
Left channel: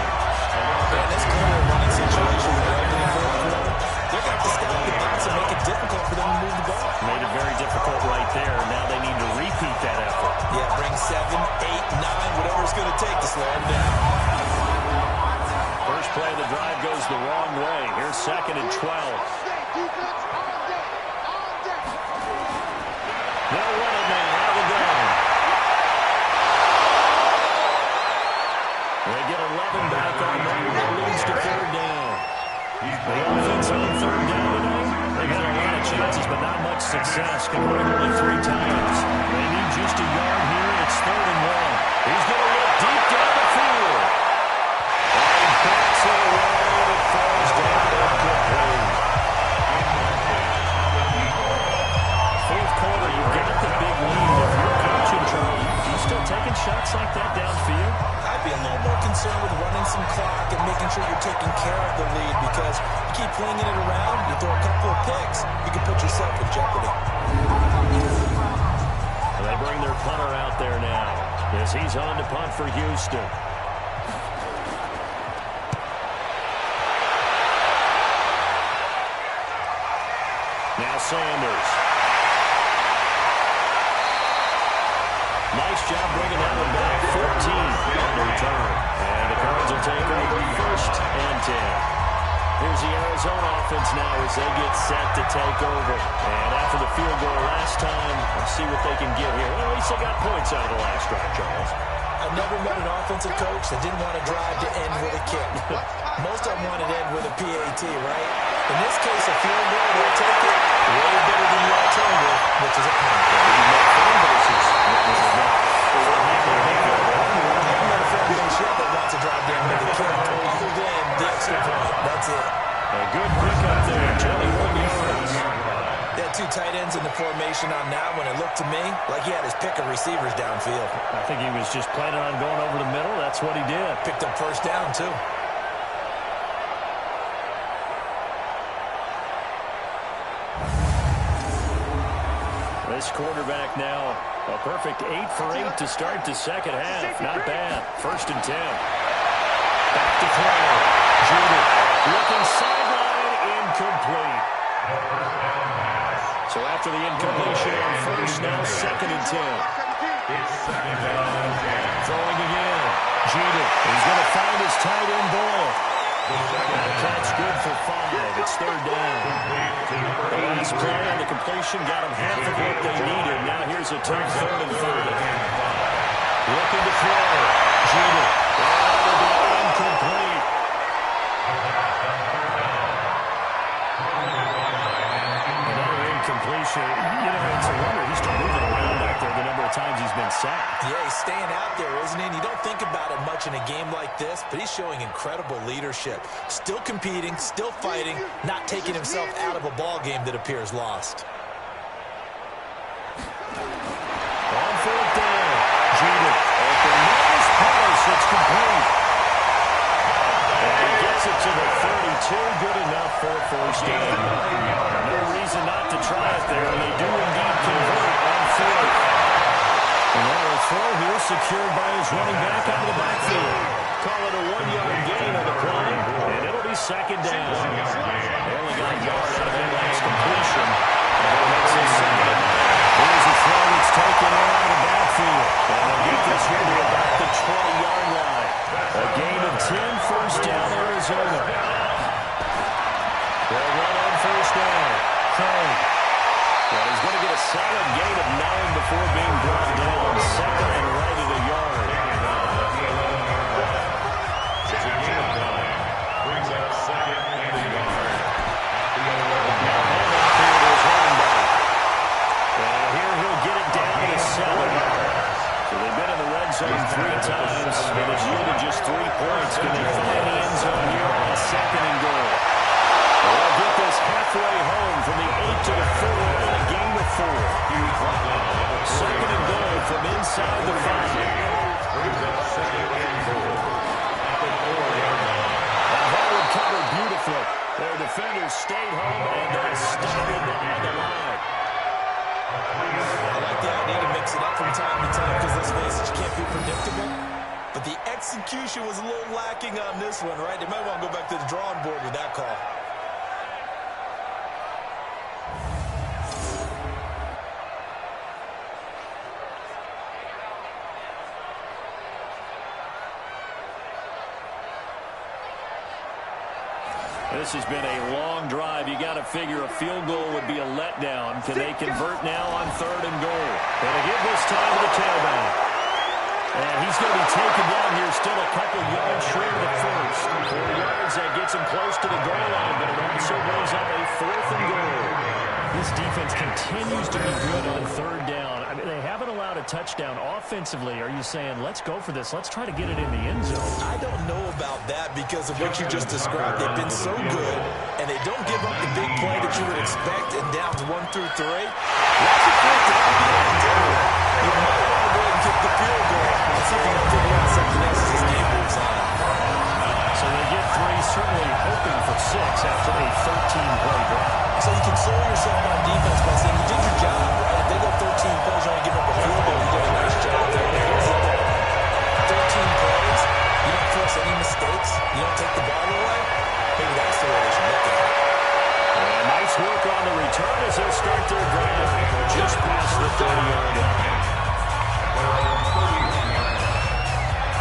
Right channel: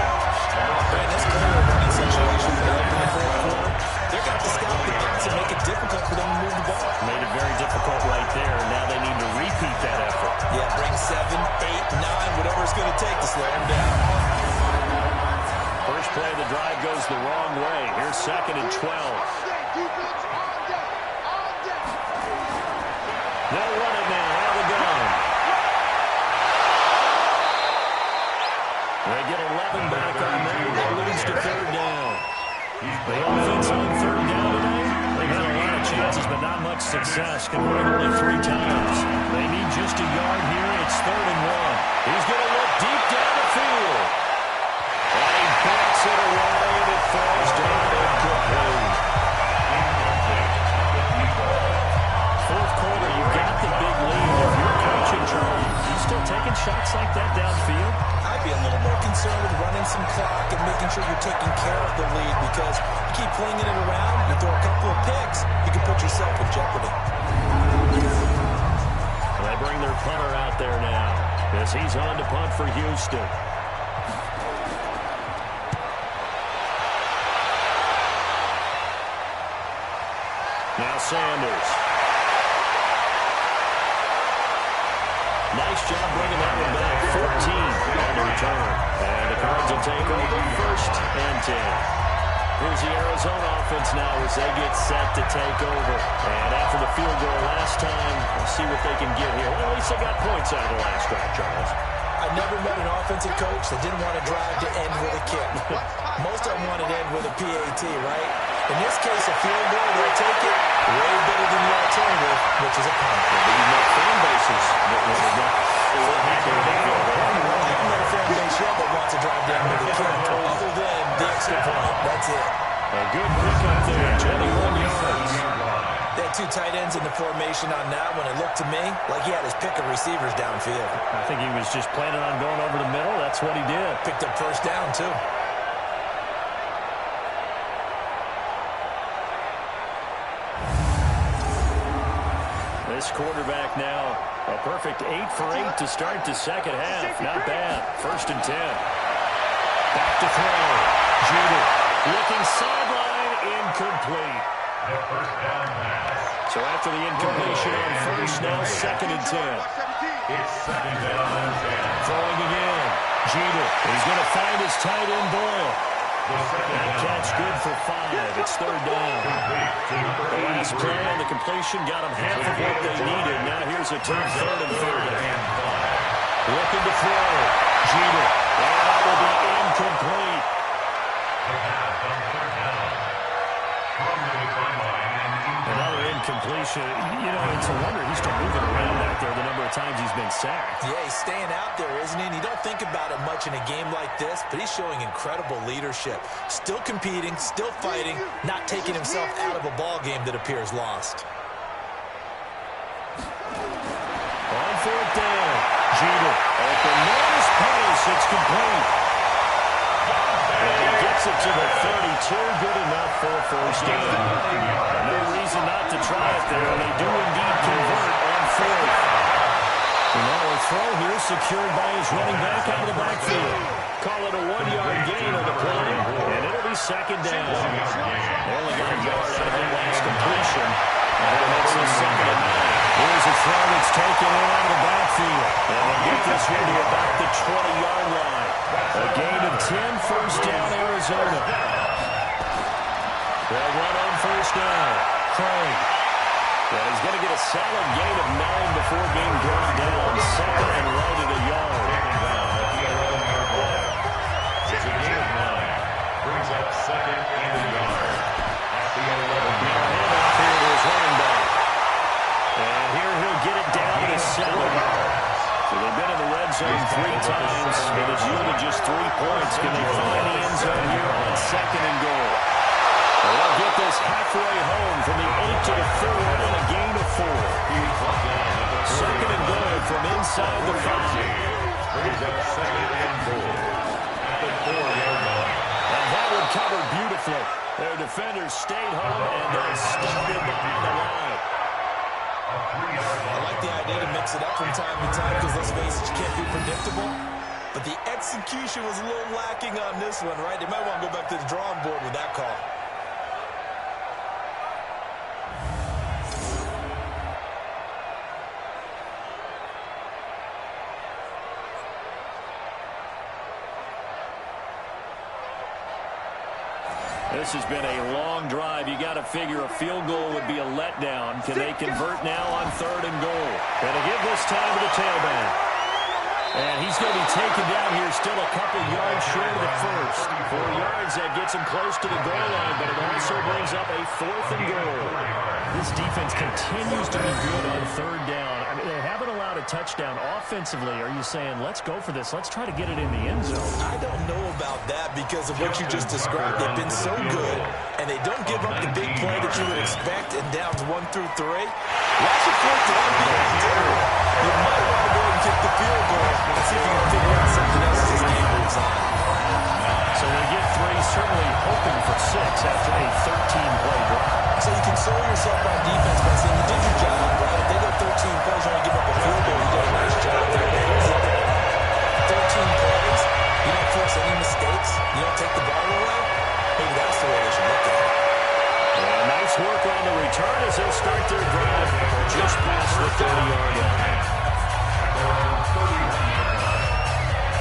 Man, this clear running situation for them in the fourth quarter, they're going to have to scout the box and make it difficult for them to move the ball. Made it very difficult right there. Now they need to repeat that effort. Yeah, bring 7, 8, 9, whatever it's going to take to slow them down. First play of the drive goes the wrong way. Here's second and 12. All day, defense, all day, all day. They'll run it now out of the gun. They get 11 back on that one. That leads to third down. The offense on third down tonight, they've had a lot of chances, but not much success, converting only 3 times. They need just a yard here. It's third and 1. He's going to look deep down the field. And he backs it away, and it falls down incomplete. Fourth quarter, you've got the big lead. If you're coaching, Charlie, you still taking shots like that downfield? I'd be a little more concerned with running some clock and making sure you're taking care of the lead, because you keep flinging it around, you throw a couple of picks, you can put yourself in jeopardy. They bring their punter out there now as he's on to punt for Houston. Now Sanders. Nice job bringing that one back. 14 on the return. And the Cards will take over first and 10. Here's the Arizona offense now as they get set to take over. And after the field goal last time, we'll see what they can get here. Well, at least they got points out of the last drive, Charles. I never met an offensive coach that didn't want to drive to end with a kick. Most of them wanted to end with a PAT, right? In this case, a field goal, they'll take it way better than the alternative, which is a punt. Fan bases. I haven't met a fan base yet that wants to drive down with a kick, other than the extra point. That's it. A good pickup there, 21 yards. They had 2 tight ends in the formation on that one. It looked to me like he had his pick of receivers downfield. I think he was just planning on going over the middle. That's what he did. Picked up first down, too. This quarterback now, a perfect 8 for 8 to start the second half. Not bad. First and 10. Back to throw. Jeter looking sideline, incomplete. So after the incompletion on first, now second and 10. It's second down and 10. Throwing again. Jeter. He's going to find his tight end ball. That catch good for 5. It's third down. The last play on the completion got them half of what they needed. Now here's a tough third and 5. Looking to throw. Jeter. That will be incomplete. Another incompletion. You know, it's a wonder he's still moving around back there the number of times he's been sacked. Yeah, he's staying out there, isn't he? And you don't think about it much in a game like this, but he's showing incredible leadership. Still competing, still fighting, not taking himself out of a ball game that appears lost. On fourth down, Jeter at the nearest pass. It's complete. And he gets it to the 32. Good enough for a first down. No reason not to try it there, and they do indeed convert on fourth. And now a throw here secured by his running back out of the backfield. Call it a 1-yard gain on the play, and it'll be second down. They only got a yard out of that last completion, and that makes it second and 9. Here's a throw that's taken in out of the backfield, and they'll get this here to about the 20-yard line. A gain of 10, first down, Arizona. They'll run on first down. Craig. Well, he's going to get a solid gain of 9 before being brought down. Second and right at a yard. Taken down at the 11-yard line. It's a gain of 9. Brings up second and a yard. At the 11-yard line. Handoff here to his running back. And here he'll get it down to 7. So they've been in the red zone 3 times, and it's yielded just 3 points. Can they find the end zone here on second and goal? They'll get this halfway home from the 8 to the 4 on a gain of 4. Second and goal from inside the 5. Brings up second and goal at the 4-yard line. safely. Their defenders stayed home, and they stopped it behind the line. I like the idea to mix it up from time to time because, let's face it, you can't be predictable. But the execution was a little lacking on this one, right? They might want to go back to the drawing board with that call. This has been a long drive. You got to figure a field goal would be a letdown. Can they convert now on 3rd and goal? Going to give this time to the tailback. And he's going to be taken down here still a couple yards short of the first. 4 yards, that gets him close to the goal line, but it also brings up a 4th and goal. This defense continues to be good on 3rd down. I mean, they haven't allowed a touchdown offensively. Are you saying, let's go for this, let's try to get it in the end zone? I don't know about that because of what you just described. They've been so good, and they don't give up the big play that you would expect in downs 1 through 3. Watch it for it to be undone. You might want to go ahead and kick the field goal and see if you can figure out something else as this game moves on. So they get 3, certainly hoping for 6 after a 13-play drive. So you console yourself on defense by saying you did your job, right? If they go 13 plays, you only give up a field goal, you did a nice job there. But here's the other thing. 13 plays, you don't force any mistakes, you don't take the ball away. Maybe that's the way they should look at it. And nice work on the return as they'll start their drive just past the 30-yard line.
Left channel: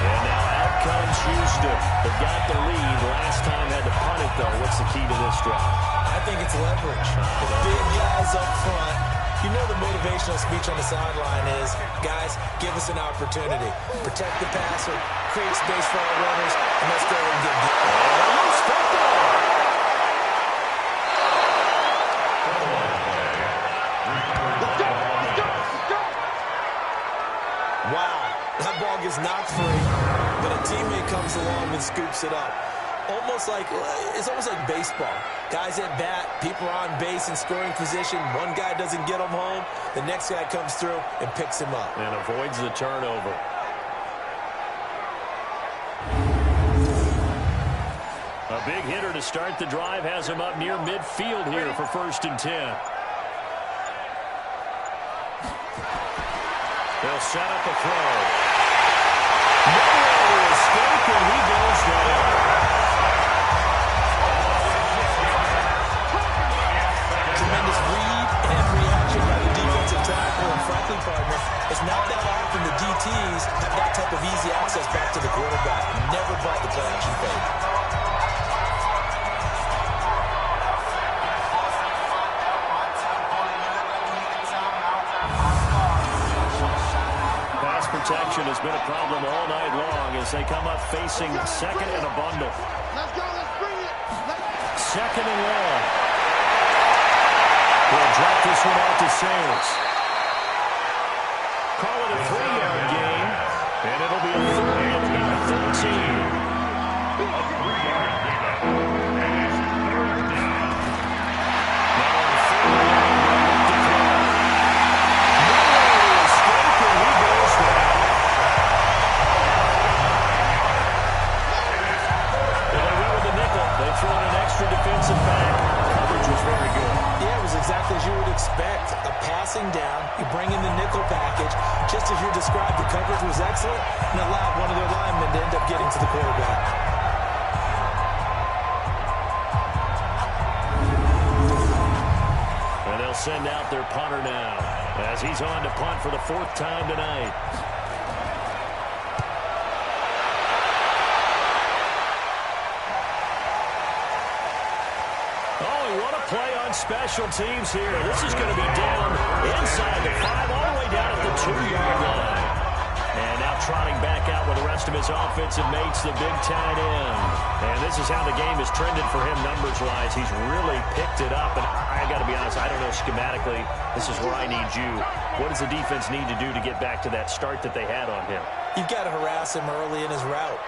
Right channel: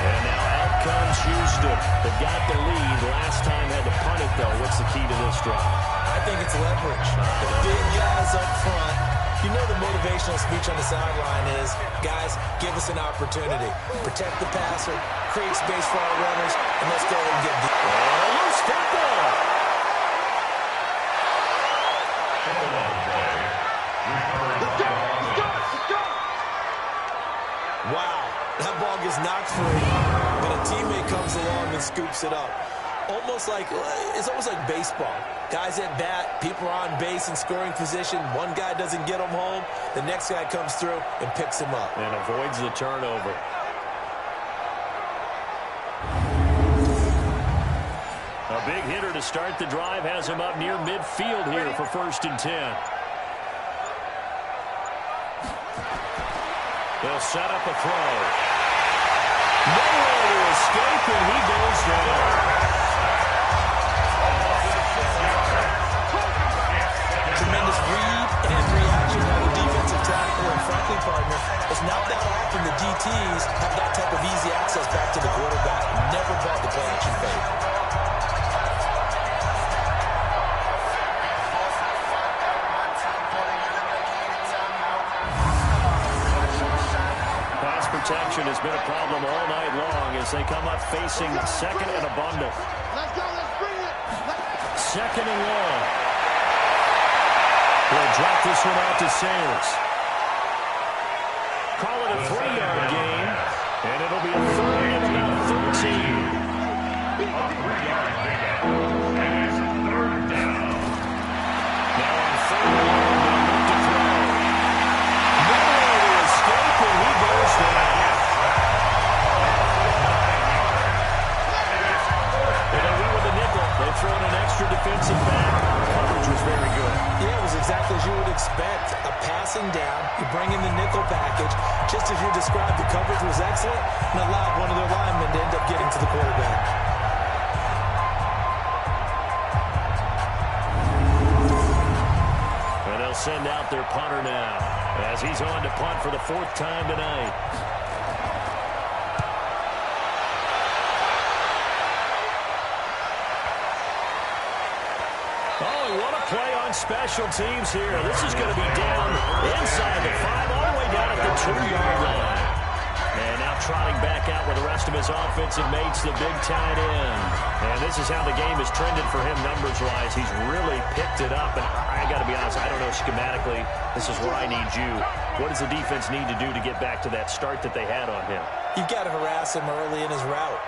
And now out comes Houston. They've got the lead. Last time had to punt it, though. What's the key to this drive? I think it's leverage. The big guys up front. You know the motivational speech on the sideline is, guys, give us an opportunity. Protect the passer, create space for our runners, and let's go and get deep. And a loose football. Wow, that ball gets knocked free, but a teammate comes along and scoops it up. It's almost like baseball. Guys at bat, people are on base in scoring position. One guy doesn't get him home. The next guy comes through and picks him up. And avoids the turnover. A big hitter to start the drive has him up near midfield here for 1st and 10. They'll set up a throw. Nowhere to escape, and he goes down. Tremendous read and reaction by the defensive tackle and, frankly, partner, it's not that often the DTs have that type of easy access back to the quarterback. Never bought the play-action fake. Pass protection has been a problem all night long as they come up facing 2nd and a bundle. Let's go, let's bring it. 2nd and long. We'll drop this one out to Sayers. Call it a 3-yard gain, and it'll be a 3rd and about 13. A 3-yard pickup, and it's 3rd down. Now on 3rd and long, they'll look to throw. Nowhere to escape, and he goes down. Well, they went with the nickel. They throw in an extra defensive back. Coverage was very good. Yeah, it was exactly as you would expect. A passing down, you bring in the nickel package. Just as you described, the coverage was excellent and allowed one of their linemen to end up getting to the quarterback. And they'll send out their punter now as he's on to punt for the 4th time tonight. What a play on special teams here. This is going to be down inside the 5, all the way down at the 2-yard line. And now trotting back out with the rest of his offensive mates, the big tight end. And this is how the game has trended for him numbers-wise. He's really picked it up. And I got to be honest, I don't know schematically. This is where I need you. What does the defense need to do to get back to that start that they had on him? You've got to harass him early in his route.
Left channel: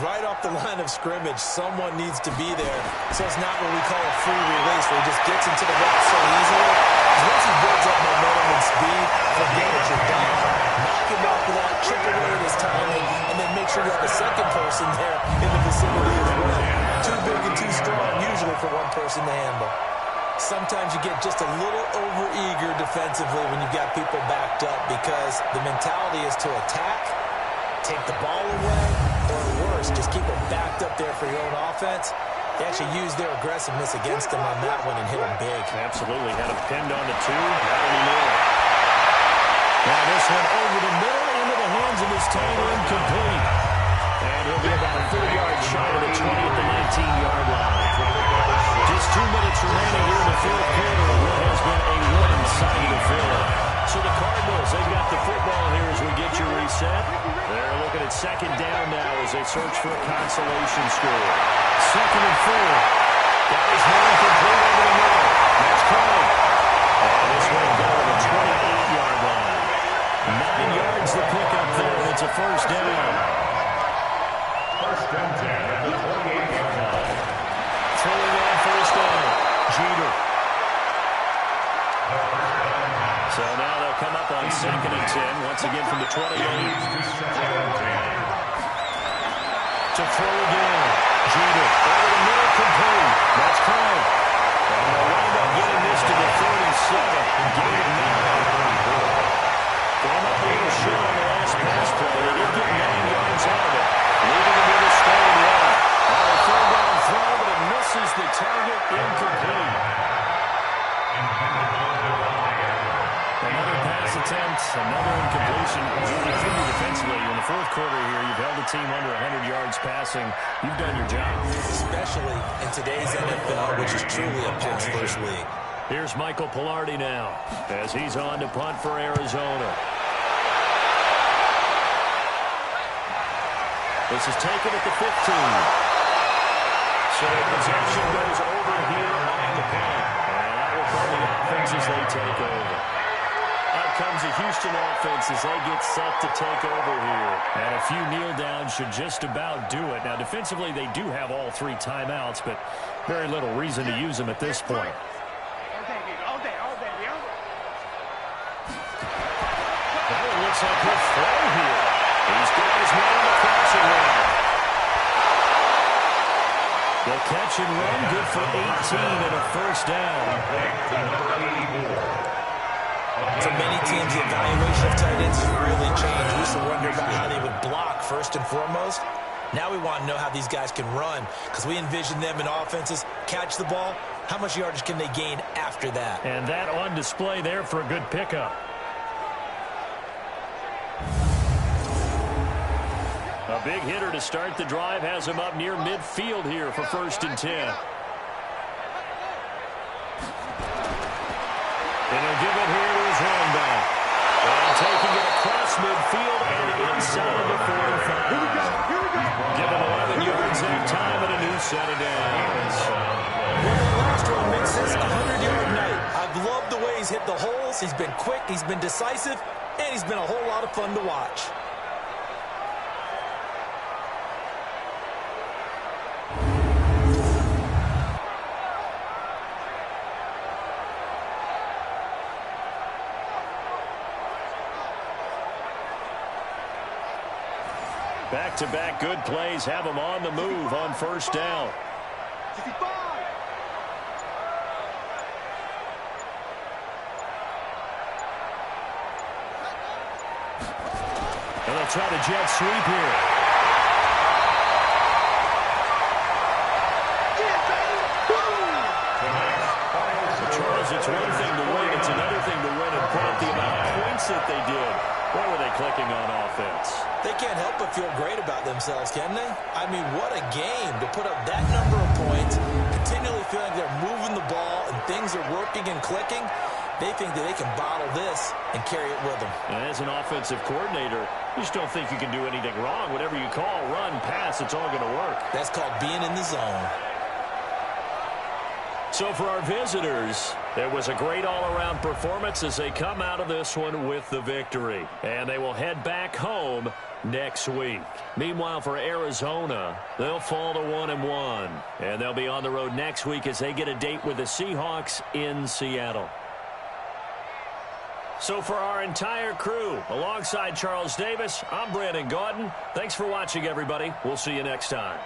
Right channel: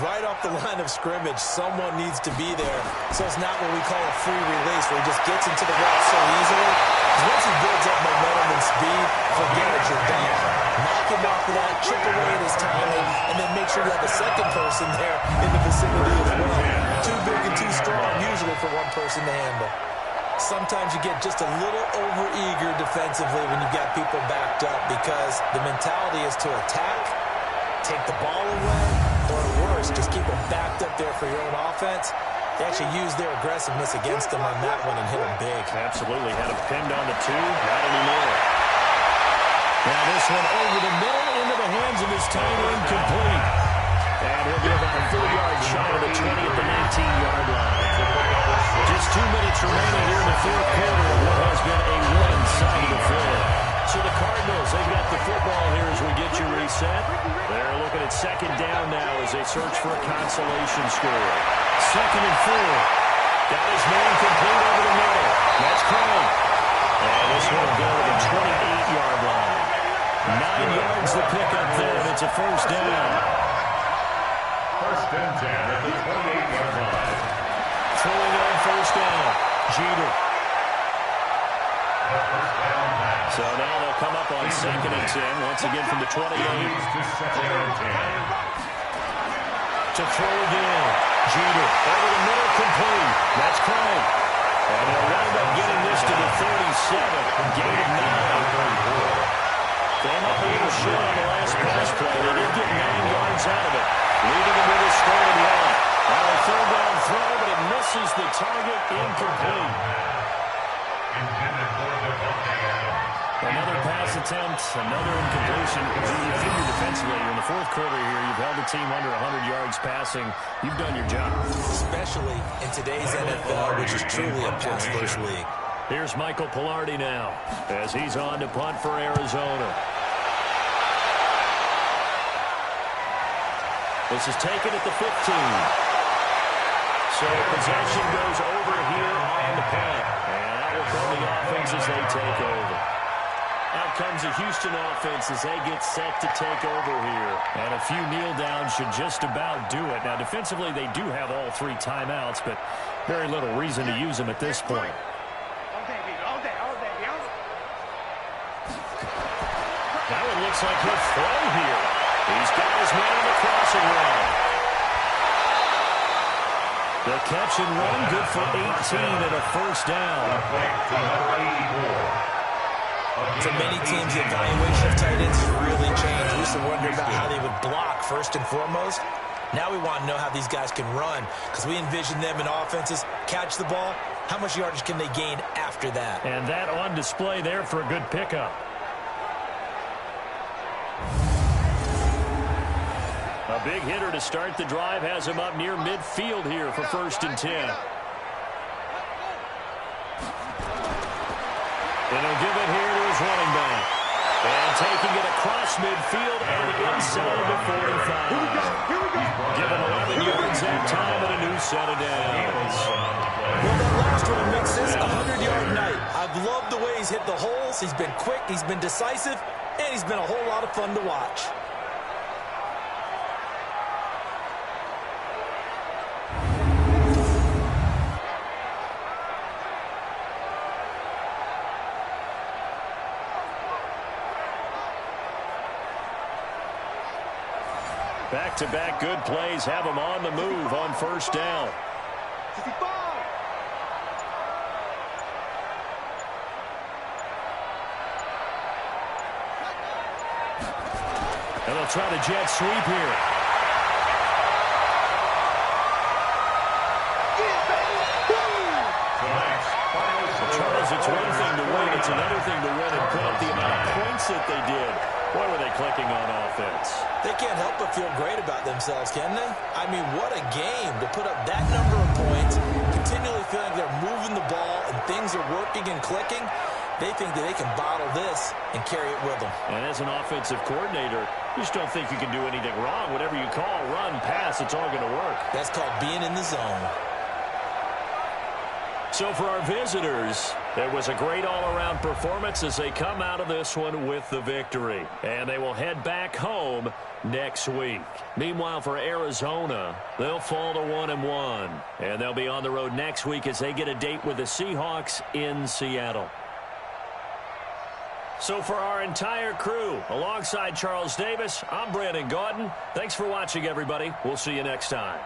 Right off the line of scrimmage, someone needs to be there. So it's not what we call a free release, where he just gets into the route so easily. Because once he builds up momentum and speed, forget it, you're done. Knock him off of that, chip away at his timing, and then make sure you have a second person there in the vicinity as well. too big and too strong, usually for one person to handle. Sometimes you get just a little over-eager defensively when you've got people backed up because the mentality is to attack, take the ball away, or worse, just keep them backed up there for your own offense. They actually used their aggressiveness against them on that one and hit them big. Absolutely. Had him pinned on the 2. Not anymore. Now this one over the middle into the hands of his tight end, complete. And he'll be about a 4 yards shy of the 20 at the 19-yard line. Just 2 minutes remaining here in the fourth quarter of what has been a one-sided affair. So the Cardinals, they've got the football here as we get you reset. They're looking at second down now as they search for a consolation score. 2nd and 4. Got his man complete over the middle. That's Craig. And this one will go to the 28-yard line. 9 yards to pick up there, and it's a first down. First and 10 at the 28-yard line. Throwing on first down, Jeter. So now they'll come up on 2nd and 10, once again from the 28. To throw again, Jeter. Over the middle, complete. That's Craig. And they'll wind up getting this to the 37. Gain of 9. Came up a little short on the last pass play. They did get 9 yards out of it, leaving them with a score and 1. Now a third down throw, but it misses the target, incomplete. Another pass attempt, another incompletion. You figure defensively, in the fourth quarter here, you've held the team under 100 yards passing. You've done your job. Especially in today's NFL, which is truly a pass-first league. Here's Michael Pilardi now as he's on to punt for Arizona. This is taken at the 15. So possession goes over here on the punt. And that will come the offense as they take over. Out comes the Houston offense as they get set to take over here. And a few kneel downs should just about do it. Now defensively they do have all 3 timeouts, but very little reason to use them at this point. That one looks like he'll throw here. He's got his man on the crossing route. The catch and run, good for 18 and a first down. For many teams, the evaluation of tight ends has really changed. We used to wonder about how they would block first and foremost. Now we want to know how these guys can run because we envision them in offenses, catch the ball. How much yardage can they gain after that? And that on display there for a good pickup. A big hitter to start the drive has him up near midfield here for 1st and 10. And he'll give it here to his running back. And taking it across midfield and inside the 45. Given 11 yards that time and a new set of downs. Well, that last one makes this a 100-yard night. I've loved the way he's hit the holes. He's been quick, he's been decisive, and he's been a whole lot of fun to watch. Back-to-back good plays have them on the move on first down. And they'll try to jet sweep here. Charles, it's one thing to win, it's another thing to win and put up the amount of points that they did. Boy, were they clicking on offense. They can't help but feel great about themselves, can they? I mean, what a game to put up that number of points, continually feeling like they're moving the ball and things are working and clicking. They think that they can bottle this and carry it with them. And as an offensive coordinator, you just don't think you can do anything wrong. Whatever you call, run, pass, it's all going to work. That's called being in the zone. So for our visitors, it was a great all-around performance as they come out of this one with the victory. And they will head back home next week. Meanwhile, for Arizona, they'll fall to 1-1. And they'll be on the road next week as they get a date with the Seahawks in Seattle. So for our entire crew, alongside Charles Davis, I'm Brandon Gaudin. Thanks for watching, everybody. We'll see you next time.